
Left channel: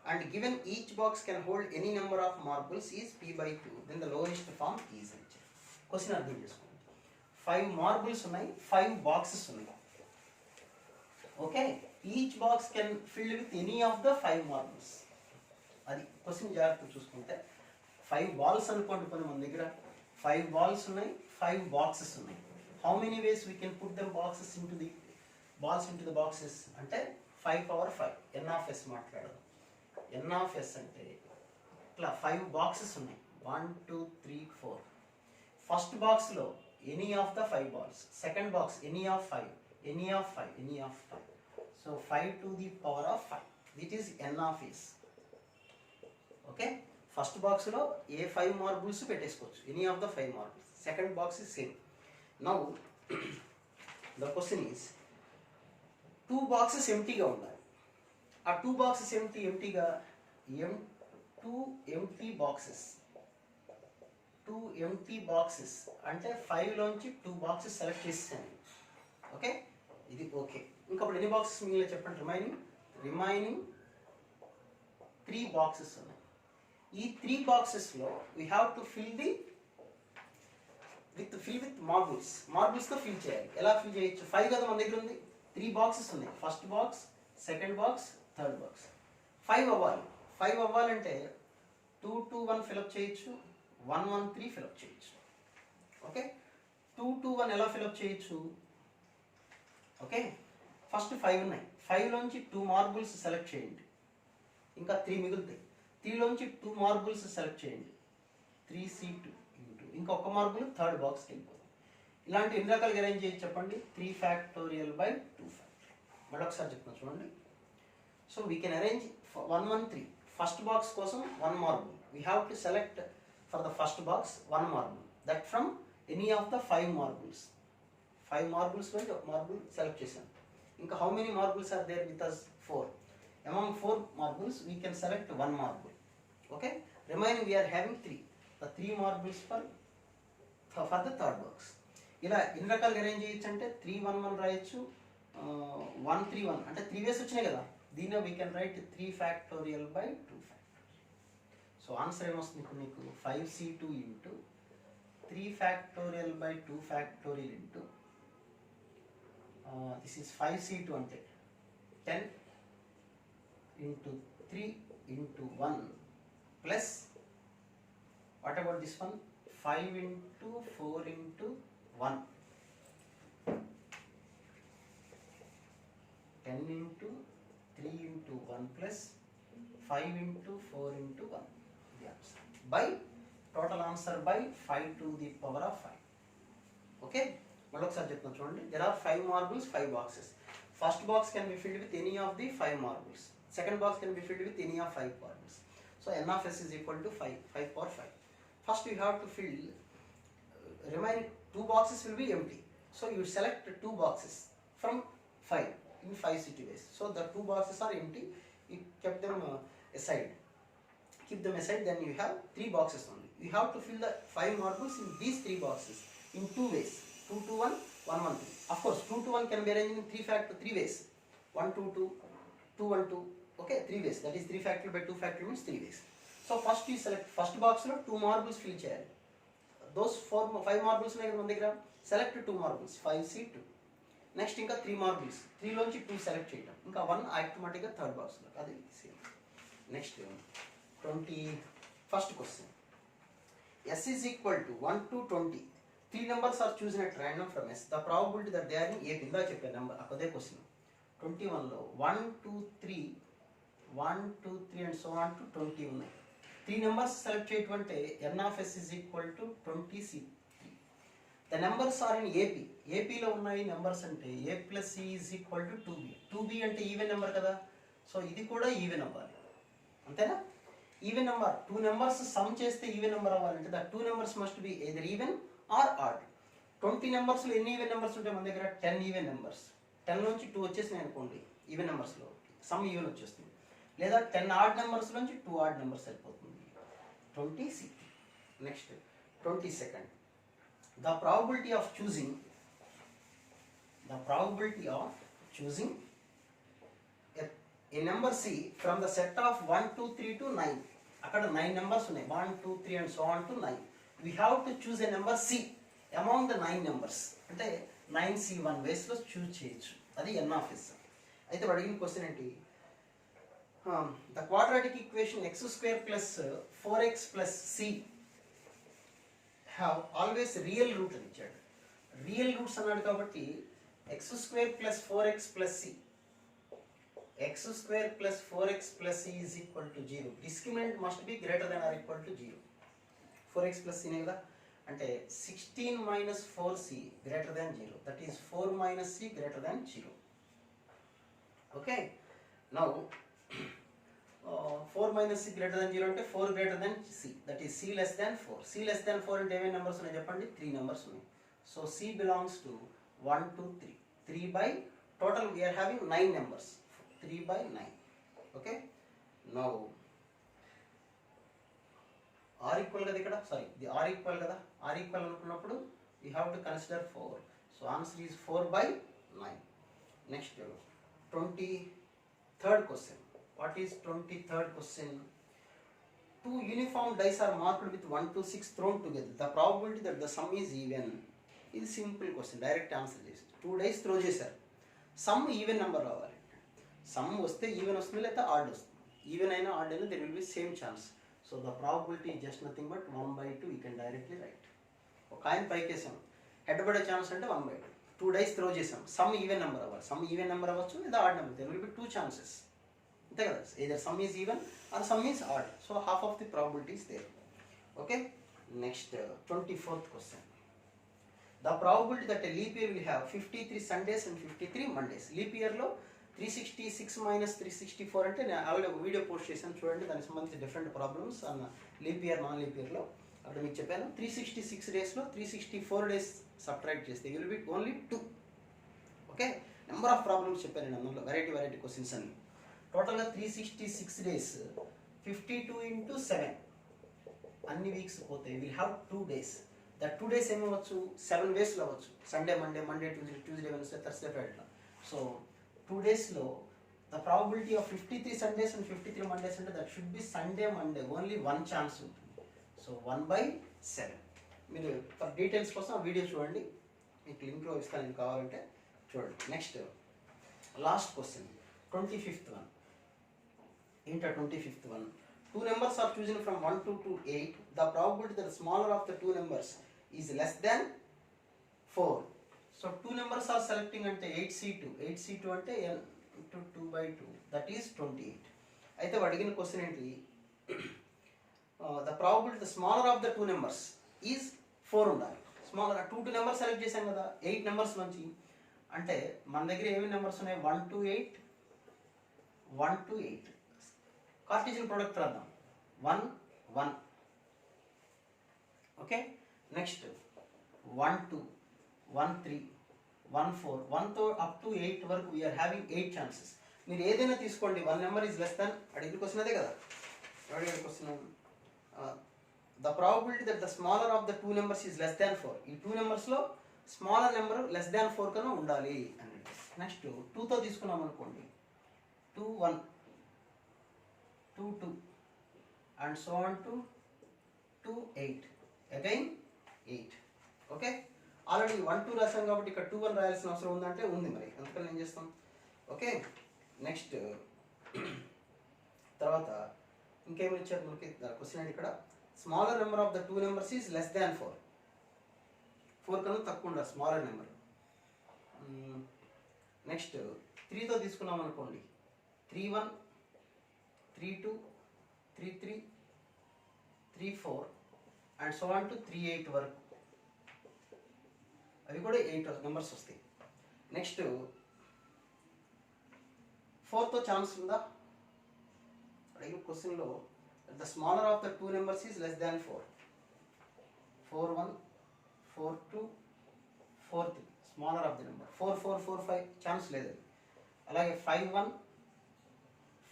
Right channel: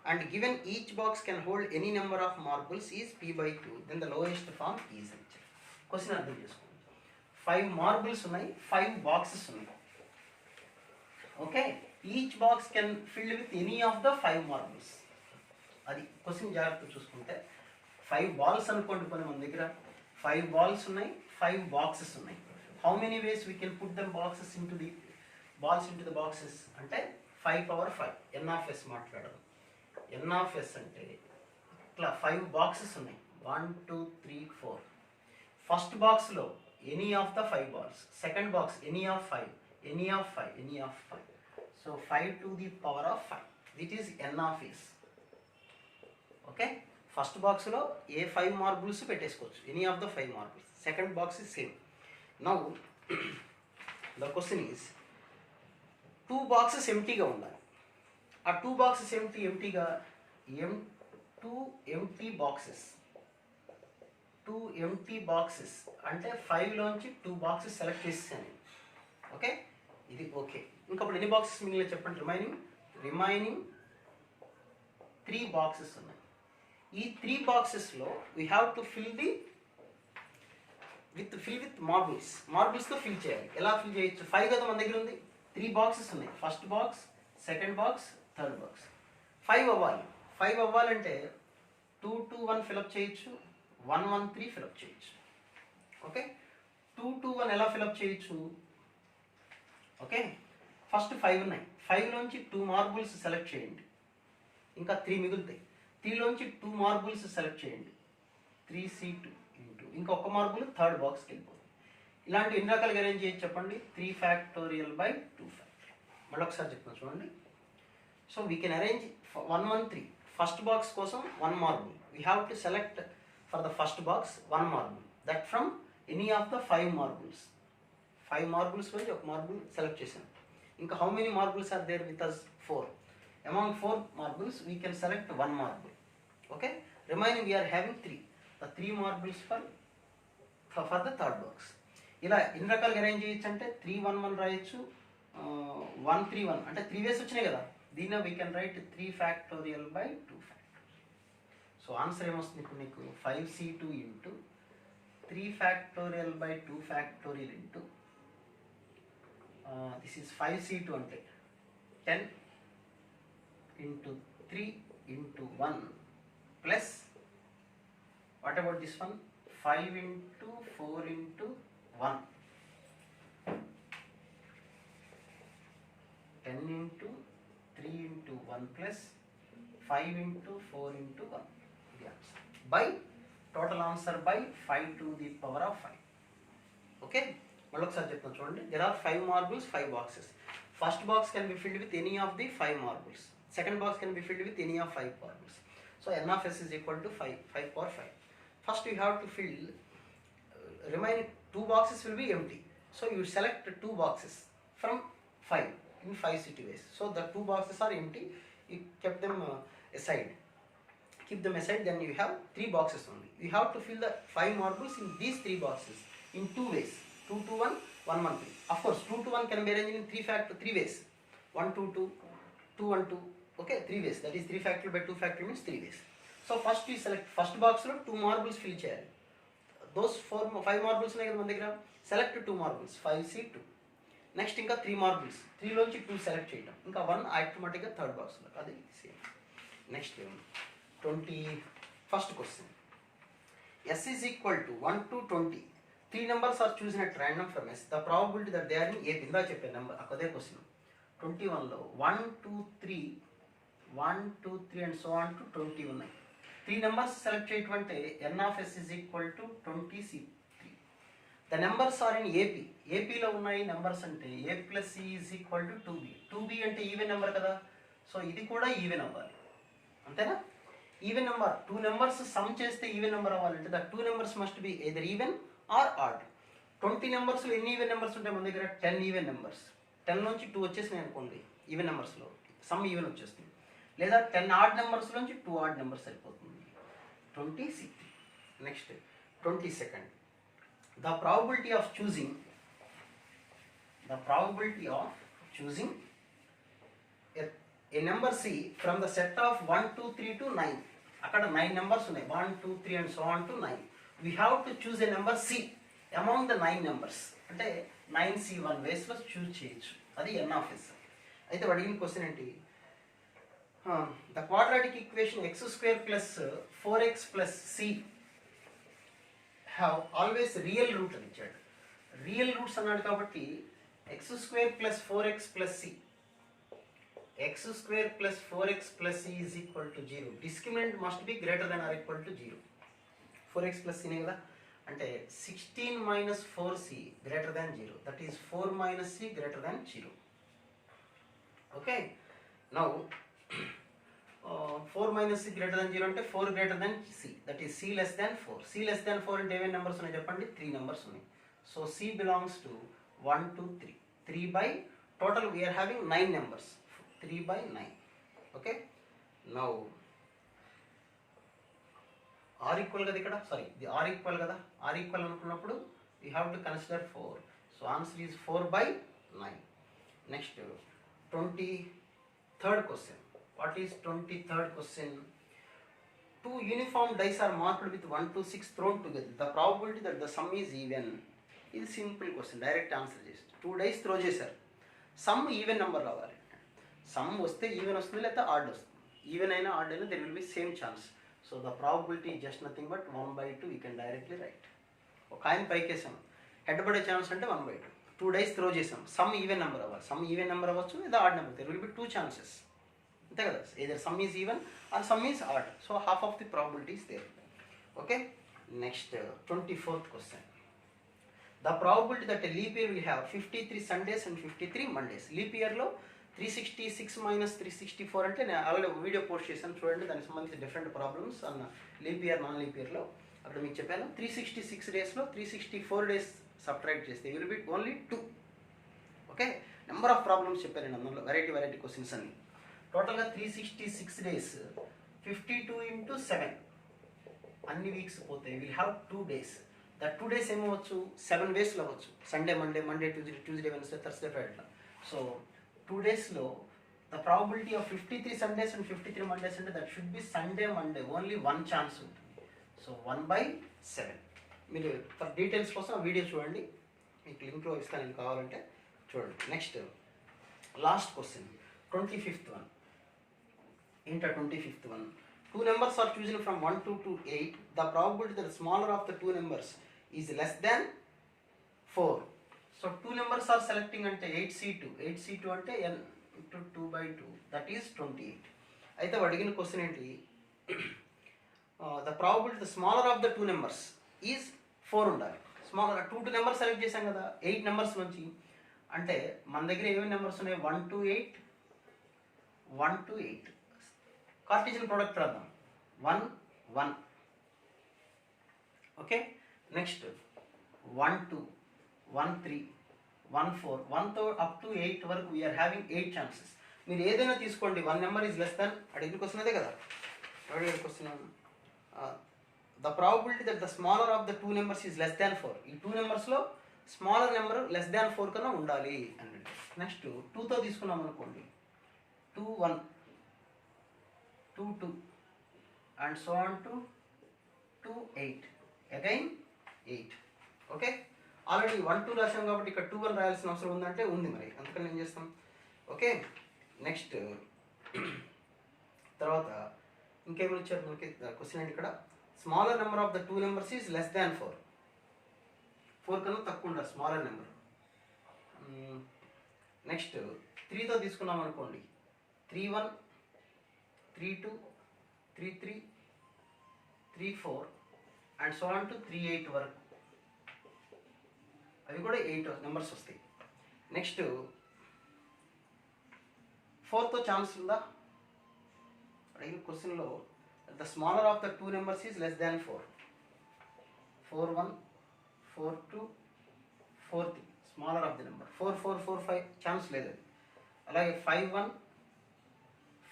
and given each box can hold any number of marbles is p by 2, then the lowest form is rejected. Question అర్థం చేసుకోండి. 5 marbles ఉన్నాయి, 5 boxes ఉన్నాయి. Okay, each box can fill with any of the 5 marbles. అది question జాగ్రత్త చూసుకుంటే 5 balls అనుకోండి, కొన్ని మన దగ్గర 5 balls ఉన్నాయి, 5 boxes ఉన్నాయి. How many ways we can put them boxes into the balls into the boxes అంటే 5 power 5 n of s మాట్లాడదాం. n of s అంటే ఇట్లా 5 బాక్సెస్ ఉన్నాయి, 1 2 3 4. ఫస్ట్ బాక్స్లో any of the 5 balls, second box any of 5, any of 5, any of 5. So 5 to the power of 5, that is n of s. Okay, first బాక్స్లో ఏ 5 marbles పెట్టేసుకోవచ్చు, any of the 5 marbles. Second box is same. Now the question is 2 boxes ఎంటీగా ఉండాలి. ఆ 2 boxes ఎంటీగా 2 empty boxes, 2 empty boxes అంటే 5లోంచి 2 boxes select చేసాను. Okay, ఇది okay. ఇంకప్పుడు ఎన్ని బాక్సెస్ మిగిలిన చెప్పండి. రిమైనింగ్ 3 boxes ఉన్నాయి. ఈ 3 boxesలో we have to fill with మార్బుల్స్తో ఫిల్ చేయాలి. ఎలా ఫిల్ చేయొచ్చు? 5 కదా మన దగ్గర ఉంది, 3 boxes ఉన్నాయి. First box, second box, third box. 5 అవ్వాలి. 5 అవ్వాలంటే 2 2 1 ఫిలప్ చేయొచ్చు, 1 1 3 ఫిలప్ చేయొచ్చు. ఓకే, 2 2 1 ఎలా ఫిలప్ చేయొచ్చు? ఓకే, ఫస్ట్ 5 ఉన్నాయి, 5లోంచి 2 మార్బుల్స్ సెలెక్ట్ చేయండి, ఇంకా 3 మిగులుతాయి. 3లోంచి 2 మార్బుల్స్ సెలెక్ట్ చేయండి, 3c2 ఇంటూ ఇంకా ఒక మార్బుల్ థర్డ్ బాక్స్కి వెళ్ళిపోతుంది. ఇలాంటి ఎన్ని రకాలుగా అరేంజ్ చేయొచ్చు చెప్పండి? 3 factorial by 2 factorial. మళ్ళీ ఒకసారి చెప్తాను చూడండి. So we can arrange 1 1 3. First box కోసం 1 marble, we have to select for the first box 1 marble, that from any of the 5 marbles. 5 marbles నుంచి ఒక మార్బుల్ సెలెక్ట్ చేసాం. ఇంకా how many marbles are there with us? 4. Among 4 marbles we can select 1 marble. Okay, remaining we are having 3. The 3 marbles for the third box. ఇలా ఎన్ని రకాలుగా arrange చేయొచ్చు అంటే 3 1 1 రాయొచ్చు, 1 3 1 అంటే 3 వేస్ వచ్చినాయి కదా, దీనిలో we can write 3 factorial by 2 factorial. So answer ఏమొస్తుంది ఇప్పుడు నీకు? 5c2 into 3 factorial by 2 factorial into this is 5c2 అంటే 10 into 3 into 1 plus what about this one? 5 into 4 into 1, 10 into 3 into 1 plus 5 into 4 into 1. The answer by total answer by 5 to the power of 5. Okay, మళ్ళీ ఒకసారి చెప్తాను చూడండి. There are 5 marbles, 5 boxes. First box can be filled with any of the 5 marbles. Second box can be filled with any of 5 marbles. So n of s is equal to 5 power 5. First you have to fill remaining 2 boxes will be empty. So you select 2 boxes from 5 in 5 city ways. So the 2 boxes are empty. You kept them aside. Keep them aside. Then you have 3 boxes only. You have to fill the 5 marbles in these 3 boxes in 2 ways. 2 2 1, 1 1 3. Of course 2 2 1 can be arranged in 3 ways. 1 2 2, 2 1 2. Okay, 3 ways. That is 3 factorial by 2 factorial means 3 ways. So first you select first box lo 2 marbles fill cheyali. Those 5 marbles ఉన్నాయి కదా మన దగ్గర, select 2 marbles, 5c2. Next ఇంకా 3 marbles, 3 లోంచి 2 select చేయడం, ఇంకా 1 ఆటోమేటిక్గా third బాక్స్లో. అది same. Next 21st question. s is equal to 1 to 20. 3 numbers are chosen at random from s. The probability that they are in a ఇందా చెప్పే నెంబర్ అదే క్వశ్చన్. 21లో 1 2 3 1 2 3 అండ్ సో ఆన్ టు 20 ఉన్నాయి. 3 నెంబర్స్ సెలెక్ట్ చేయటం అంటే n of s is equal to 20c3. The numbers are in AP. ఏపీలో ఉన్నాయి numbers అంటే a plus c is equal to 2b. 2b అంటే ఈవెన్ నెంబర్ కదా, సో ఇది కూడా ఈవెన్ అవ్వాలి, అంతేనా? ఈవెన్ నెంబర్ 2 నెంబర్స్ సమ్ చేస్తే ఈవెన్ నెంబర్ అవ్వాలంటే the 2 numbers must be either even or odd. 20 నెంబర్స్లో ఎన్ని ఈవెన్ నెంబర్స్ ఉంటాయి మన దగ్గర? 10 ఈవెన్ నెంబర్స్. 10 నుంచి 2 వచ్చేసినాయి అనుకోండి ఈవెన్ నెంబర్స్లో, సమ్ ఈవెన్ వచ్చేస్తుంది. లేదా 10 ఆడ్ నెంబర్స్ నుంచి 2 ఆడ్ నెంబర్స్ సరిపోతుంది. 20c3. Next 22nd. The probability of choosing the probability of choosing a number C from the set of 1, 2, 3 to 9. అక్కడ 9 numbers ఉన్నాయి, 1, 2, 3 and so on to 9. We have to choose a number C among the 9 numbers. అంటే 9C1 వేస్లో చూస్ చేయొచ్చు, అది n of s. అయితే అడిగిన question ఏంటి, the quadratic equation x square plus 4x plus c have always real route అని ఇచ్చాడు. Real roots అన్నాడు కాబట్టి x square plus 4x plus c, x square plus 4x plus c is equal to 0. Discriminant must be greater than or equal to 0. 4x plus c కదా అంటే 16 minus 4c greater than 0. That is 4 minus c greater than 0. Okay. Now 4 minus c greater than 0 అంటే 4 greater than c. That is c less than 4. c less than 4 అంటే ఏమేమి numbers ఉన్నాయి చెప్పండి, 3 numbers ఉన్నాయి. So c belongs to 1, 2, 3. 3 by total we are having 9 numbers. 3 by 9. Okay. Now r equal కదా ఇక్కడ, sorry ఇది r equal కదా, r equal అనుకున్నప్పుడు we have to consider 4. So answer is 4 by 9. Next 23rd question. What is 23rd question? Two uniform dice are marked with 1 to 6 thrown together. The probability that the sum is even. ఇది simple question, direct answer చేసి 2 dice throw చేశారు, some even number రావాలి. Some వస్తే even వస్తుంది, లేకపోతే add వస్తుంది. Even అయినా add అయినా there will be same chance. So the probability just nothing but 1/2. You can directly right. ఒక కాయిన్ పైకి వేసాం, హెడ్ పడే ఛాన్స్ అంటే 1/2. 2 dice త్రో చేసాం, సమ్ ఈవెన్ నెంబర్ అవ్వాలి. సమ్ ఈవెన్ నెంబర్ అవ్వచ్చు లేదా odd number, there will be 2 chances. అంతే కదా, either sum is even or sum is odd. So half of the probability is there. Okay. Next 24th question. The probability that a leap year will have 53 Sundays and 53 Mondays. Leap year లో 366 minus 364 అంటే నేను already video post చేశాను చూడండి, దానికి సంబంధించి different problems అన్న leap year non leap ఇయర్లో. అక్కడ మీకు చెప్పాను 366 డేస్లో 364 days సబ్ట్రాక్ట్ చేస్తే will be only 2. Okay, number of problems చెప్పాను నేను అందులో, వెరైటీ క్వశ్చన్స్ అన్ని. టోటల్గా 366 days 52 into 7 అన్ని వీక్స్ పోతాయి. Will have 2 days. That 2 days ఏమవచ్చు, 7 daysలో అవ్వచ్చు. Sunday, Monday, Tuesday, Wednesday, Thursday, Friday. So 2 daysలో the probability of 53 Sundays and 53 Mondays అంటే that should be Sunday, Monday, only 1 chance ఉంటుంది. సో 1/7. మీరు ఫర్ డీటెయిల్స్ కోసం ఆ వీడియో చూడండి, మీకు లింక్లో ఇస్తాను నేను కావాలంటే చూడండి. Next last question 25th one. ఏంటో 25th one. 2 numbers are chosen from 1 to 8. The probability that the smaller of the 2 numbers is less than 4. So 2 numbers are selecting అంటే 8C2. 8C2 అంటే n into 2/2. That is 28. అయితే అడిగిన question ఏంటి, the probability the smaller of the 2 numbers is 4 ఉండాలి. Smaller 2 numbers select చేశాం కదా 8 numbers నుంచి. అంటే మన దగ్గర ఏమేమి నెంబర్స్ ఉన్నాయి, 1 to 8, 1 to 8. కార్టీజియన్ ప్రోడక్ట్ రాద్దాం, 1, 1. ఓకే. నెక్స్ట్ 1, 2, 1, 3, 1, 4. 1 తో అప్ టు 8 వరకు వీఆర్ హ్యావింగ్ 8 ఛాన్సెస్. మీరు ఏదైనా తీసుకోండి, 1 నెంబర్ ఈజ్ లెస్ దాన్, అడిగిన క్వశ్చన్ అదే కదా, అడిగిన question the probability that the smaller of the 2 numbers is less than 4. ఈ 2 numbers smaller number less than 4 కన్నా ఉండాలి అని. నెక్స్ట్ 2తో తీసుకున్నాం అనుకోండి, 2, 1, 2, 2 and so on to 2, 8. Again 8. Okay, already 1, 2 రాసాం కాబట్టి ఇక్కడ 2, 1 రాయాల్సిన అవసరం ఉందంటే ఉంది, మరి అందుకని ఏం చేస్తాం. ఓకే. నెక్స్ట్ తర్వాత ఇంకేమి ఇచ్చారు మనకి క్వశ్చన్ ఏంటి ఇక్కడ, smaller number of the 2 numbers is less than 4. 4 కన్నా తక్కువ ఉండాలి స్మాలర్ నెంబర్. నెక్స్ట్ 3తో తీసుకున్నాం అనుకోండి, 3, 1, 3, 2, 3, 3, 3, 4 అండ్ సో ఆన్ టు 3, 8 వరకు. అవి కూడా 8 నెంబర్స్ వస్తాయి. నెక్స్ట్ 4తో ఛాన్స్ ఉందా, అడిగిన క్వశ్చన్లో the smaller of the 2 numbers is less than 4. 4, 1, 4, 2, 4, 3 smaller of the number. 4, 4, 4, 5 chance లేదు. అలాగే 5, 1,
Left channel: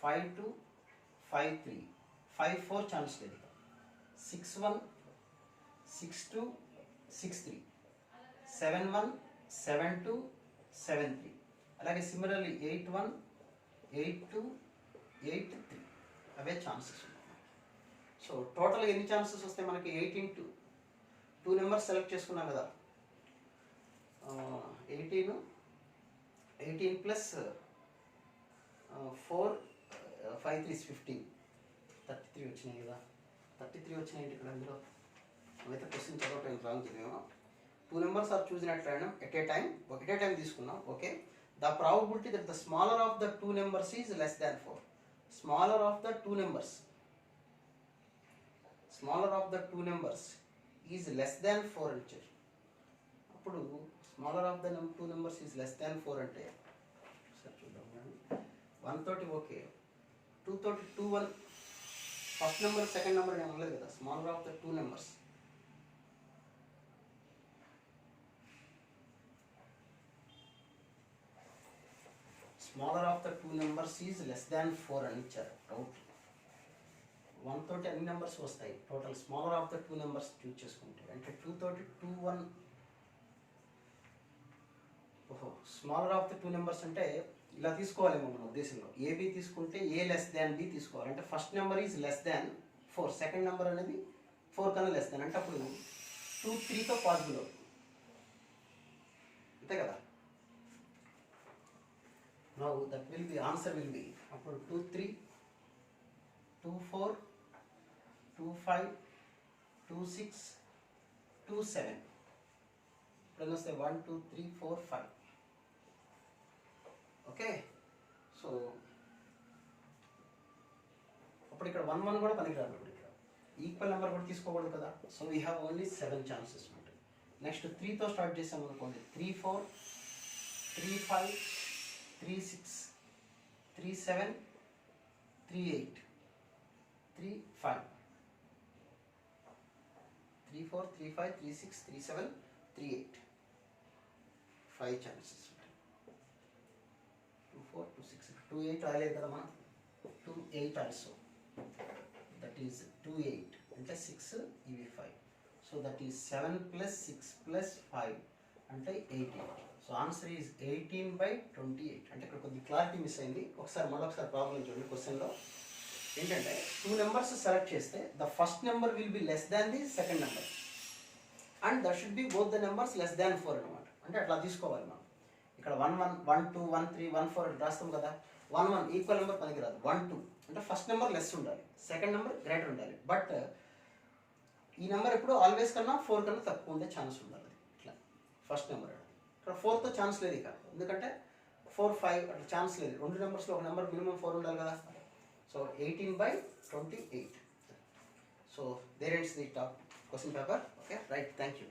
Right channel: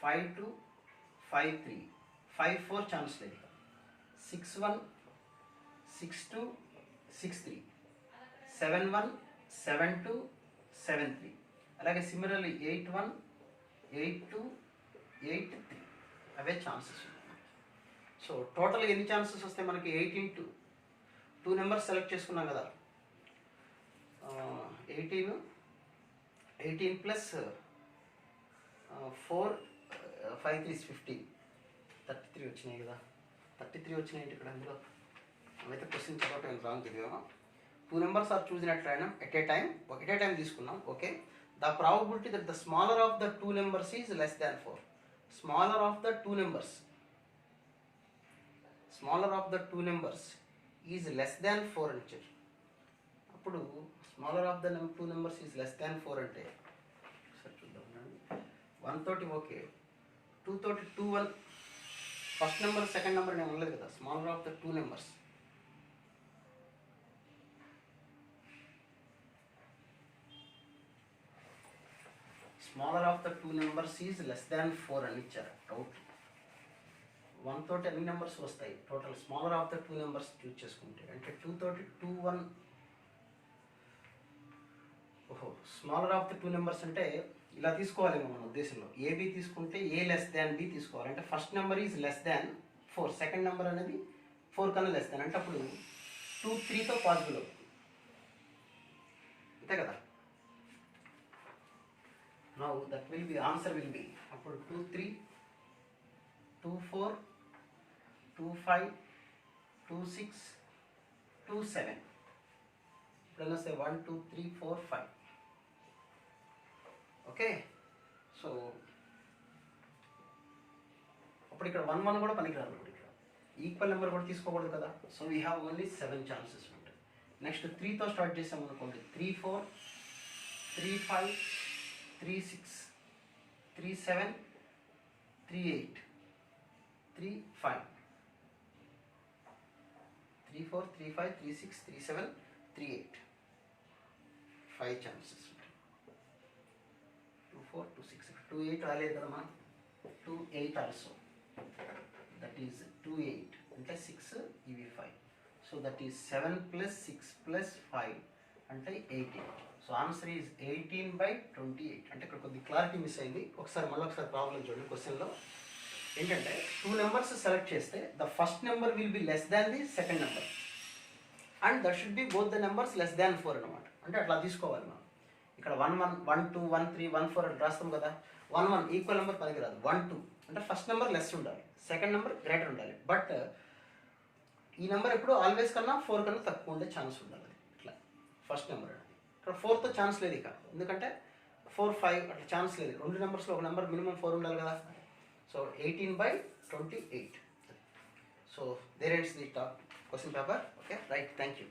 5, 2, 5, 3, 5, 4 ఛాన్స్ లేదు. 6, 1, 6, 2, 6, 3, 7, 1, 7, 2, 7 3. అలాగే సిమిలర్లీ 8 1, 8 2, 8 3 అవే ఛాన్సెస్ ఉన్నాయి. సో టోటల్గా ఎన్ని ఛాన్సెస్ వస్తాయి మనకి? 8 ఇంటూ 2 నెంబర్స్ సెలెక్ట్ చేసుకున్నాం కదా, 18 ప్లస్ 4 5 3 15 33 వచ్చినాయి కదా. 33 వచ్చినాయి ఇక్కడ అందులో. అవైతే క్వశ్చన్ చదవటం రాంగ్ చదివామా. 2 నెంబర్స్ ఆర్ చూసిన ఎట్ ఏ టైం, ఒకటే టైం తీసుకున్నాం. Okay, the probability that the smaller of the 2 numbers is less than 4. Smaller of the 2 numbers, smaller of the 2 numbers is less than 4 అని ఇచ్చారు. అప్పుడు smaller of the 2 numbers is less than 4 అంటే సరే చూద్దాం. 1 తోటి okay, 2 తోటి 2 1 first number second number నేను అనలేదు కదా. Smaller of the 2 numbers, smaller of the 2 numbers is less than 4 అని ఇచ్చారు. డౌట్ 1 తోటి అన్ని నెంబర్స్ వస్తాయి. Total smaller of the 2 numbers choose చేసుకుంటే అంటే 2 తోటి 2 1. ఓహో, స్మాలర్ ఆఫ్ ద 2 నెంబర్స్ అంటే ఇలా తీసుకోవాలేమో మన ఉద్దేశంలో. ఏబి తీసుకుంటే ఏ లెస్ దాన్ బి తీసుకోవాలి. అంటే first number is less than 4, second number అనేది 4 కన్నా లెస్ దాన్. అంటే అప్పుడు 2 3తో పాసిబుల్ అవుతుంది, అంతే కదా. Now that will be answer will be అప్పుడు 2 3, 2 4, 2 5, 2 6, 2 7. ఇప్పుడు వస్తే 1 2 3 4 5. ఓకే, సో అప్పుడు ఇక్కడ 1 1 కూడా పనికిరాదు. ఇక్కడ ఈక్వల్ నెంబర్ కూడా తీసుకోకూడదు కదా. So we have only 7 chances ఉంటాయి. నెక్స్ట్ 3తో స్టార్ట్ చేసాం అనుకోండి. 3 4, 3 5, 3 6, 3 7, 3 8, 3 5, 3 4, 3 5, 3 6, 3 7, 3 8. 5 ఛాన్సెస్ ఉంటాయి. 2 4, 2 6, 2 8 రాలేదు కదా మనం. 2 8 ఆల్సో, దట్ ఈస్ 2 8 అంటే 6, ఇవి 5. సో దట్ ఈస్ 7 + 6 + 5 అంటే 18. So answer is 18/28. అంటే ఇక్కడ కొద్ది క్లారిటీ మిస్ అయింది. మళ్ళీ ఒకసారి ప్రాబ్లం చూడండి. క్వశ్చన్లో ఏంటంటే 2 నెంబర్స్ సెలెక్ట్ చేస్తే the first number will be less than the second number and that should B both the numbers less than 4 అనమాట. అంటే అట్లా తీసుకోవాలి మనం. ఇక్కడ 1 1, 1 2, 1 3, 1 4 అని రాస్తాం కదా. 1 1 ఈక్వల్ నెంబర్ పనికిరాదు. 1 2 అంటే ఫస్ట్ నెంబర్ లెస్ ఉండాలి, సెకండ్ నెంబర్ గ్రేటర్ ఉండాలి. బట్ ఈ నెంబర్ ఎప్పుడు ఆల్వేస్ కన్నా 4 కన్నా తక్కువ ఉండే ఛాన్స్ ఉండాలి. ఇట్లా ఫస్ట్ నెంబర్ అనేది. ఇక్కడ 4తో ఛాన్స్ లేదు ఇక, ఎందుకంటే 4 5 అట్లా ఛాన్స్ లేదు. 2 నెంబర్స్లో ఒక నెంబర్ మినిమం 4 ఉండాలి కదా. So 18/28. So there ends the top question paper. Okay, right, thank you.